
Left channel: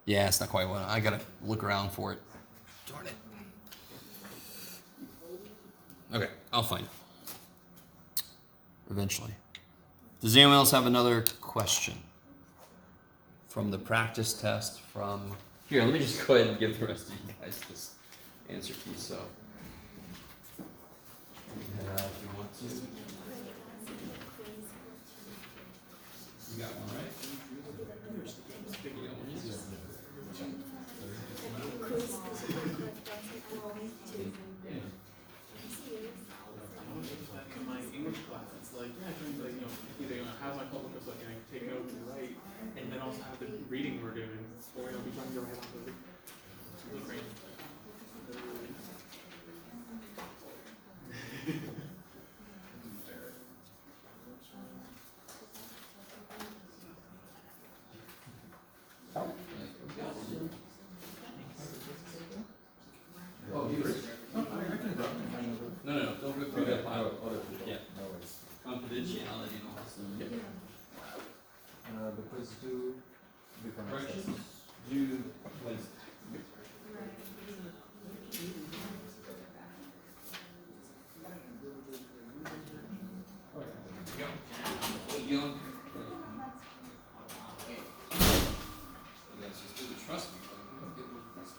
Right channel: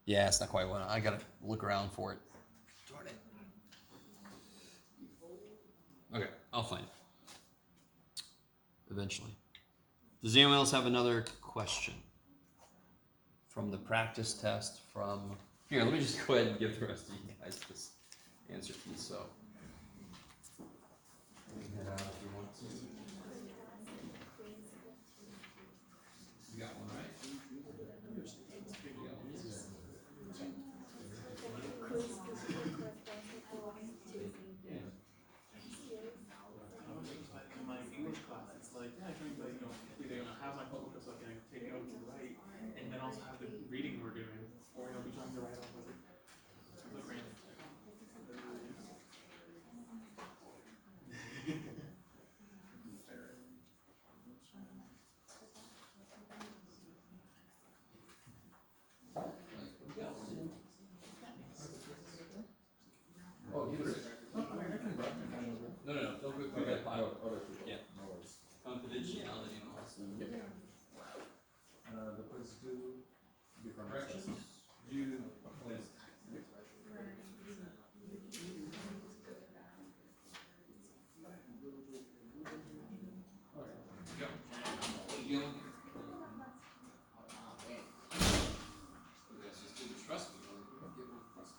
Yeah, it's not quite what I got to look around for it. Darn it. Okay, I'll find it. Eventually. Does anyone else have another question? From the practice test, from... Here, let me just go ahead and give the rest of you guys this answer key, so... if you want to. You got one, right? You got one, yes. In my English class, it's like, yeah, I can like, either have my focus like take notes and write, and then also have the reading we're doing, or I'll be trying to write off of it. Oh, you were? No, don't rip through that file. Yeah. Confidentiality and all that stuff. The quiz do different Corrections? Do, please. You go. That's just do the trust me. Get more trust.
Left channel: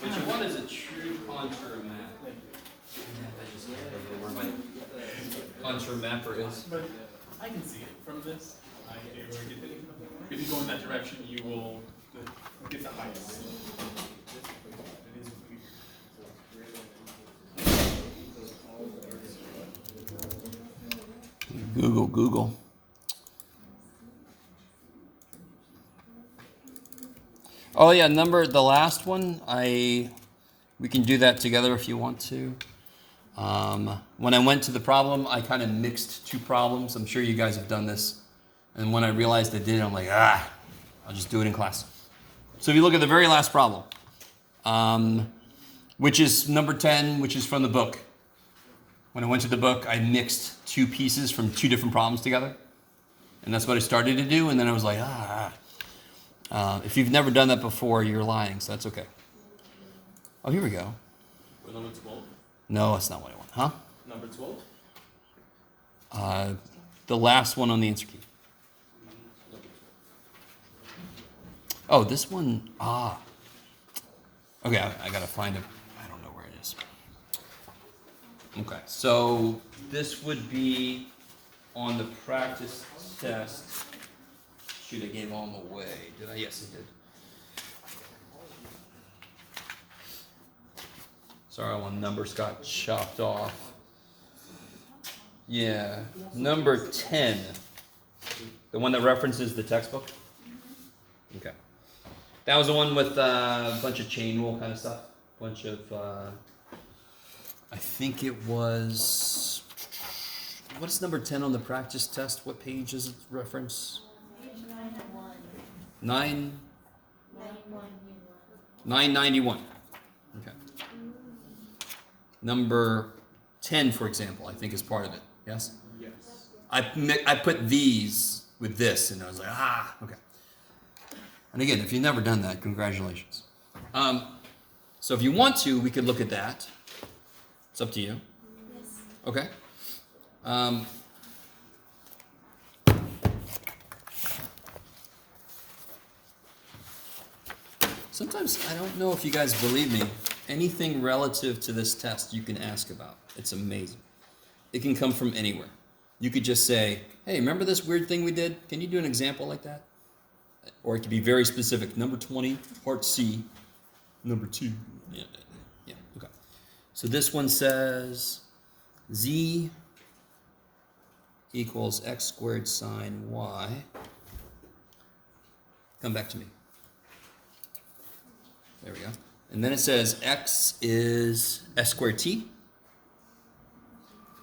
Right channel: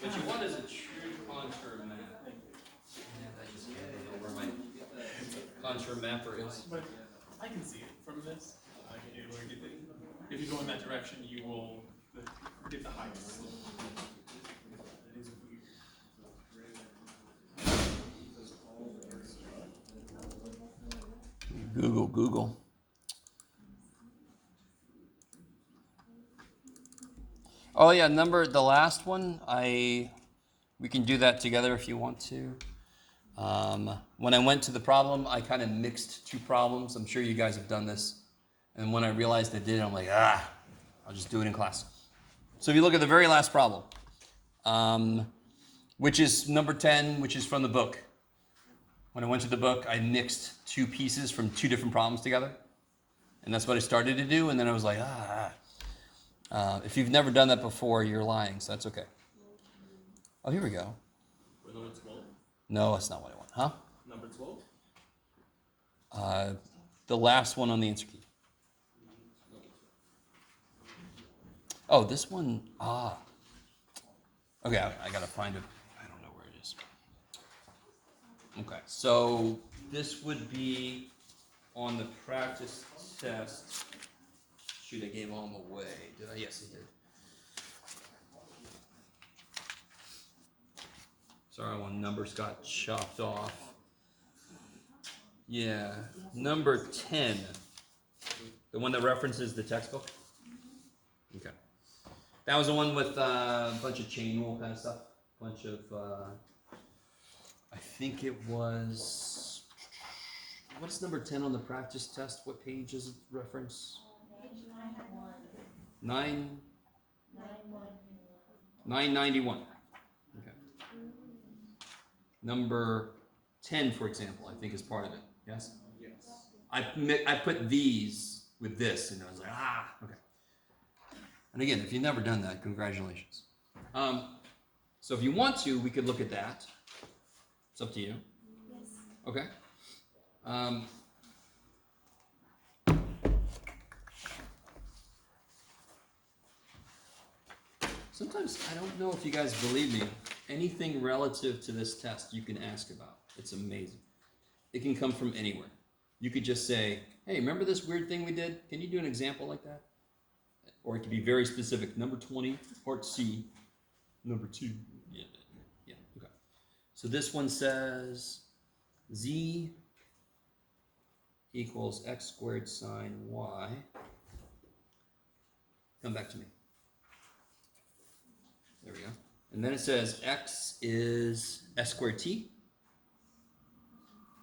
What you want is a true contour map. I just can't think of where my contour mapper is. But I can see it from this. If you go in that direction, you will get the heights. It is weird. Google. Oh yeah, the last one, we can do that together if you want to. When I went to the problem, I kind of mixed two problems. I'm sure you guys have done this. And when I realized I did it, I'm like, I'll just do it in class. So if you look at the very last problem, which is number 10, which is from the book. When I went to the book, I mixed two pieces from two different problems together. And that's what I started to do. And then I was like, if you've never done that before, you're lying. So that's okay. Oh, here we go. We're number 12. No, that's not what I want. Huh? Number 12? The last one on the answer key. Oh, this one. Okay, I gotta find it. I don't know where it is. Okay, so this would be on the practice test. Shoot, I gave all them away. Did I? Yes, I did. Sorry, one numbers got chopped off. Yeah, number 10. The one that references the textbook? Okay. That was the one with a bunch of chain rule kind of stuff. Bunch of, I think it was, what's number 10 on the practice test? What page does it reference? Page 91. 991. Okay. Number 10, for example, I think is part of it. Yes? Yes. I put these with this, and I was like, okay. And again, if you've never done that, congratulations. So if you want to, we could look at that. It's up to you. Yes. Okay. Sometimes I don't know if you guys believe me. Anything relative to this test you can ask about. It's amazing. It can come from anywhere. You could just say, hey, remember this weird thing we did? Can you do an example like that? Or it could be very specific. Number 20, part C, number 2. Yeah, okay. So this one says z equals x squared sine y. Come back to me. There we go. And then it says x is s squared t,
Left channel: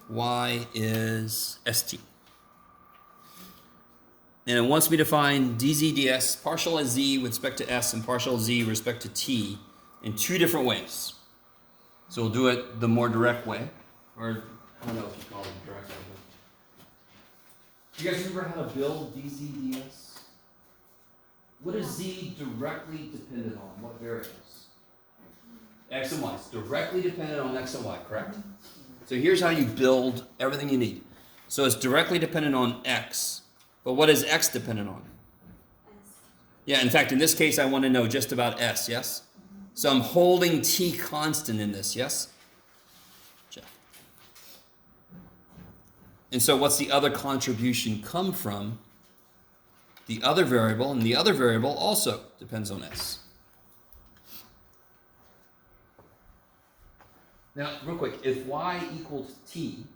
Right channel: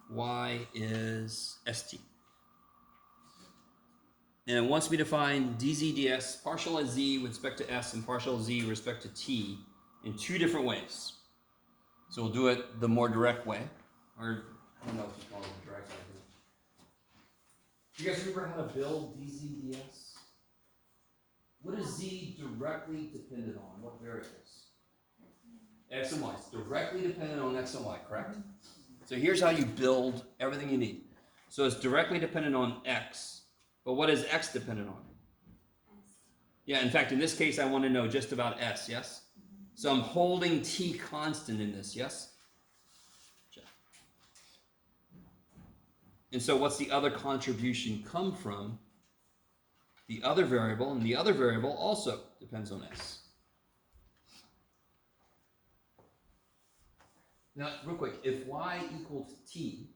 y is st. And it wants me to find dz ds, partial as z with respect to s and partial z with respect to t in 2 different ways. So we'll do it the more direct way, or I don't know if you call it direct way. You guys remember how to build dz ds? What is z directly dependent on? What variables? X and y. It's directly dependent on x and y, correct? So here's how you build everything you need. So it's directly dependent on x, but what is x dependent on? Yeah, in fact, in this case, I want to know just about s, yes? So I'm holding t constant in this, yes? Jeff. And so what's the other contribution come from? The other variable, and the other variable also depends on s. Now, real quick, if y equals t,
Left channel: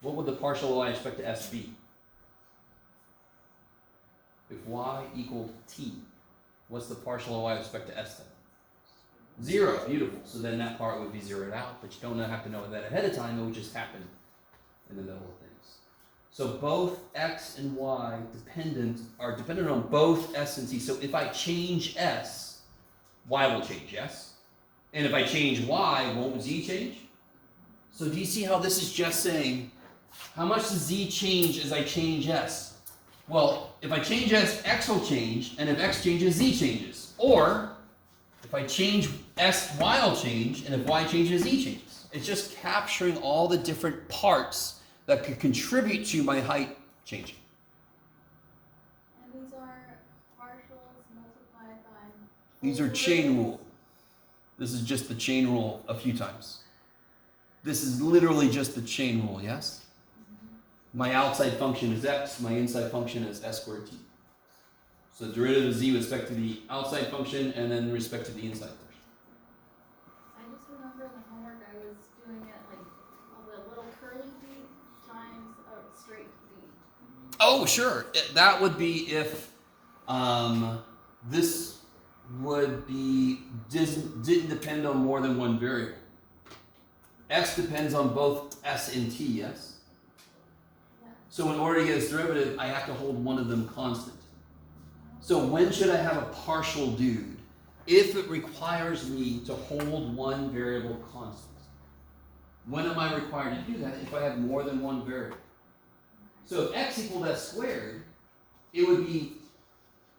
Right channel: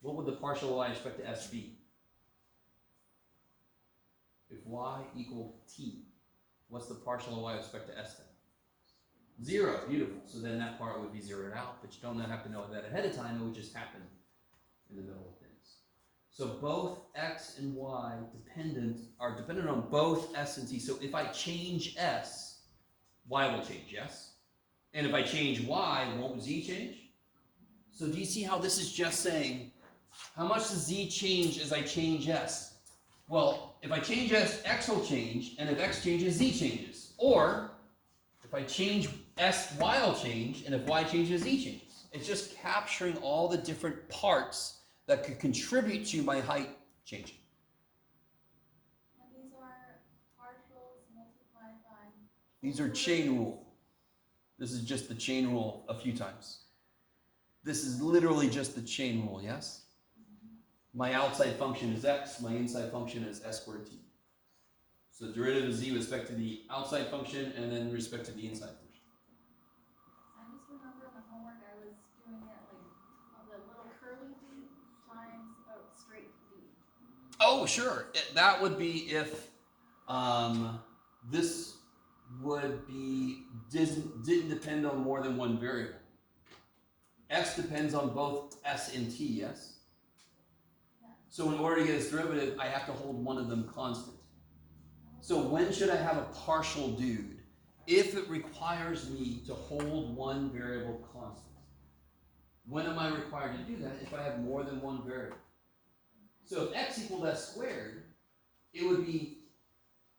what would the partial y respect to s be? If y equaled t, what's the partial y respect to s then? 0, beautiful. So then that part would be zeroed out, but you don't have to know that ahead of time, it would just happen in the middle of things. So both x and y are dependent on both s and t. So if I change s, y will change, yes? And if I change y, won't z change? So do you see how this is just saying, how much does z change as I change s? Well, if I change s, x will change, and if x changes, z changes. Or, if I change s, y will change, and if y changes, z changes. It's just capturing all the different parts that could contribute to my height changing. And these are partials multiplied by. These are chain rule. This is just the chain rule a few times. This is literally just the chain rule, yes? My outside function is x, my inside function is s squared t. So the derivative of z with respect to the outside function and then with respect to the inside function. I just remember in the homework I was doing it like all the little curly v times a straight v. Oh, sure. That would be if this would be didn't depend on more than one variable. X depends on both s and t, yes? Yeah. So in order to get this derivative, I have to hold one of them constant. So when should I have a partial dude? If it requires me to hold one variable constant. When am I required to do that? If I have more than one variable. So if x equaled s squared, it would be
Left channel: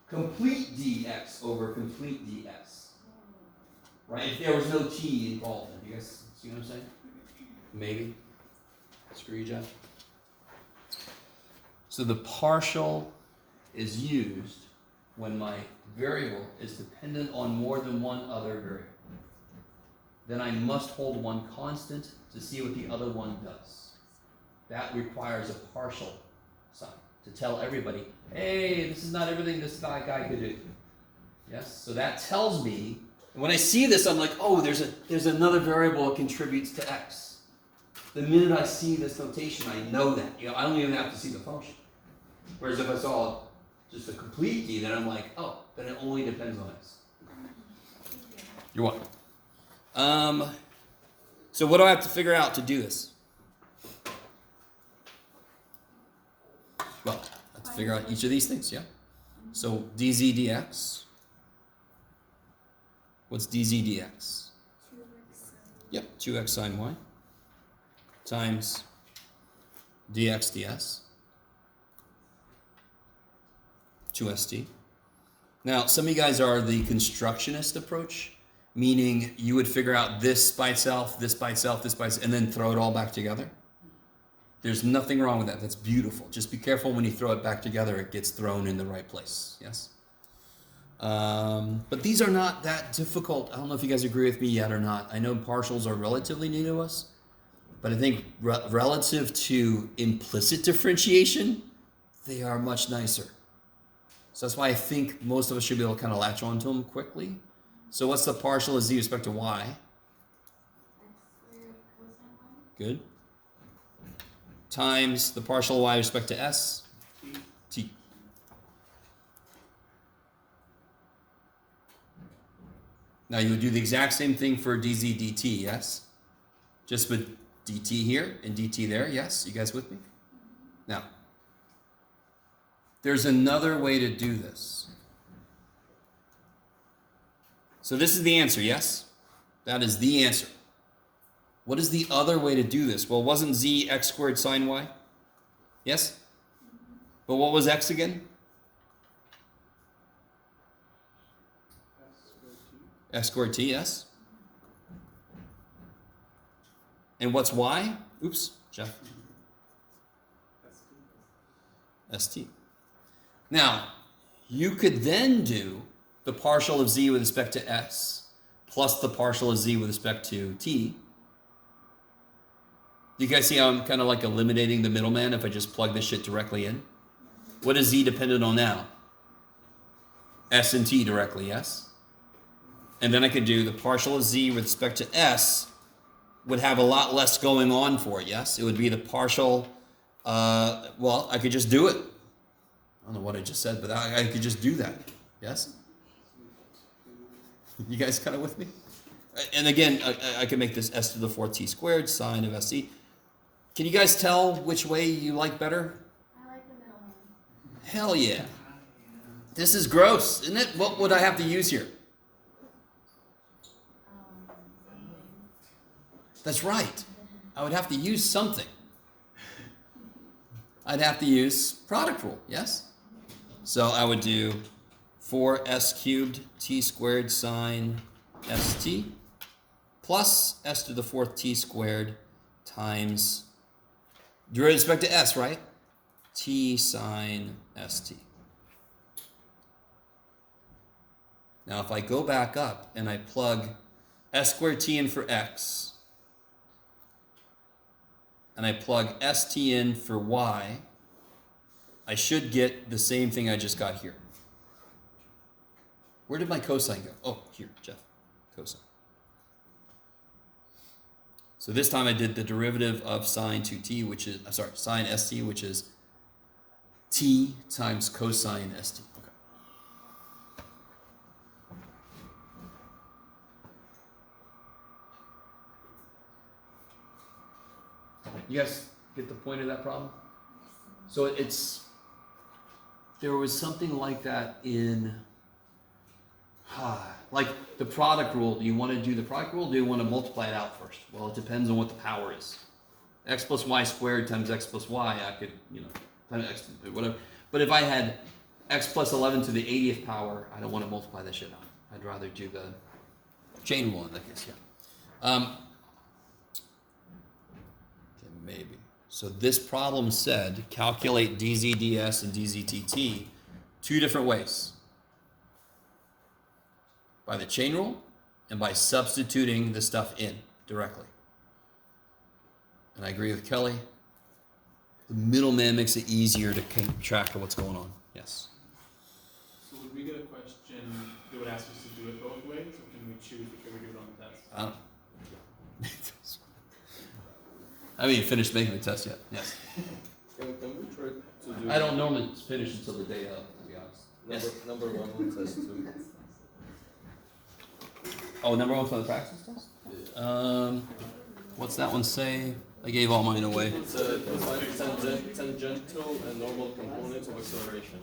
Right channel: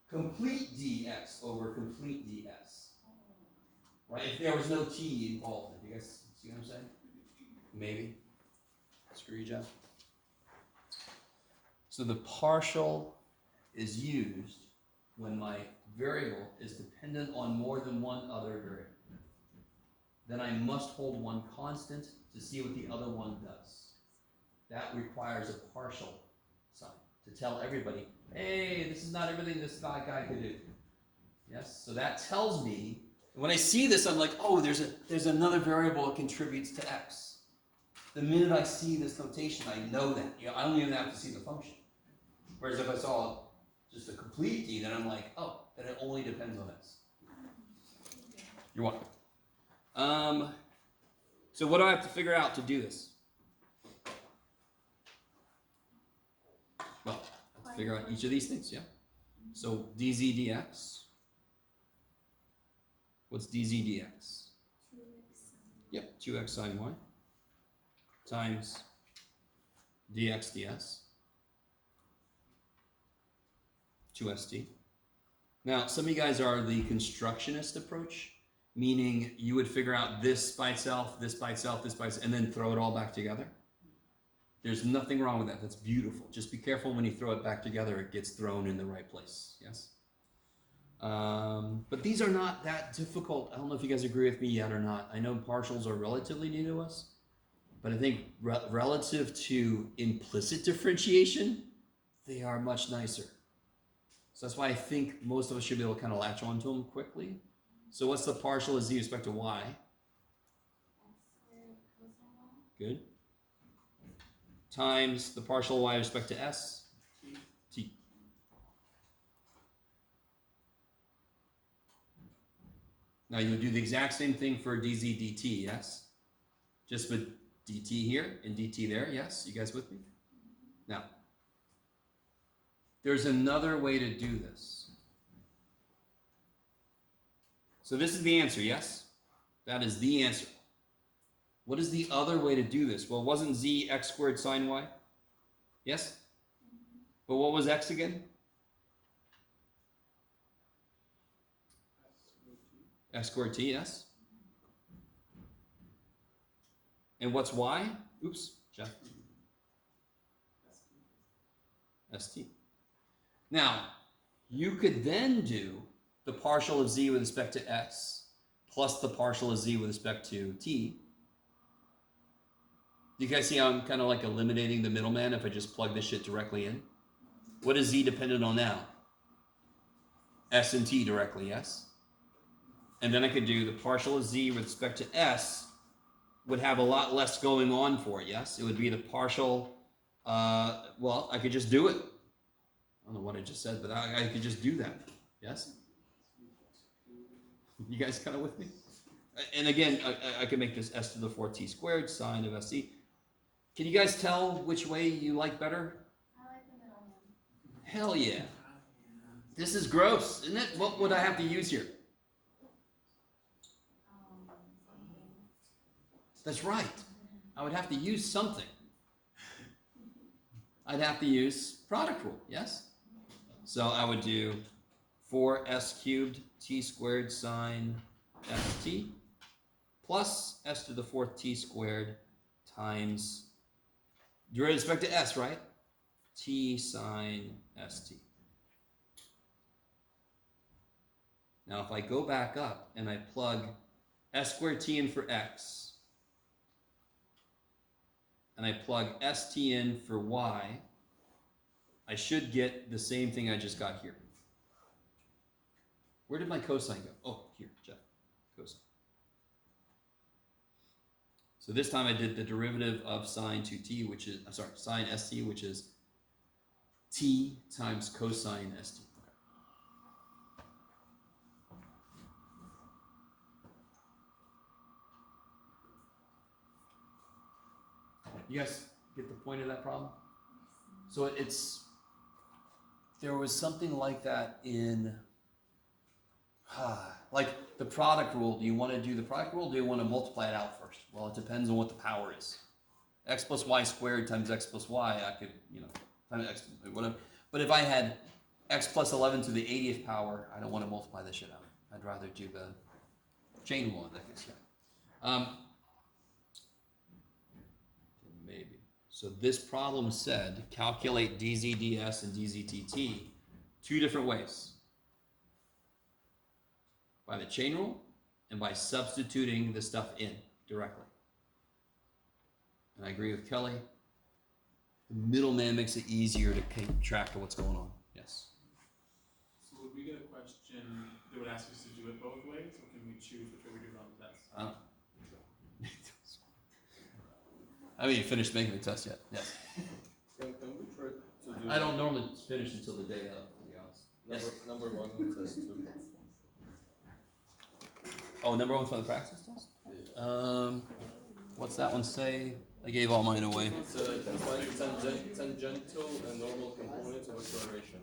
complete dx over complete dx. Right? If there was no t involved. Do you guys see what I'm saying? Maybe. Screw you, Jeff. So the partial is used when my variable is dependent on more than one other variable. Then I must hold one constant to see what the other one does. That requires a partial sign to tell everybody, hey, this is not everything this guy could do. Yes? So that tells me, when I see this, I'm like, oh, there's another variable that contributes to x. The minute I see this notation, I know that. I don't even have to see the function. Whereas if I saw just a complete d, then I'm like, oh, then it only depends on x. You're welcome. So what do I have to figure out to do this? Well, I have to figure out each of these things, yeah? So dz dx. What's dz dx? 2x. Yep, 2x sine y times dx ds. 2st. Now, some of you guys are the constructionist approach, meaning you would figure out this by itself, this by itself, this by itself, and then throw it all back together. There's nothing wrong with that. That's beautiful. Just be careful when you throw it back together, it gets thrown in the right place. Yes? But these are not that difficult. I don't know if you guys agree with me yet or not. I know partials are relatively new to us, but I think relative to implicit differentiation, they are much nicer. So that's why I think most of us should be able to kind of latch onto them quickly. So what's the partial of z with respect to y? X squared cosine y. Good. Times the partial of y with respect to s? T. Now you'll do the exact same thing for dz dt, yes? Just with dt here and dt there, yes? You guys with me? Now, there's another way to do this. So this is the answer, yes? That is the answer. What is the other way to do this? Well, wasn't z x squared sine y? Yes? But what was x again? X squared t, yes? And what's y? Oops, Jeff. St. Now, you could then do the partial of z with respect to s plus the partial of z with respect to t. Do you guys see how I'm kind of like eliminating the middleman if I just plug this shit directly in? What is z dependent on now? S and t directly, yes? And then I could do the partial of z with respect to s would have a lot less going on for it, yes? It would be the partial, well, I could just do it. I don't know what I just said, but I could just do that, yes? You guys kind of with me? And again, I can make this s to the 4th t squared sine of st. Can you guys tell which way you like better? I like the middle one. Hell yeah. This is gross, isn't it? What would I have to use here? That's right. I would have to use something. I'd have to use product rule, yes? So I would do 4s cubed t squared sine st plus s to the 4th t squared times derivative with respect to s, right? T sine st. Now if I go back up and I plug s squared t in for x, and I plug st in for y, I should get the same thing I just got here. Where did my cosine go? Oh, here, Jeff, cosine. So this time I did the derivative of sine 2t, which is, sine st, which is t times cosine st. Okay. You guys get the point of that problem? So there was something like that in, like the product rule. Do you want to do the product rule? Or do you want to multiply it out first? Well, it depends on what the power is. X plus y squared times x plus y, I could, times x, whatever. But if I had x plus 11 to the 80th power, I don't want to multiply this shit out. I'd rather do the chain rule in that case, yeah. Maybe. So this problem said calculate dz ds and dz dt 2 different ways. By the chain rule and by substituting the stuff in directly. And I agree with Kelly. The middleman makes it easier to keep track of what's going on. Yes. So would we get a question that would ask us to do it both ways, or can we choose which way we do it on the test? I mean, you finished making the test yet? Yes. Can we try to do? I don't normally finish until the day of, to be honest. Number 1 on test 2. Oh, number 1 for the practice test? What's that one say? I gave all mine away. It's like tangential and normal components of acceleration.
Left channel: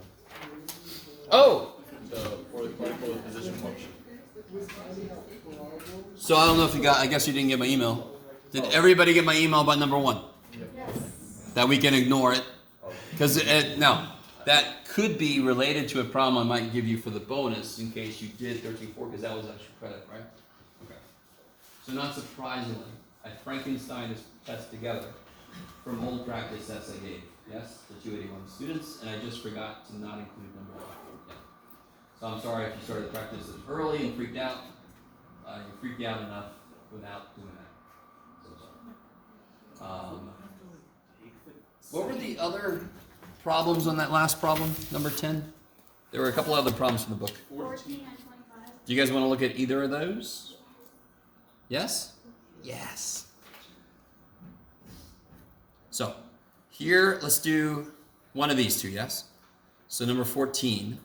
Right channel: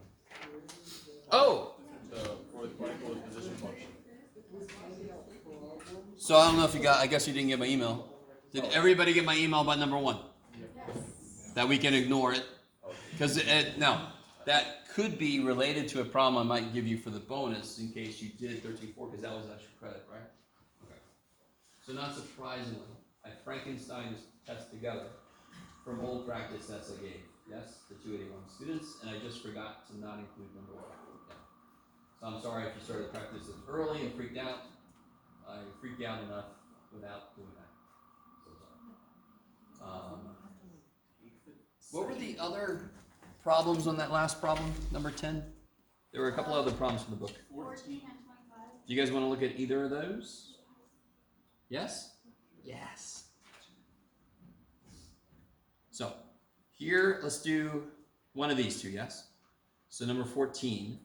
Oh! For the particle position function. So I don't know if you got, I guess you didn't get my email. Did everybody get my email about number 1? That we can ignore it? Because, no, that could be related to a problem I might give you for the bonus in case you did 13.4, because that was extra credit, right? Okay. So not surprisingly, I Frankenstein this test together from old practice tests I gave. Yes, the 281 students, and I just forgot to not include number 1. Yeah. So I'm sorry if you started practice early and freaked out. You freaked out enough without doing that. So sorry. What were the other problems on that last problem, number 10? There were a couple other problems from the book. 14 and 25. Do you guys want to look at either of those? Yes? Yes. So, here, let's do one of these two, yes? So number 14.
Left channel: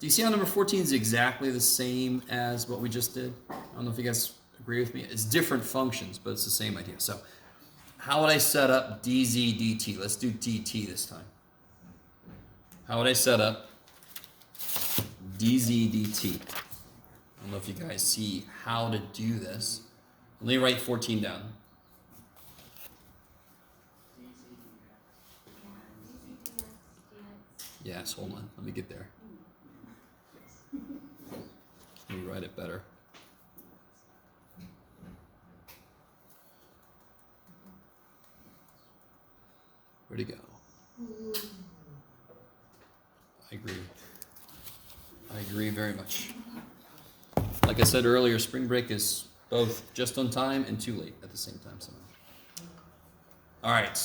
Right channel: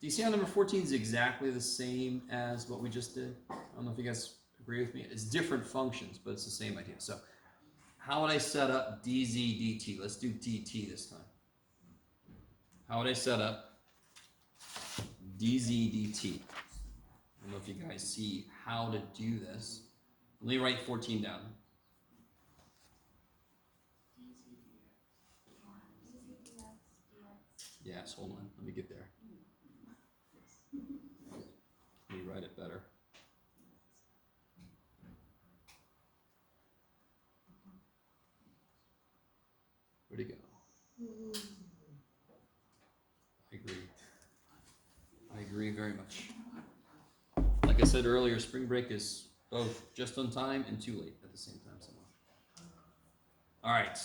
Do you see how number 14 is exactly the same as what we just did? I don't know if you guys agree with me. It's different functions, but it's the same idea. So, how would I set up dz dt? Let's do dt this time. How would I set up dz dt? I don't know if you guys see how to do this. Let me write 14 down. Yes, hold on. Let me get there. Let me write it better. Where'd it go? I agree. I agree very much. Like I said earlier, spring break is both just on time and too late at the same time somehow. All right.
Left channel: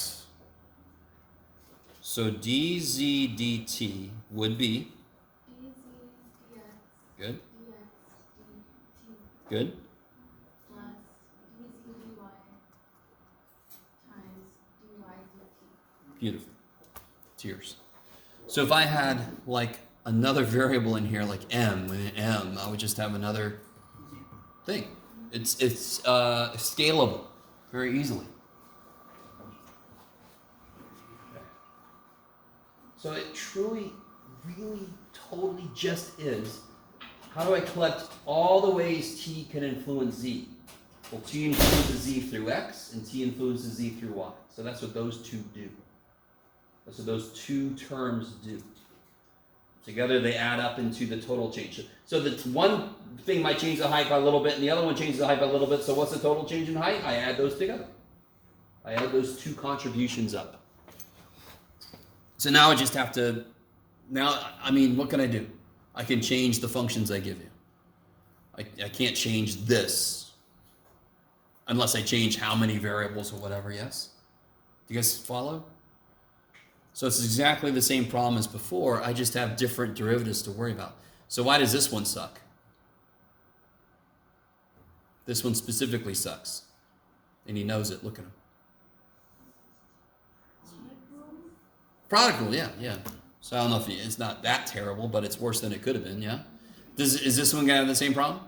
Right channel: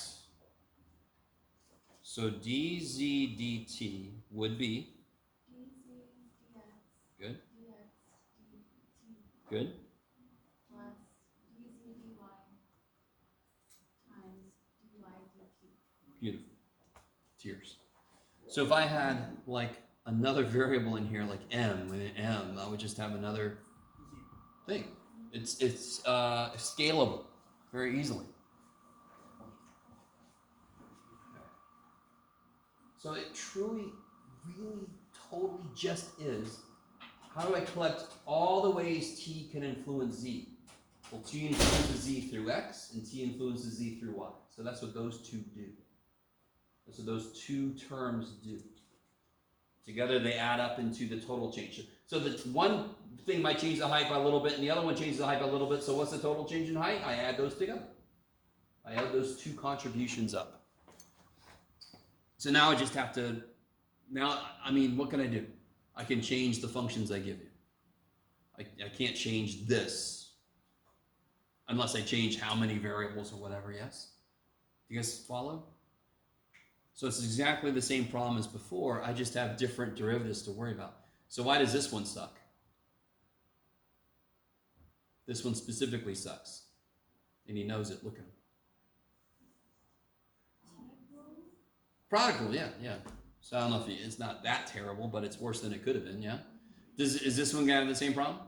So dz dt would be dz dx good. dx dt Good. plus dz dy times dy dt. Beautiful. Tears. So if I had like another variable in here, like m, and m, I would just have another thing. It's scalable very easily. So it truly, really, totally just is, how do I collect all the ways t can influence z? Well, t influences z through x, and t influences z through y. So that's what those two do. That's what those two terms do. Together they add up into the total change. So the one thing might change the height by a little bit, and the other one changes the height by a little bit. So what's the total change in height? I add those together. I add those two contributions up. So now I just have to, what can I do? I can change the functions I give you. I can't change this unless I change how many variables or whatever, yes? Do you guys follow? So it's exactly the same problem as before, I just have different derivatives to worry about. So why does this one suck? This one specifically sucks. And he knows it, look at him. Product rule, yeah. So I don't know if it's not that terrible, but it's worse than it could have been, yeah? Is this one gonna have the same problem?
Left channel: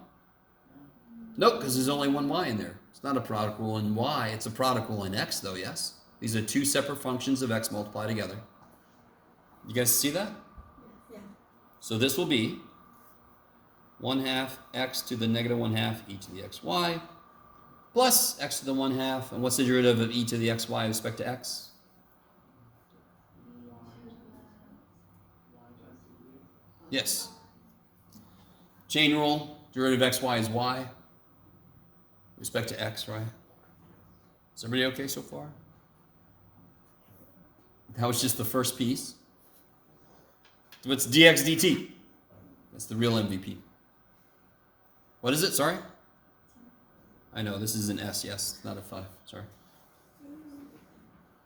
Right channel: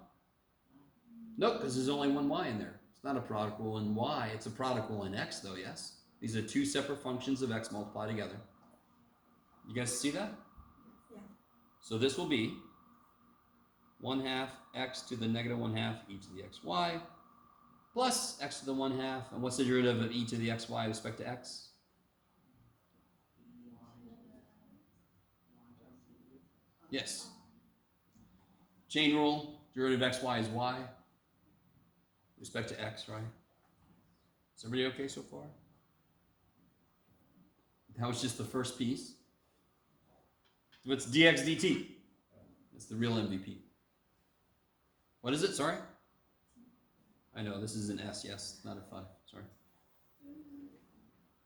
Nope, because there's only one y in there. It's not a product rule in y, it's a product rule in x though, yes? These are two separate functions of x multiplied together. You guys see that? Yeah. So this will be 1/2 x to the negative 1/2 e to the xy plus x to the 1/2. And what's the derivative of e to the xy with respect to x? Yes. Chain rule, derivative of xy is y. With respect to x, right? Is everybody okay so far? That was just the first piece. What's dx dt? That's the real MVP. What is it? Sorry? I know, this is an S, yes, not a 5. Sorry.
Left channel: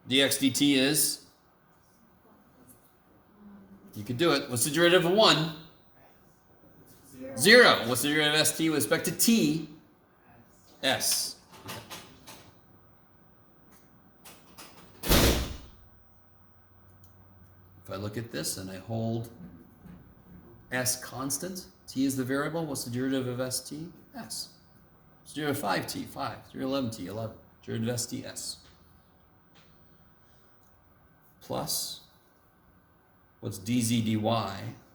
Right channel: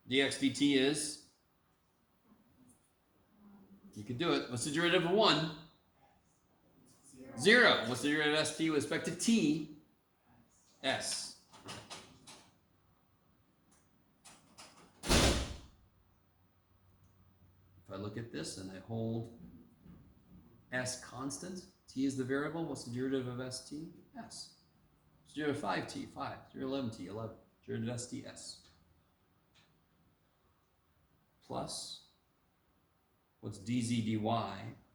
dx dt is? You could do it. What's the derivative of 1? 0. What's the derivative of st with respect to t? S. If I look at this and I hold s constant, t is the variable, what's the derivative of st? S. What's the derivative of 5t? 5. Derivative of 11t? 11. Derivative of st? S. Plus, what's dz dy?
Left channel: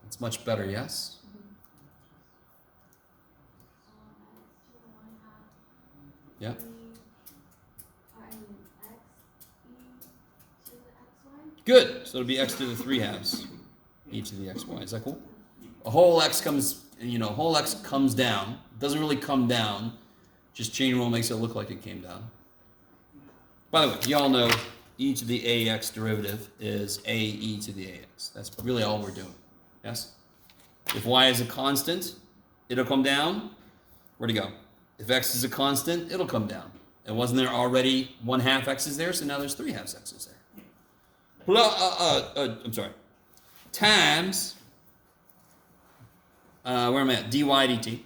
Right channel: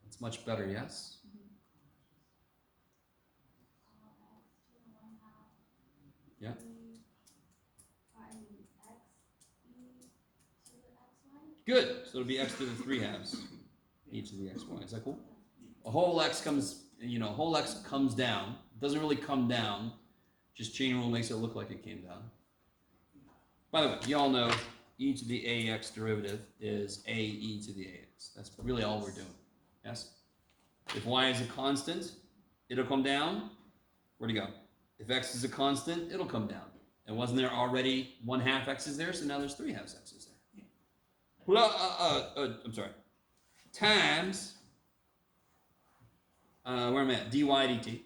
It's much better, yes? Yeah. Good. So it'll be x to the 3/2 e to the xy. Is that cool? A whole x comes, whole x comes down. It doesn't really come down. Just chain rule makes it look like it came down. By the way, you all know e to the ax derivative is ae to the ax. That's really all we're doing. Yes? If y is a constant, it'll come down. Where'd it go? If x is a constant, it'll come down. And wasn't there already 1/2 x's there? So now there's 3/2 x's there. I'm sorry. Times, where am I at? dy dt.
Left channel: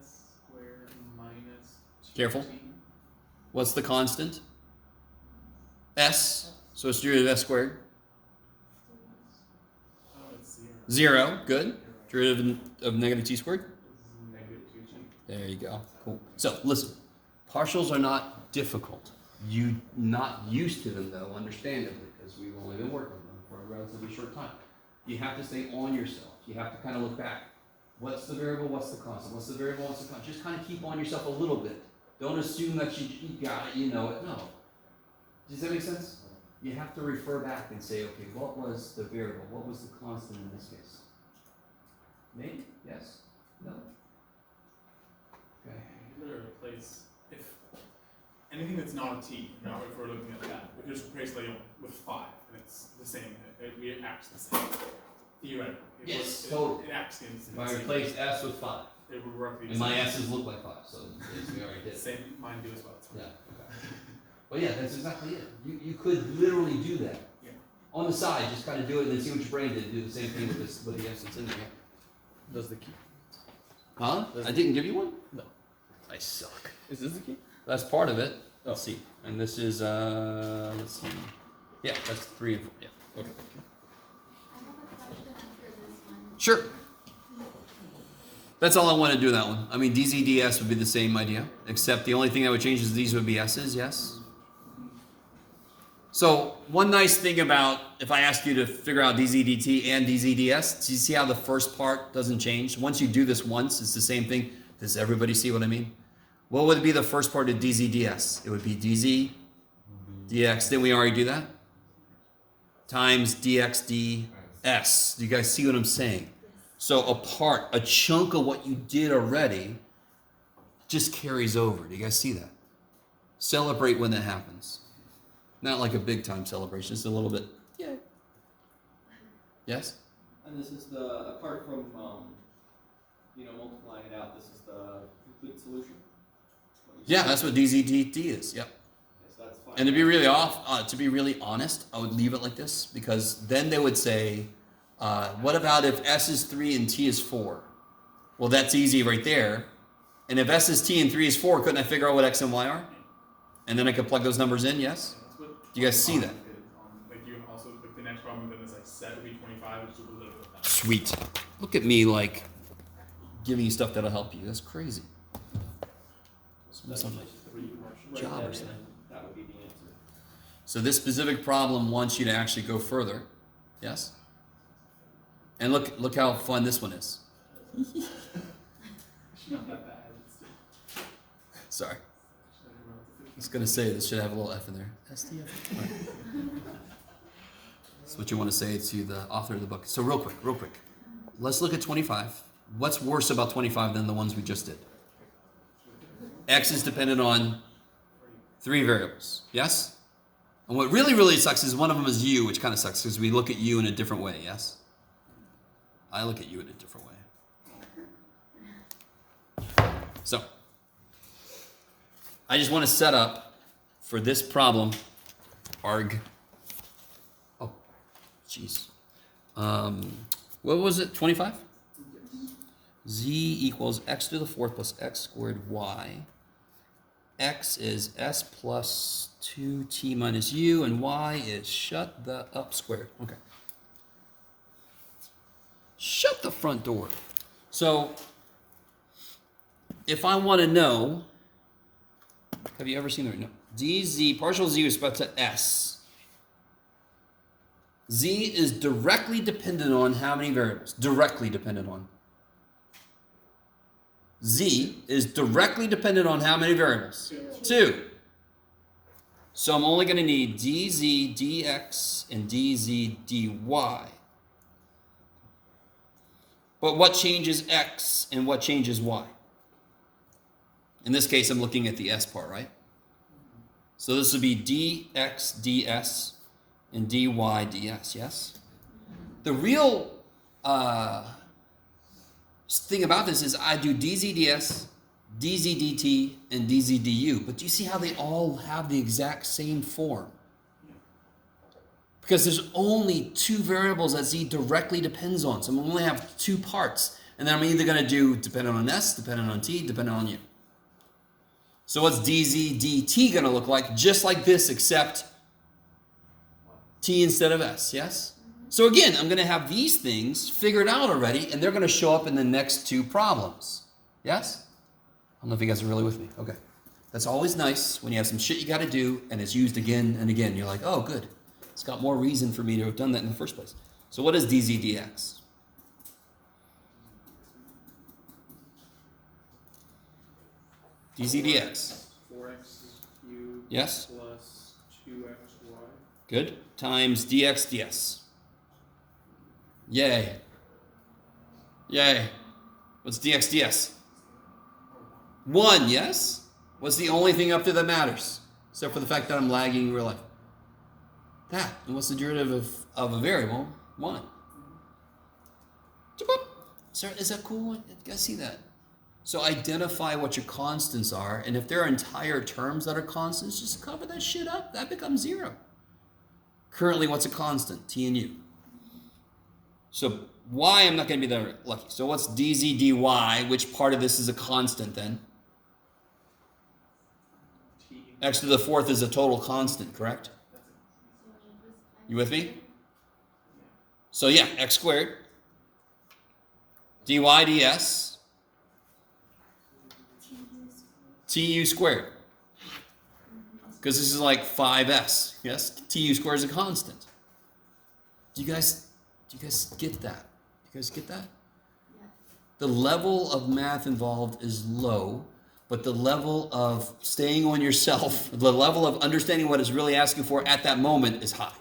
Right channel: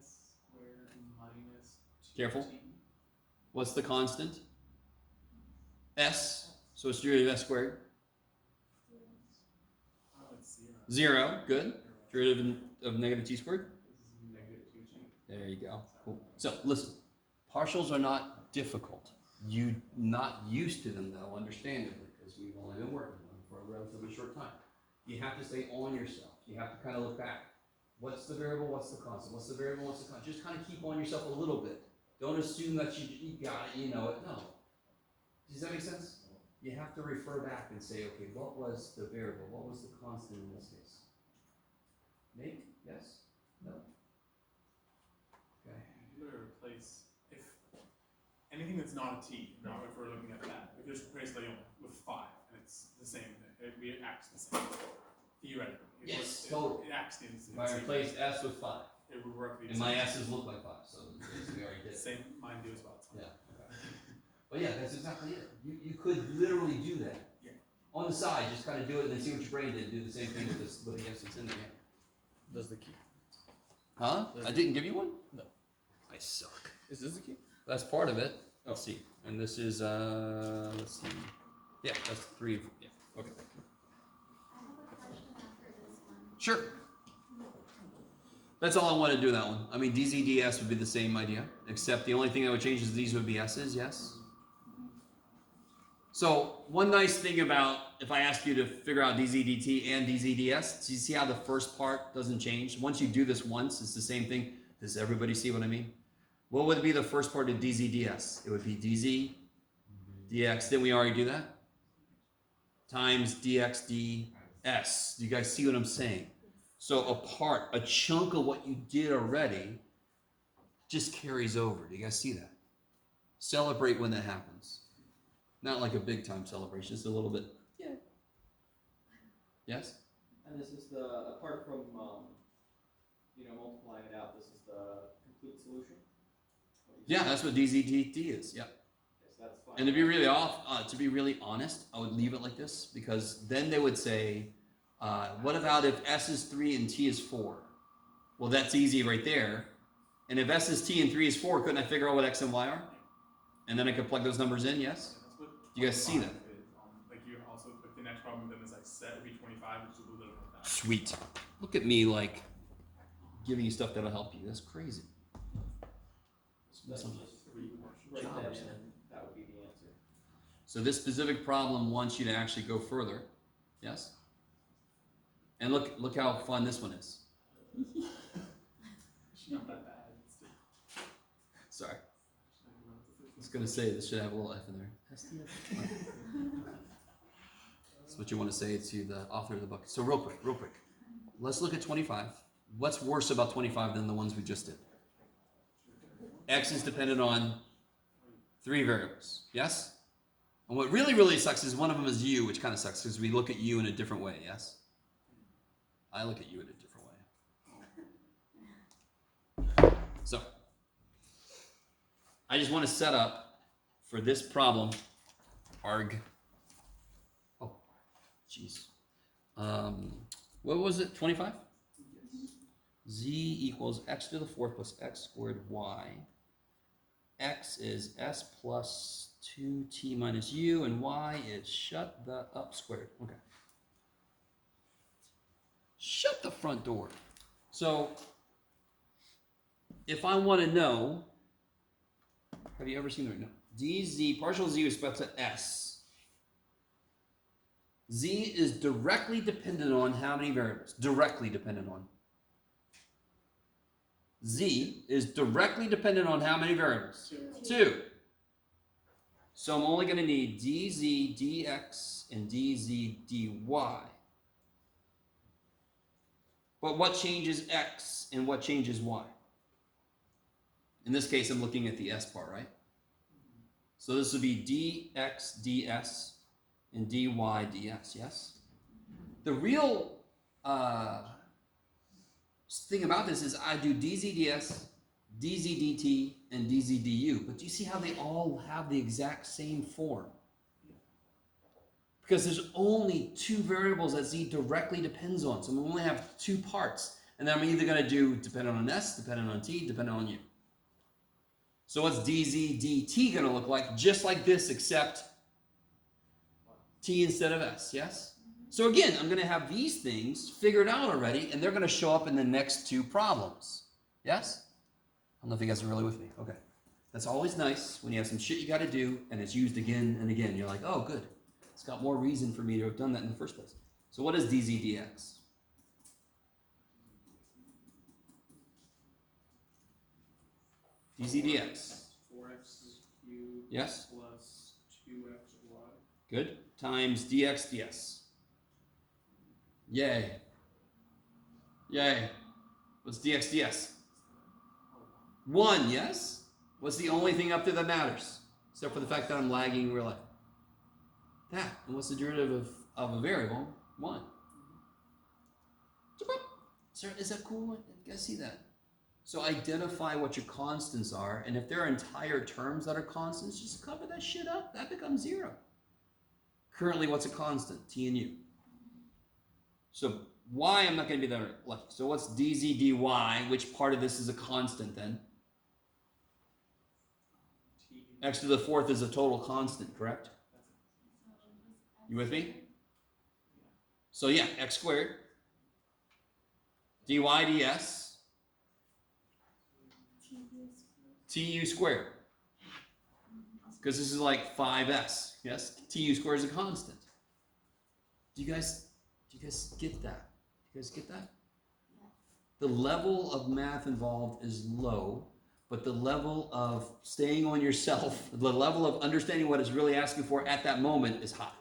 S squared minus 2t. Careful. What's the constant? S. So it's derivative of s squared. Oh, it's 0. 0. Good. Derivative of negative t squared. This is negative 2t. There you go. Cool. So listen, partials are not difficult. You not used to them though, understandably, because we've only been working on them for a relatively short time. You have to stay on yourself. You have to kind of look back. What's the variable? What's the constant? What's the variable? What's the constant? Just kind of keep on yourself a little bit. Don't assume that you got it, you know it. No. Does that make sense? You have to refer back and say, okay, what was the variable? What was the constant in this case? Maybe? Yes? No? Okay. You could replace, if anything that's not a t, you know, if we're looking at that, we could just replace like with 5, and it's the same. It acts the same. Theoretically. Yes, totally. It acts in If I replaced s with 5, it would work the and my same. s's look like 5, so we already did. Same, mine do as well. It's fine. Yeah. Okay. Well, yeah, that's exactly it. You could literally do that. Yeah. On the side, just kind of do it and then see what your brain did. Do the same thing with this with the s that's in there. Does the key? Huh? I didn't give you one? No. I suck. Is this the key? That's part of it. Let's see. And this is let's see. Yeah, that's 3 and 4. Yeah. Okay. I have a question after this one. Sure. That's all I want to do that one. I mean, dz ds would be the same idea, except the only thing that would change is these would be s's, yes? So, one nice thing about if I ask you to figure out dz dt and dz ds, do you see how the first part doesn't change? Once you do this once, it's the same thing. Does everybody see what I mean? What would be the first part of dz ds? It would be dz dx. Didn't we already do that? Times dx ds. Do you guys see what I'm saying? So a chunk of what you did already just carries over. Do you guys see that? Celebrate when that happens. Not like a big time celebration, just a little bit. Yeah. Yes? And this is the, apart from, multiplying it out, this is the complete solution? Yeah, that's what DZDT is. Yep. Yes, that's fine. And to be really honest, I would leave it like this because then they would say, what about if S is 3 and T is 4? Well, that's easy right there. And if S is T and 3 is 4, couldn't I figure out what X and Y are? And then I could plug those numbers in, yes? That's what Do you guys see that? Like you also, like the next problem within this like set would be 25, which is a little bit of that. Sweet. Look at me like giving you stuff that'll help you. That's crazy. That's Something. just write Job or that in, something. and that would be the answer. So this specific problem wants you to actually go further. Yes? And look how fun this one is. It's not that bad. Sorry. I was gonna say this should have a little F in there. SDF. Right. That's what you want to say to the author of the book. So real quick. Let's look at 25. What's worse about 25 than the ones we just did? X is dependent on 3 variables. Yes? And what really sucks is one of them is U, which kind of sucks because we look at U in a different way. Yes? I look at you in a different way. So, I just want to set up for this problem, arg. Oh, jeez. What was it, 25? Z equals x to the 4th plus x squared y. X is s plus 2t minus u, and y is shut the up squared. Okay. Shut the front door. So, if I want to know, have you ever seen the no? dz, partial z with respect to s. Z is directly dependent on how many variables? Directly dependent on. Z is directly dependent on how many variables? 2. So I'm only going to need dz dx and dz dy. But what changes x and what changes y? In this case, I'm looking at the s part, right? So this would be dx ds and dy ds, yes? The real thing about this is I do dz ds, dz dt, and dz du. But do you see how they all have the exact same form? Because there's only two variables that z directly depends on. So we only have two parts. And then I'm either going to do dependent on s, dependent on t, dependent on u. So what's dz dt going to look like? Just like this, except t instead of s, yes? So again, I'm going to have these things figured out already, and they're going to show up in the next two problems. Yes? I don't know if you guys are really with me. Okay. That's always nice when you have some shit you got to do, and it's used again and again. You're like, oh, good. It's got more reason for me to have done that in the first place. So what is dz dx? dz dx. 4x cubed Yes? plus 2xy. Good. Times dx ds. Yay. Yay. What's dx ds? 1, yes? What's the only thing up there that matters? Except for the fact that I'm lagging in real life. That. And what's the derivative of a variable? 1. Sir, is that cool? You guys see that? So identify what your constants are, and if there are entire terms that are constants, just cover that shit up. That becomes 0. Currently, what's a constant? T and U. So y, I'm not going to be that lucky. So what's dz dy? Which part of this is a constant then? T. X to the 4th is a total constant, correct? You with me? So yeah, x squared. dy ds. Tu squared. Because this is like 5s. Yes? Tu squared is a constant. Do you guys get that? Do you guys get that? The level of math involved is low, but the level of staying on yourself, the level of understanding what it's really asking for at that moment is high.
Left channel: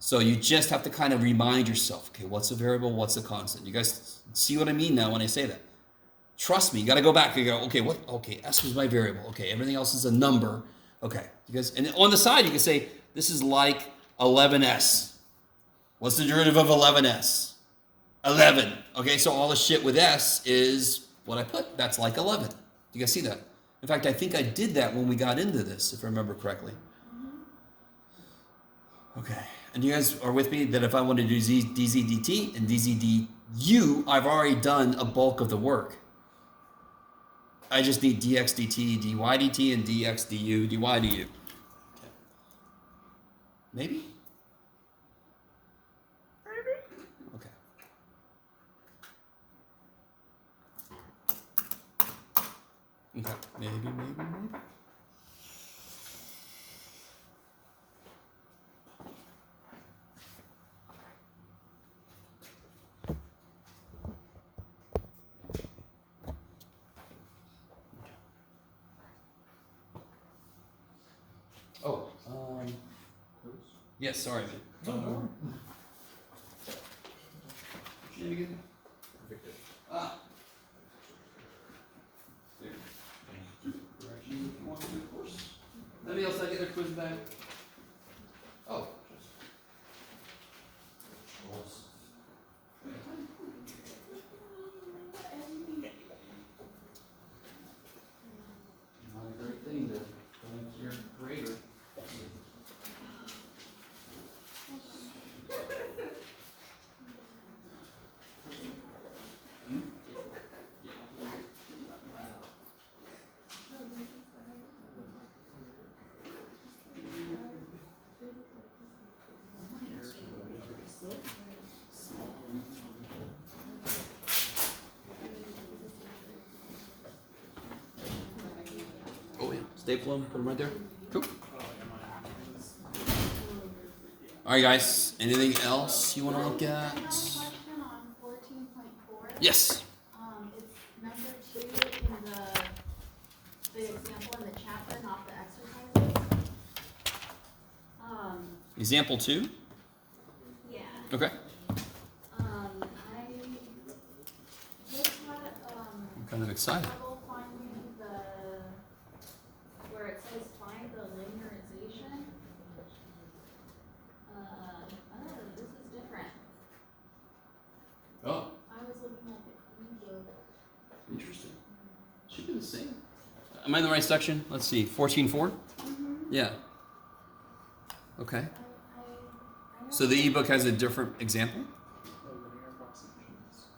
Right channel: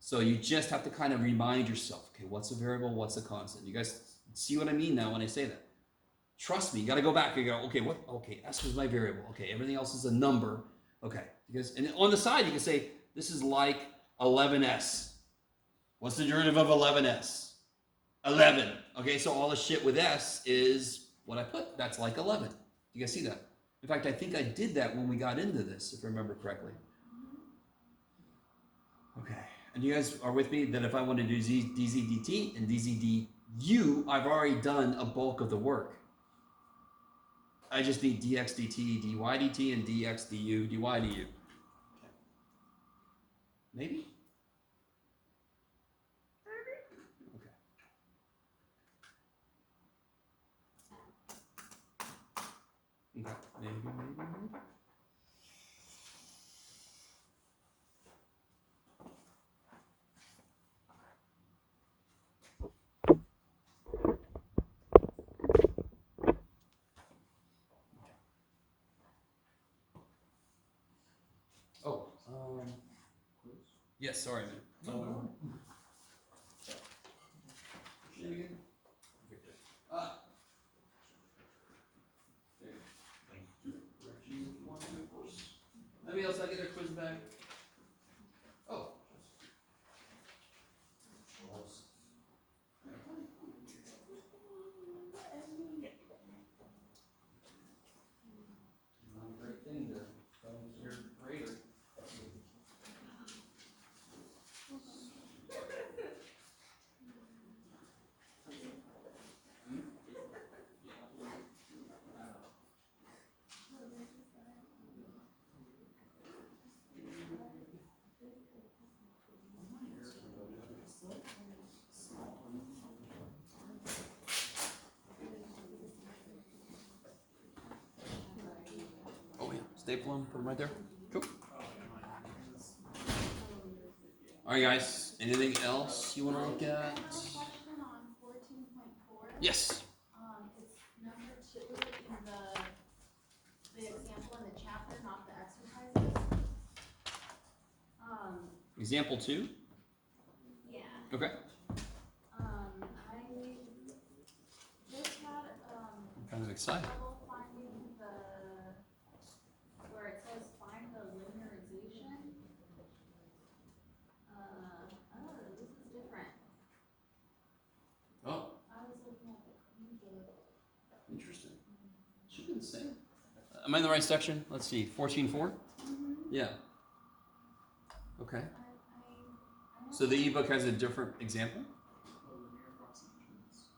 So you just have to kind of remind yourself, okay, what's a variable, what's a constant? You guys see what I mean now when I say that? Trust me, you got to go back and go, okay, okay, s was my variable. Okay, everything else is a number. Okay, you guys, and on the side you can say, this is like 11s. What's the derivative of 11s? 11. Okay, so all the shit with s is what I put. That's like 11. You guys see that? In fact, I think I did that when we got into this, if I remember correctly. Okay, and you guys are with me that if I want to do dz dt and dz du, I've already done a bulk of the work. I just need dx dt, dy dt, and dx du, dy du. Okay. Maybe? Okay. Okay. Maybe. Oh, yes, sorry, man. What's your name again? Victor. Ah. There. Correction, if you want to, of course. Anybody else like to get their quiz back? Oh. Not a great thing to thank your creator. Oh yeah, staple them, put them right there. Cool. All right, guys. Anything else you want to look at? I have a question on 14.4. Yes. It's number 2 in the example in the chapter, not the exercises. Example 2. Yeah. Okay. I just had, I'm kind of excited. trouble finding where it says find the linear am I in the right section? Let's see, 14.4? Yeah. Okay. I know So the ebook has a different example? The linear approximations.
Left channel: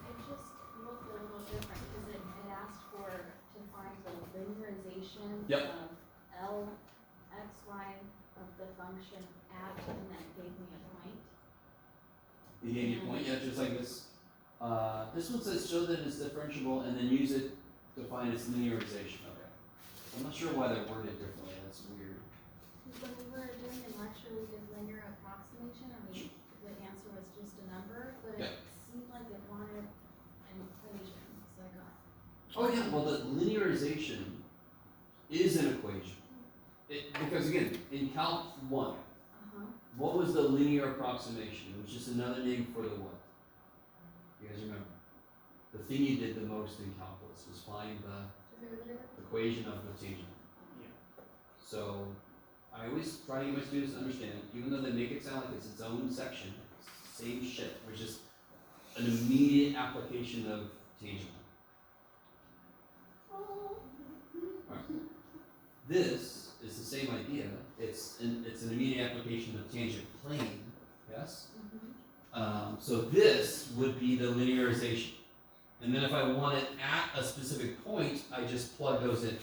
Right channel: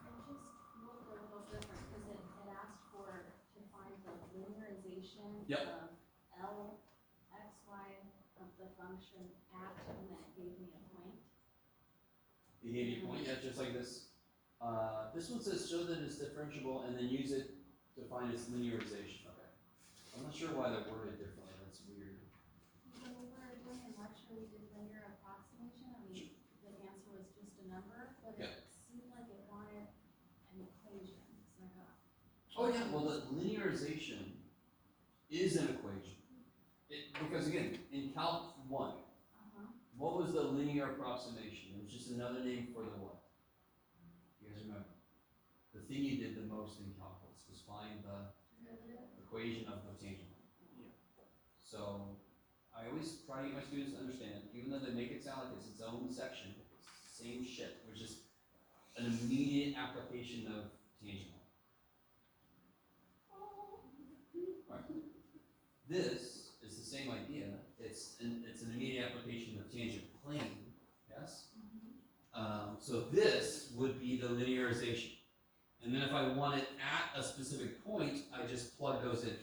I just looked a little different because it asked for to find the linearization Yep. of L, X, Y of the function at, and then it gave me a point. You gave me a point, yeah, just like this. This one says show that it's differentiable and then use it to find its linearization. Okay. I'm not sure why they're worded differently. That's weird. When we were doing in lecture, we did linear approximation, and the answer was just a number, but Yeah. it seemed like it wanted an equation, so I got. Oh yeah, well the linearization is an equation. Because again, in Calc 1, what was the linear approximation? It was just another name for the what? You guys remember? The thing you did the most in calculus was find the Derivative? equation of the tangent. Yeah. So I always try to get my students to understand, even though they make it sound like it's its own section, same shit. There's just an immediate application of tangent. Alright. This is the same idea. It's an immediate application of tangent plane. Yes. So this would be the linearization. And then if I want it at a specific point, I just plug those in. And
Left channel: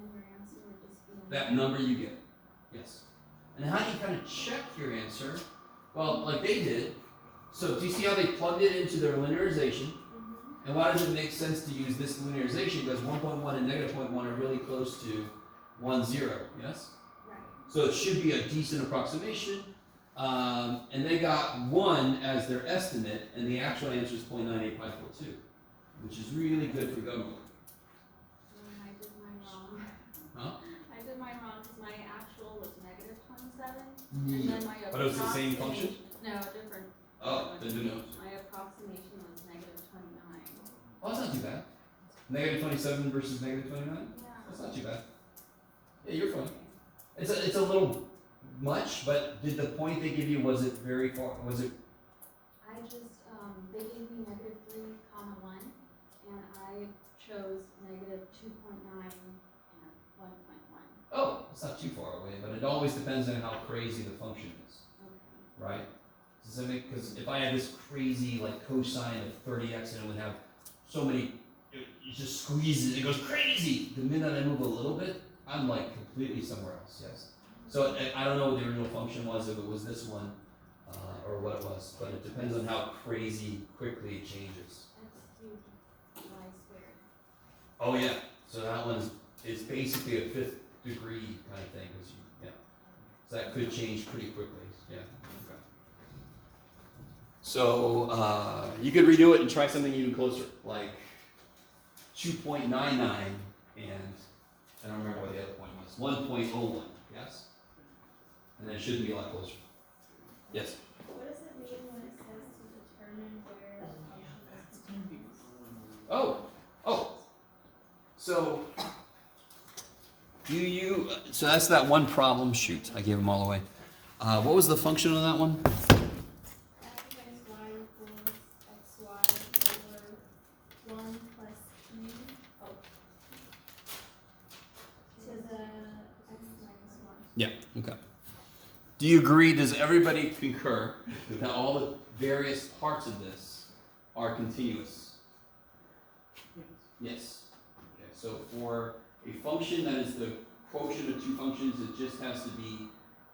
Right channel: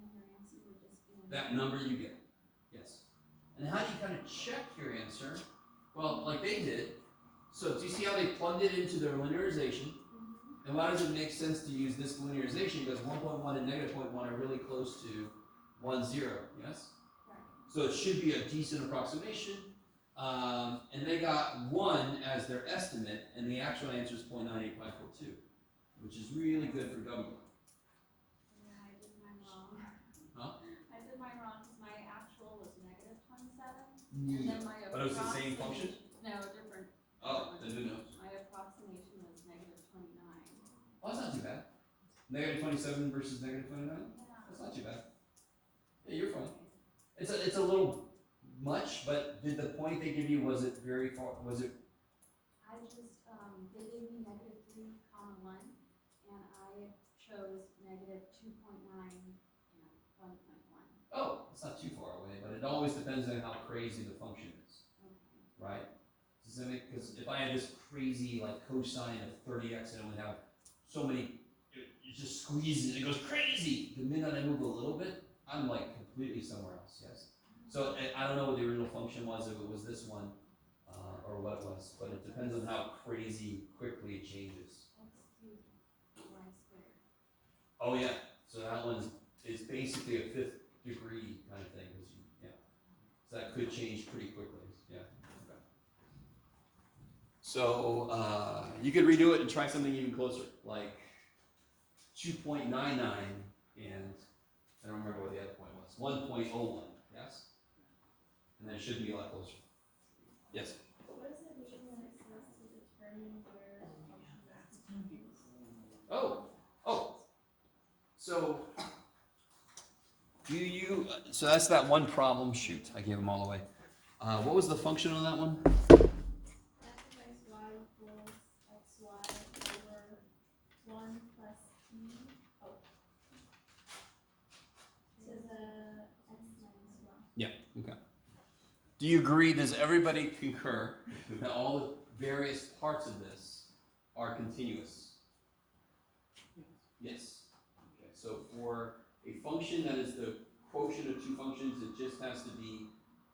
then your answer would just be. That number you get. Yes. And how do you kind of check your answer? Well, like they did. So do you see how they plugged it into their linearization? And why does it make sense to use this linearization? Because 1.1 and negative 0.1 are really close to 1, 0. Yes? Right. So it should be a decent approximation. And they got 1 as their estimate, and the actual answer is 0.98542, which is really good for government. I did mine wrong. Huh? I did mine wrong because my actual was negative 27, and then my But it was the same function? No, different. Oh, then who knows? My approximation was negative 29. Oh, that's not too bad. Negative 27 versus negative 29? Yeah. That's not too bad. Yeah, you're fine. It's a little much, but did the point they give you, was it very far, was it? I just, they gave me negative 3, comma 1, and I chose negative 2.9 and 1.1. Oh, it's not too far away, but it always depends on how crazy the function is, Okay. right? Does that make, because if I had this crazy like cosine of 30x and it would have so many, it just squeezes, it goes crazy. The minute I move a little bit, I'm like completely somewhere else, yes? So I don't know what the original function was, if it was this one, or what it was, but it depends on how crazy quickly it changes. X cubed y squared. Oh yeah, so that one's, it's basically a 5th degree kind of thing, 'cause yeah. So that could change pretty quickly, yeah. Okay. So, you could redo it and try something even closer, like 2.99 and, I don't remember what the other point was, 1.01, yes? And then it shouldn't be a lot closer. Yes? What does it mean when it says to determine where a function is continuous? So, so that's that one problem, shoot, I gave them all away. What was the function on that one? F times y equals xy over 1 plus e, to the x minus 1. Yeah, okay. Do you agree, does everybody concur that all the various parts of this are continuous? Yes. Okay, so for a function that is the quotient of two functions, it just has to be,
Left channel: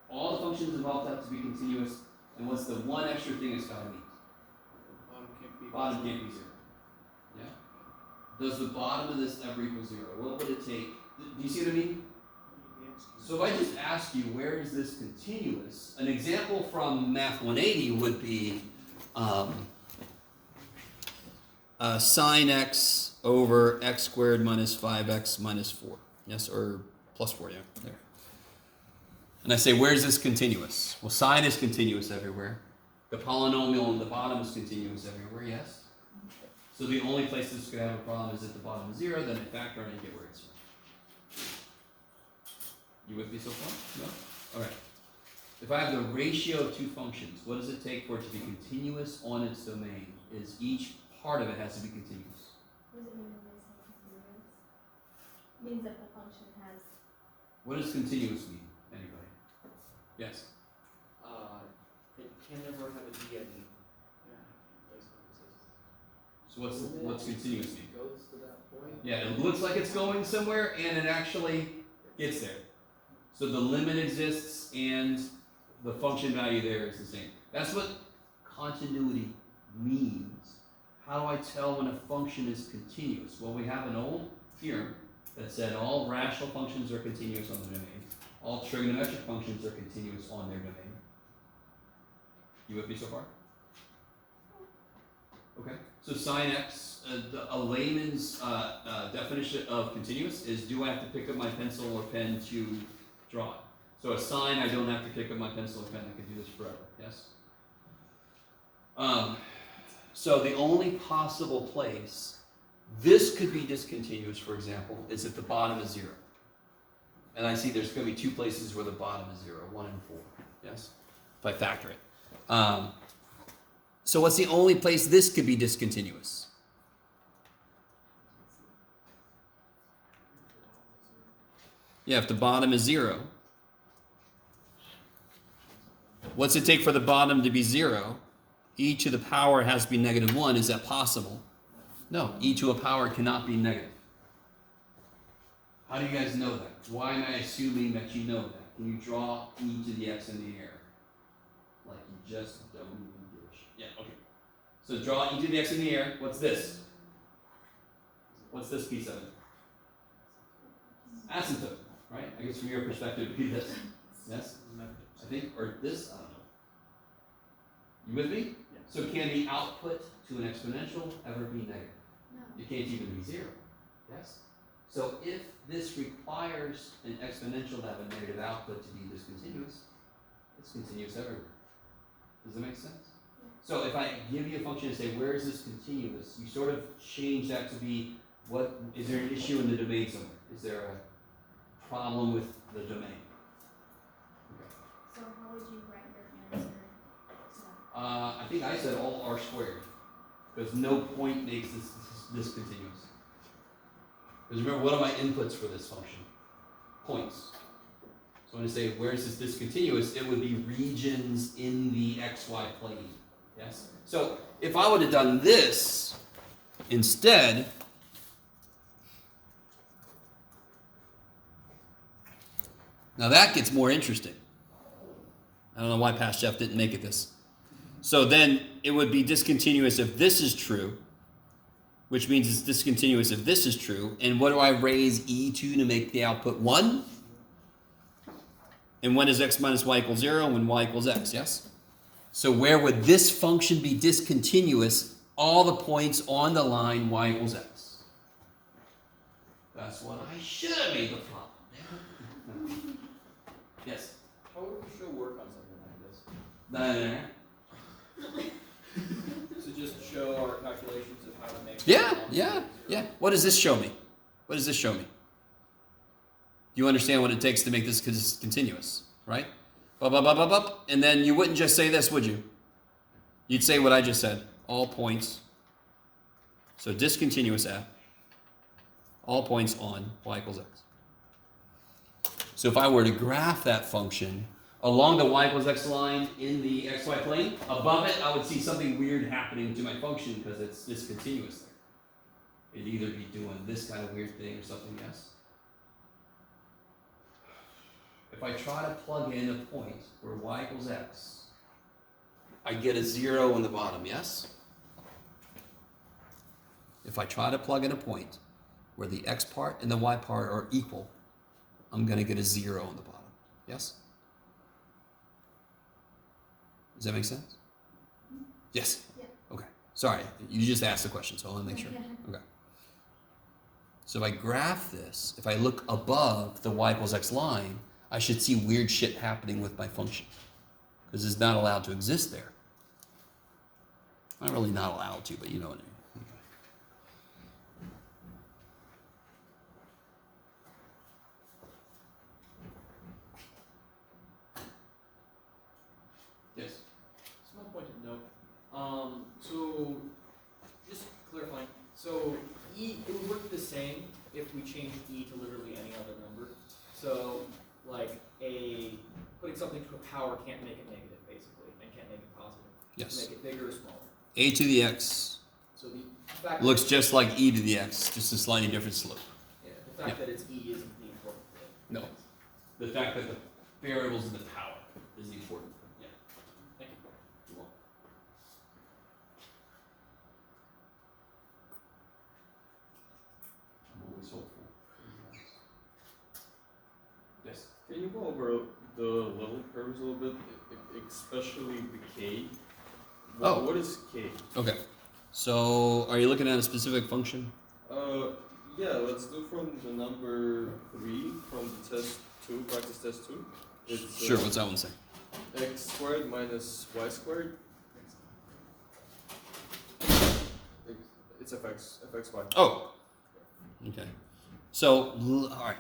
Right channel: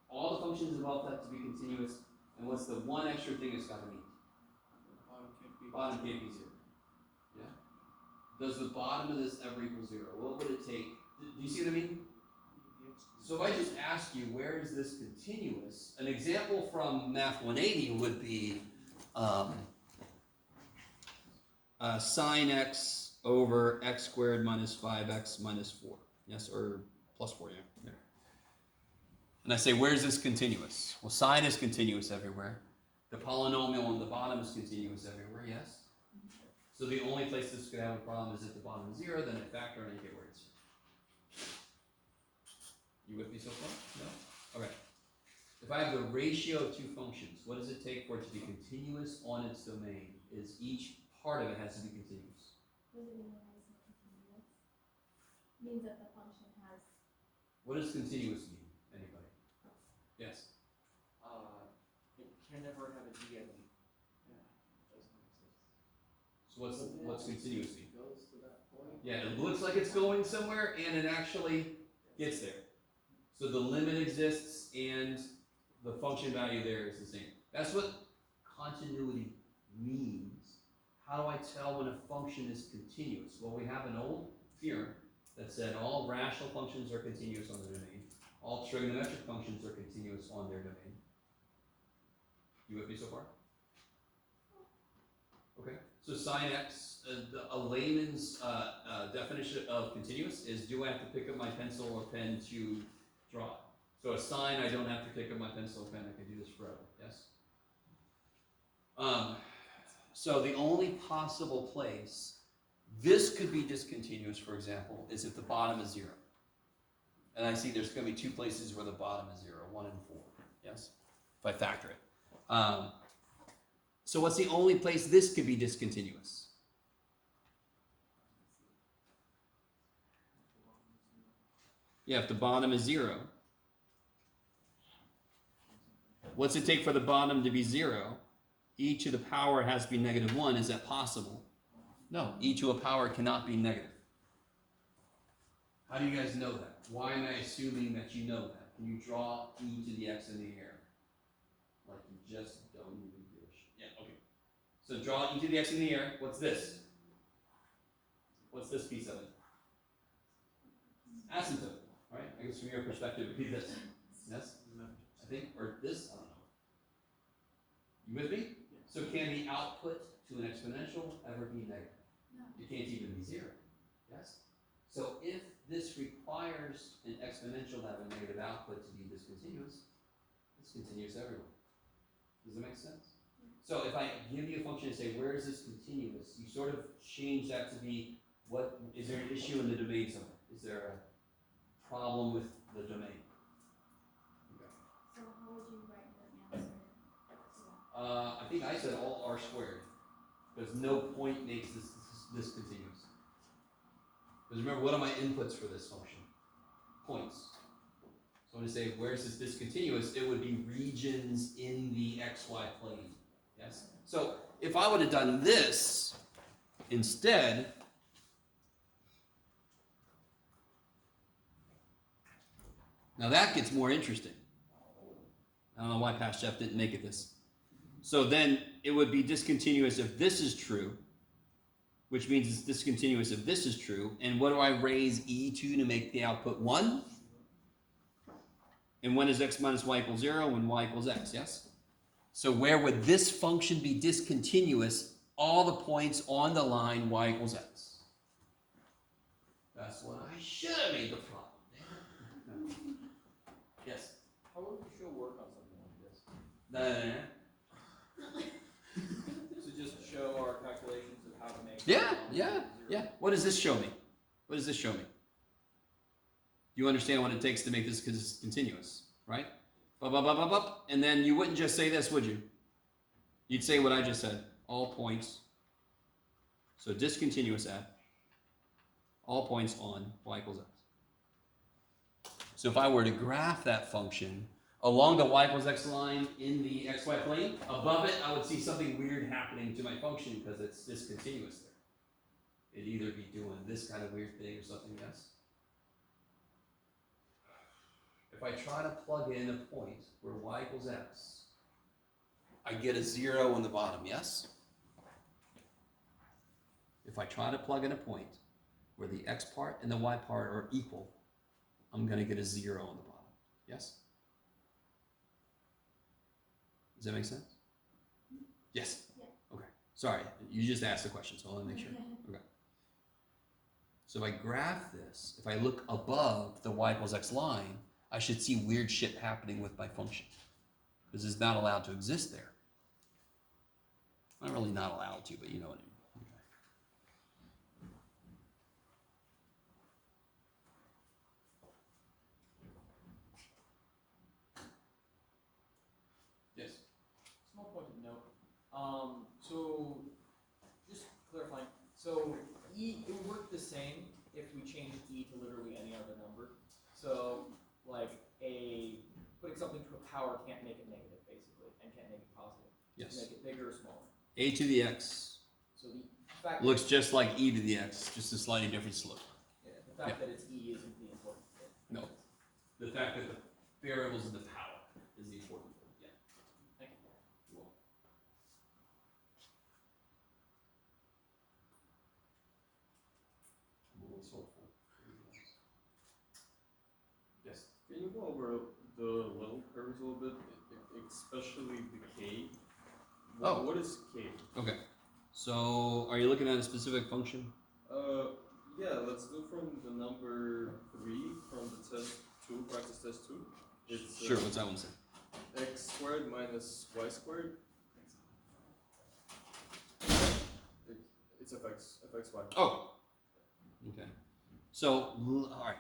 all the functions involved have to be continuous, and what's the one extra thing it's gotta meet? Bottom can't be 0. Yeah? Does the bottom of this ever equal 0? What would it take? Do you see what I mean? So if I just ask you, where is this continuous? An example from Math 180 would be sine x over x squared minus 5x minus 4. Yes, or plus 4, yeah. There. And I say, where's this continuous? Well, sine is continuous everywhere. The polynomial on the bottom is continuous everywhere, yes? So the only place this could have a problem is at the bottom of 0, then I factor and you get where it's from. You with me so far? No? Okay. If I have the ratio of two functions, what does it take for it to be continuous on its domain? Is each part of it has to be continuous. What does it mean when they say continuous? Means that the function has. What does continuous mean, anybody? Yes? It can never have a d at e. So what's continuous mean? Goes to that point. Yeah, it looks like it's going somewhere, and it actually gets there. So the limit exists, and the function value there is the same. That's what continuity means. How do I tell when a function is continuous? Well, we have an old theorem that said all rational functions are continuous on the domain. All trigonometric functions are continuous on their domain. You with me so far? Okay. So sin x, a layman's definition of continuous is: do I have to pick up my pencil or pen to draw it? So a sine, I don't have to pick up my pencil or pen. I can do this forever. Yes. So the only possible place this could be discontinuous, for example, is if the bottom is 0. And I see there's going to be 2 places where the bottom is 0, 1 and 4. Yes? If I factor it. So what's the only place this could be discontinuous? Yeah, if the bottom is 0. What's it take for the bottom to be 0? E to the power has to be -1. Is that possible? No, e to a power cannot be negative. How do you guys know that? Why am I assuming that you know that? Can you draw e to the x in the air? Like you just don't even give a shit. Yeah, okay. So draw e to the x in the air. What's this? What's this piece of it? Asymptote, right? I guess from your perspective, it would be this. Yes? I think, or this, I don't know. You with me? So can the output to an exponential ever be negative? No. It can't even be 0. Yes? So if this requires an exponential to have a negative output to be discontinuous, it's continuous everywhere. Does that make sense? Yeah. So if I give you a function and say, where is this continuous? You sort of change that to be, what is there an issue in the domain somewhere? Is there a problem with the domain? Okay. So how would you write your answer to that? I think I said all r squared, because no point makes this continuous. Because remember, what are my inputs for this function? Points. So when I say, where is this discontinuous, it would be regions in the xy plane. Yes? So if I would have done this instead, now that gets more interesting. I don't know why Past Jeff didn't make it this. So then it would be discontinuous if this is true, which means it's discontinuous if this is true. And what do I raise e to make the output 1? And when is x minus y equals 0? When y equals x, yes? So where would this function be discontinuous? All the points on the line y equals x. That's what I should have made the problem. Yes? How would we show work on something like this? So just show our calculations of how to make. Yeah. What does this show me? What does this show me? Do you understand what it takes to make this continuous, right? And then you wouldn't just say this, would you? You'd say what I just said. All points. So discontinuous f. All points on y equals x. So if I were to graph that function along the y equals x line in the xy plane, above it I would see something weird happening to my function because it's discontinuous there. It'd either be doing this kind of weird thing or something else. If I try to plug in a point where y equals x, I get a 0 in the bottom, yes? If I try to plug in a point where the x part and the y part are equal, I'm going to get a 0 on the bottom, yes? Does that make sense? Yes? Yeah. Okay. Sorry, you just asked the question, so I want to make sure. Okay. So if I graph this, if I look above the y equals x line, I should see weird shit happening with my function. Because it's not allowed to exist there. Not really not allowed to, but you know what I mean. Okay. Yes? Small point of note. So just bigger or smaller. A to the x So the fact looks that, just like e to the x, just a slightly different slope. yeah, the fact that it's e isn't the important thing. No. The fact that the variables in the power is the important thing. Yeah. Thank you. You're welcome. I'm always hopeful. Yes. Can you go over the level curves a little bit, especially the k? Oh. What is k? Okay. So, are you looking at a specific function? Yeah, let's do from the number 3 from the test 2, practice test 2. It's Sure. What's that one say? x squared minus y squared. It's fxy. Oh. Okay. So, all right.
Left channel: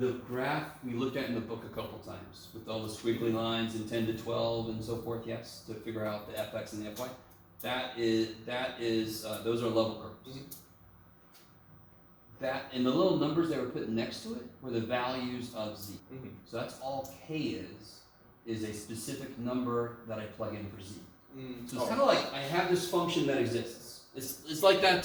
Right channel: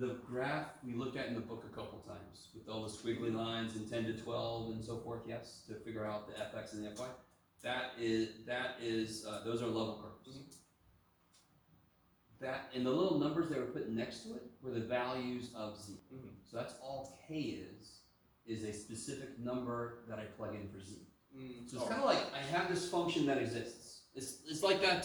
The graph we looked at in the book a couple times with all the squiggly lines in 10 to 12 and so forth, yes, to figure out the fx and the fy. That is those are level curves. That and the little numbers that were put next to it were the values of z. Mm-hmm. So that's all k is a specific number that I plug in for z. So it's kind of like I have this function that exists. It's like that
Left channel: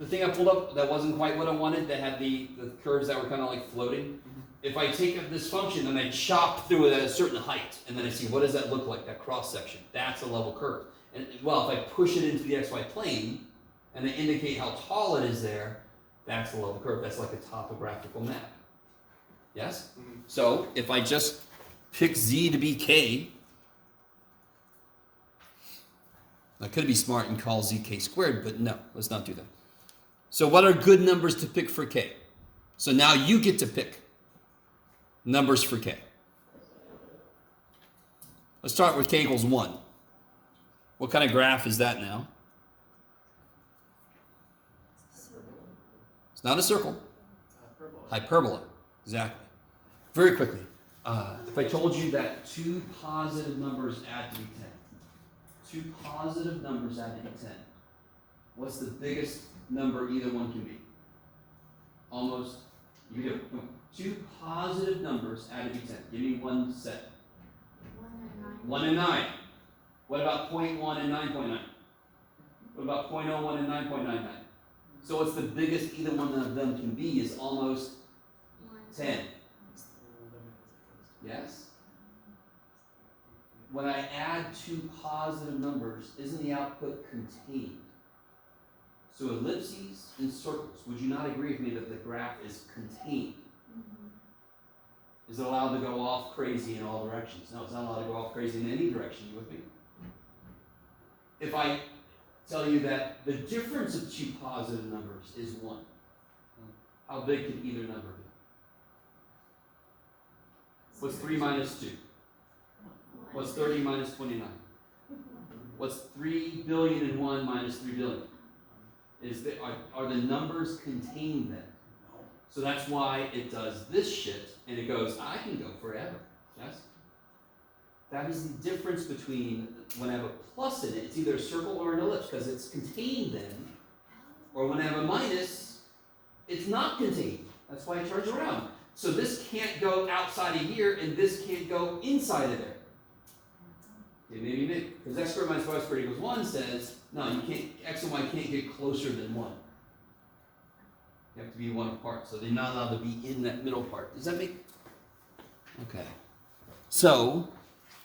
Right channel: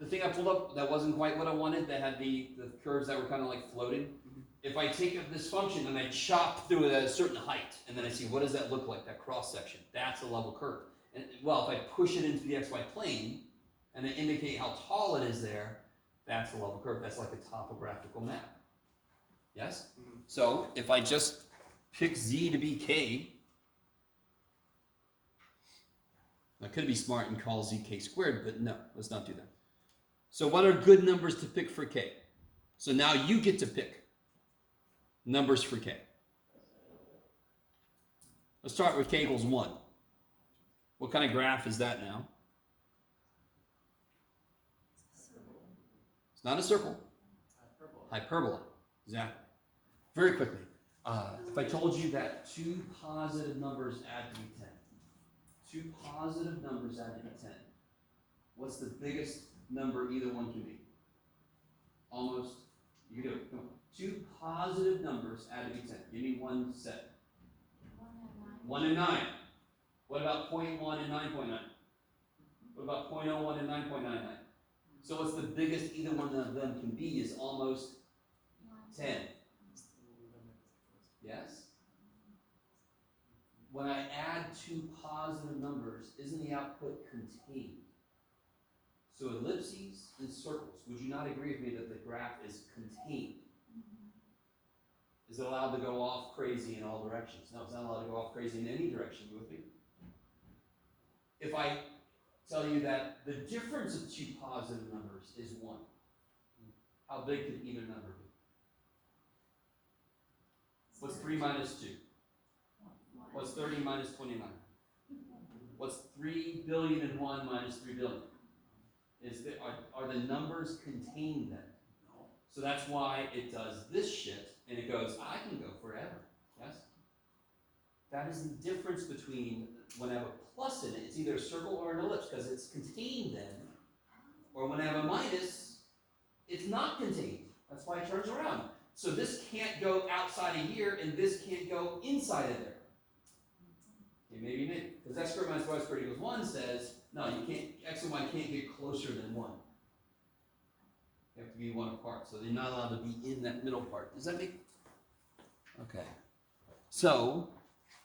the thing I pulled up that wasn't quite what I wanted, that had the curves that were kind of like floating. If I take this function and I chop through it at a certain height, and then I see what does that look like, that cross section, that's a level curve. And well, if I push it into the xy plane and I indicate how tall it is there, that's a level curve. That's like a topographical map. Yes? Mhm. So if I just pick z to be k, I could be smart and call z k squared, but no, let's not do that. So what are good numbers to pick for k? So now you get to pick numbers for k. Let's start with k equals 1. What kind of graph is that now? It's not a circle. Hyperbola. Exactly. Very quickly. If I told you that 2 positive numbers add to be 10. 2 positive numbers add to be 10. What's the biggest number either one can be? Almost. You can do it. Come on. 2 positive numbers add to be 10. Give me one set. 1 and 9. What about 0.1 and 9.9? What about 0.01 and 9.99? So what's the biggest either one of them can be is almost 10. Yes? When I add 2 positive numbers, isn't the output contained? So ellipses and circles, would you not agree with me that the graph is contained? Is it allowed to go off crazy in all directions? No, it's not allowed to go off crazy in any direction. You with me? If I tell you that the difference of 2 positive numbers is 1, how big could either number be? What's 3 minus 2? What's 30 minus 29? What's 3 billion and 1 minus 3 billion? Are the numbers contained then? So that's why it does this shit, and it goes, I can go forever. Yes? That is the difference between when I have a plus in it, it's either a circle or an ellipse, because it's contained then, or when I have a minus, it's not contained. That's why it turns around. So this can't go outside of here, and this can't go inside of there. Okay, maybe, because x squared minus y squared equals 1 says, no, you can't, x and y can't get closer than 1. You have to be 1 apart, so they're not allowed to be in that middle part. Does that make? Okay. So,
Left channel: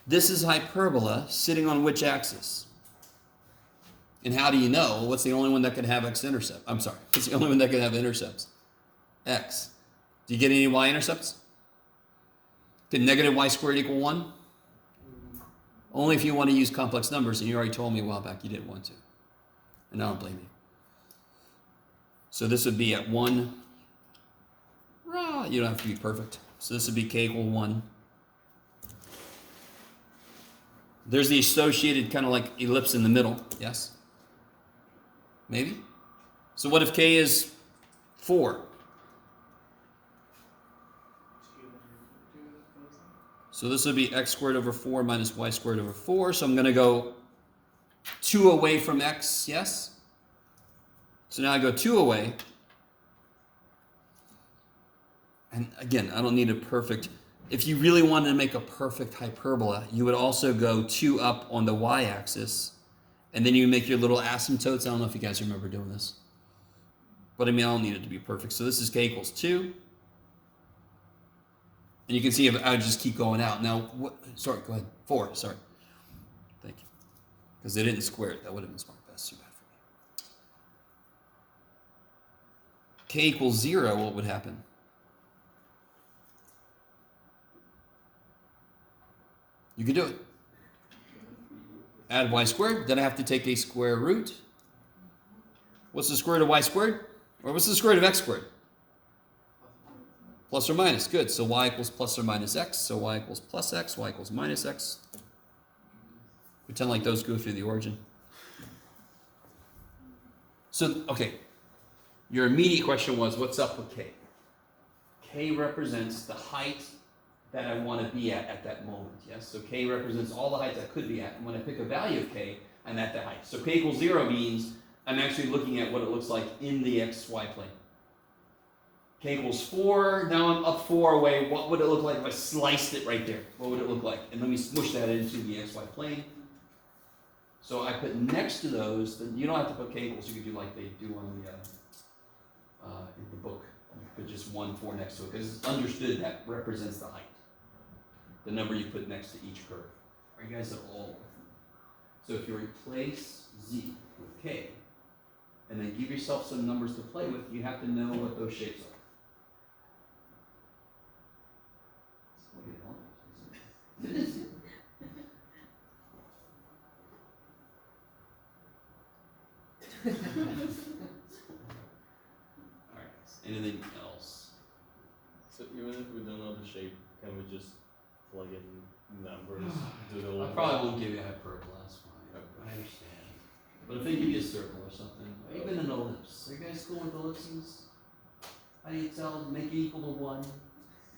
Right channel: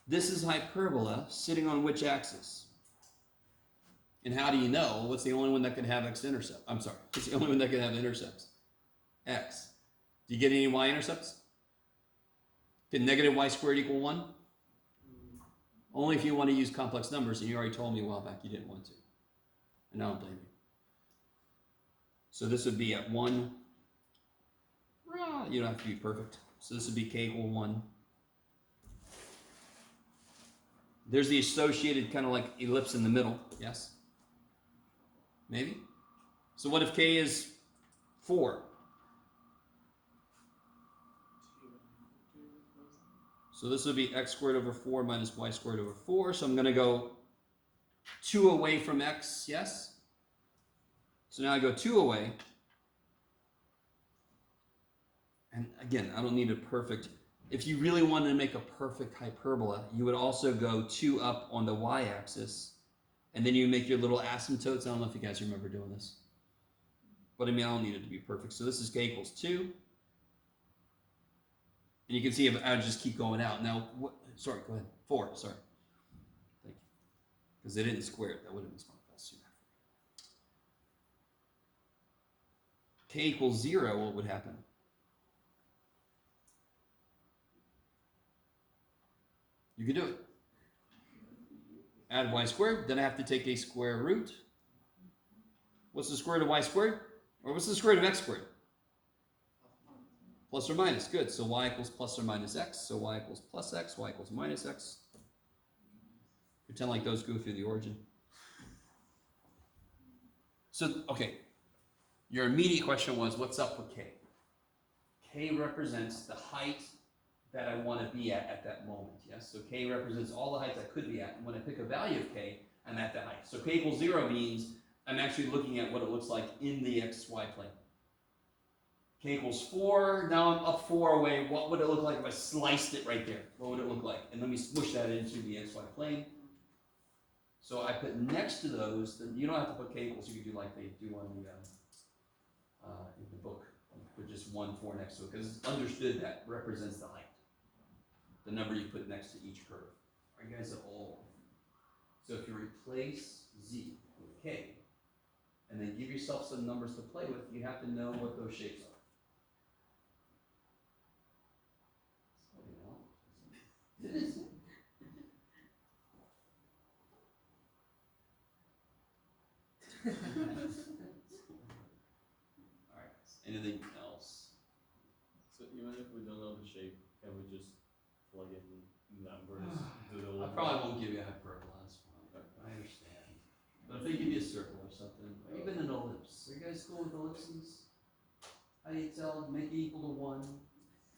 this is hyperbola sitting on which axis? And how do you know what's the only one that can have x-intercept? I'm sorry, what's the only one that can have intercepts? X. Do you get any y-intercepts? Can negative y squared equal 1? Only if you want to use complex numbers, and you already told me a while back you didn't want to. And I don't blame you. So this would be at 1. You don't have to be perfect. So this would be k equal 1. There's the associated kind of like ellipse in the middle. Yes? Maybe? So what if k is 4? So this would be x squared over 4 minus y squared over 4. So I'm going to go 2 away from x, yes? So now I go 2 away. And again, I don't need a perfect if you really wanted to make a perfect hyperbola, you would also go 2 up on the y-axis, and then you make your little asymptotes. I don't know if you guys remember doing this. But I mean, I don't need it to be perfect. So this is k equals 2. And you can see if I would just keep going out. Now, sorry, go ahead. 4, sorry. Thank you. Because they didn't square it. That would have been smart. That's too bad for me. K equals 0, what would happen? You could do it. Add y squared, then I have to take a square root. What's the square root of y squared? Or what's the square root of x squared? Plus or minus, good. So y equals plus or minus x, so y equals plus x, y equals minus x. Pretend like those go through the origin. So, okay, your immediate question was, what's up with k? K represents the height that I want to be at that moment, yes? So k represents all the heights I could be at, and when I pick a value of k, I'm at that height. So k equals 0 means I'm actually looking at what it looks like in the xy plane. K equals 4, now I'm up 4 away. What would it look like if I sliced it right there? What would it look like? And let me smush that into the xy plane. So I put next to those, then you don't have to put k equals, you could do like they do on the in the book. You put just 1, 4 next to it, because it's understood that represents the height. The number you put next to each curve. Are you guys at all? So if you replace z with k, and then give yourself some numbers to play with, you have to know what those shapes are. It is. Alright, anything else? So even if we don't know the shape, can we just plug in numbers? I probably won't give you a hyperbola, that's fine. I understand. But if they give you a circle or something, or even an ellipse. Are you guys cool with ellipses? How do you tell? Make it equal to 1.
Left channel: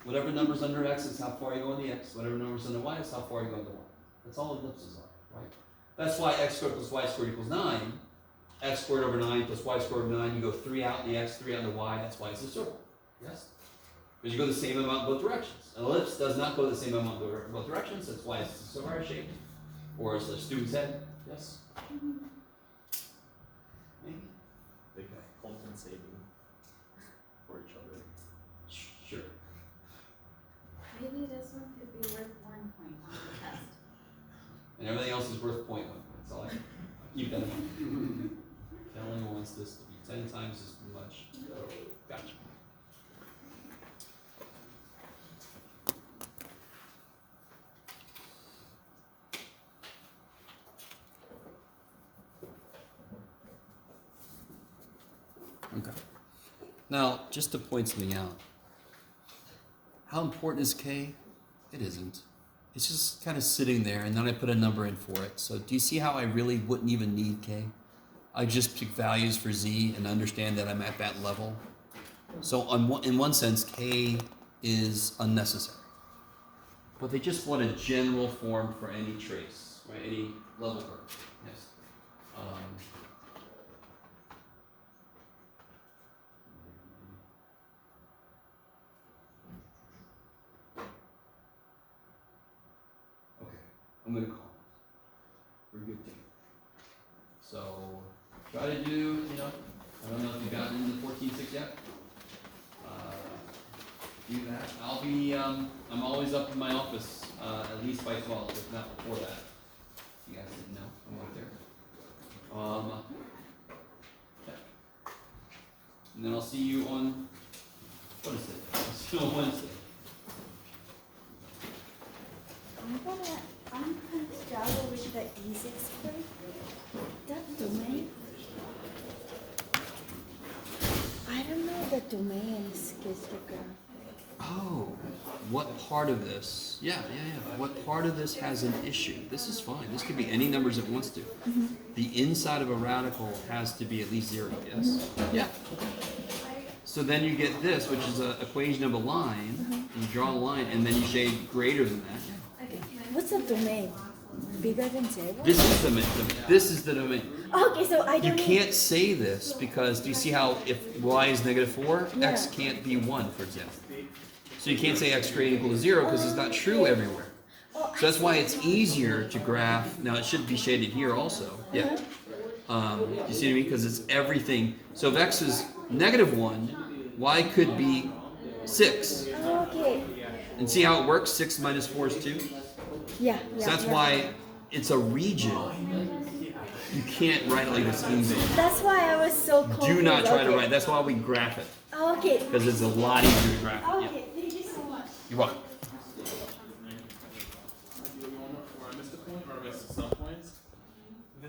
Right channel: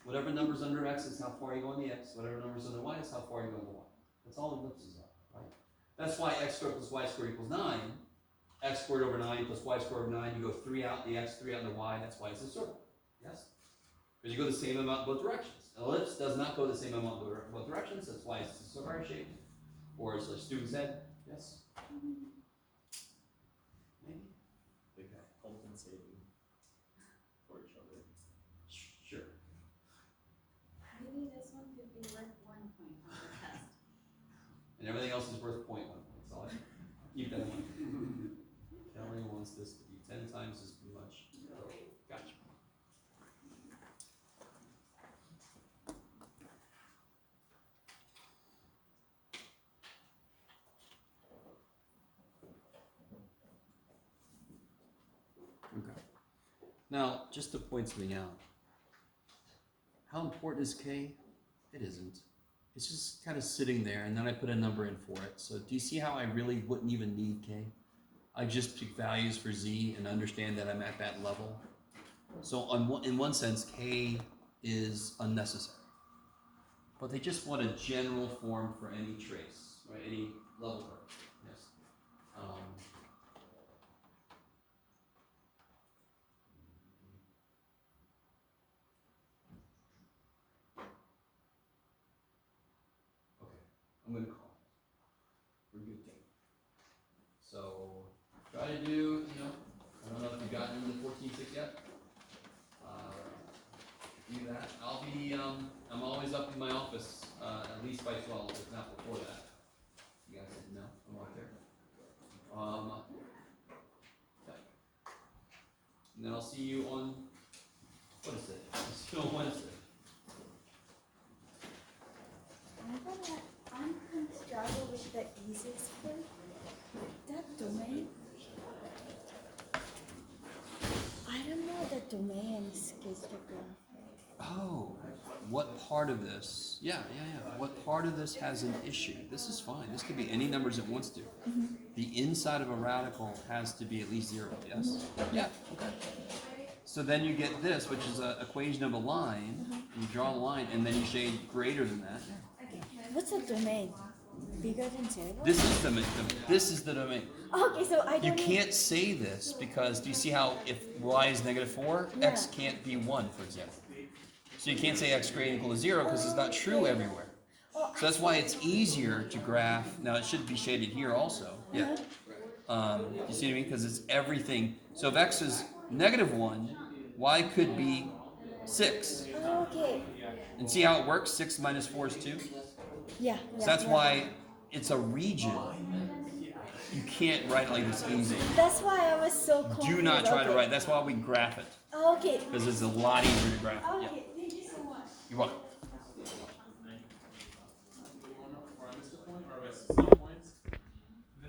Whatever number's under x is how far you go on the x. Whatever number's under y is how far you go on the y. That's all ellipses are, right? That's why x squared plus y squared equals 9. X squared over 9 plus y squared over 9. You go 3 out in the x, 3 out in the y. That's why it's a circle. Yes? Because you go the same amount in both directions. An ellipse does not go the same amount in both directions. That's why it's a square shape. Or it's a student's head. Yes? Maybe? They can compensating for each other. Sure. Maybe this one could be worth 1 point on the test. And everything else is worth 0.1. That's all I keep that in mind. Kelly wants this to be 10 times as much. Gotcha. Okay. Now, just to point something out, how important is k? It isn't. It's just kind of sitting there, and then I put a number in for it. So do you see how I really wouldn't even need k? I just pick values for z and understand that I'm at that level. So in one sense, k is unnecessary. But they just want a general form for any trace, right? Any level curve. Yes. I'm going to call it. We're good team. So try to do, I don't know if you've gotten into 14.6 yet. Do that. I'll be, I'm always up in my office at least by 12, if not before that. You guys didn't know, I'm right there. Okay. And then I'll see you on, what is it? I'll see you on Wednesday. I'm kind of struggle with the E6 square. That domain. I don't know the domain is cryptography. Oh, what part of this? Yeah. What part of this has an issue? This is fine. This could be any numbers it wants to. Mm-hmm. The inside of a radical has to be at least 0, yes? Yeah. So then you get this, which is an equation of a line. Mm-hmm. You draw the line, and then you shade greater than that. What's the domain? Bigger than 0? This is the domain. This is the domain. Okay, so I don't You know. can't say this because do you see how if y is -4, x Yeah. can't be 1, for example. So you can't say x greater than equal to 0 because it's not true everywhere. Oh, So that's why it's easier to graph. Now it should be shaded here also. Yeah. You see what I mean? Because it's everything. So if x is -1, y could be 6. Okay. And see how it works? 6 minus 4 is 2. Yeah. So that's why it's a region. You can't write it like this easy. That's why I was so confused. Do not try to Okay. write. That's why we graph it. Okay. Because it's a lot easier to graph it. Yeah. Okay. Thank you so much. You're welcome.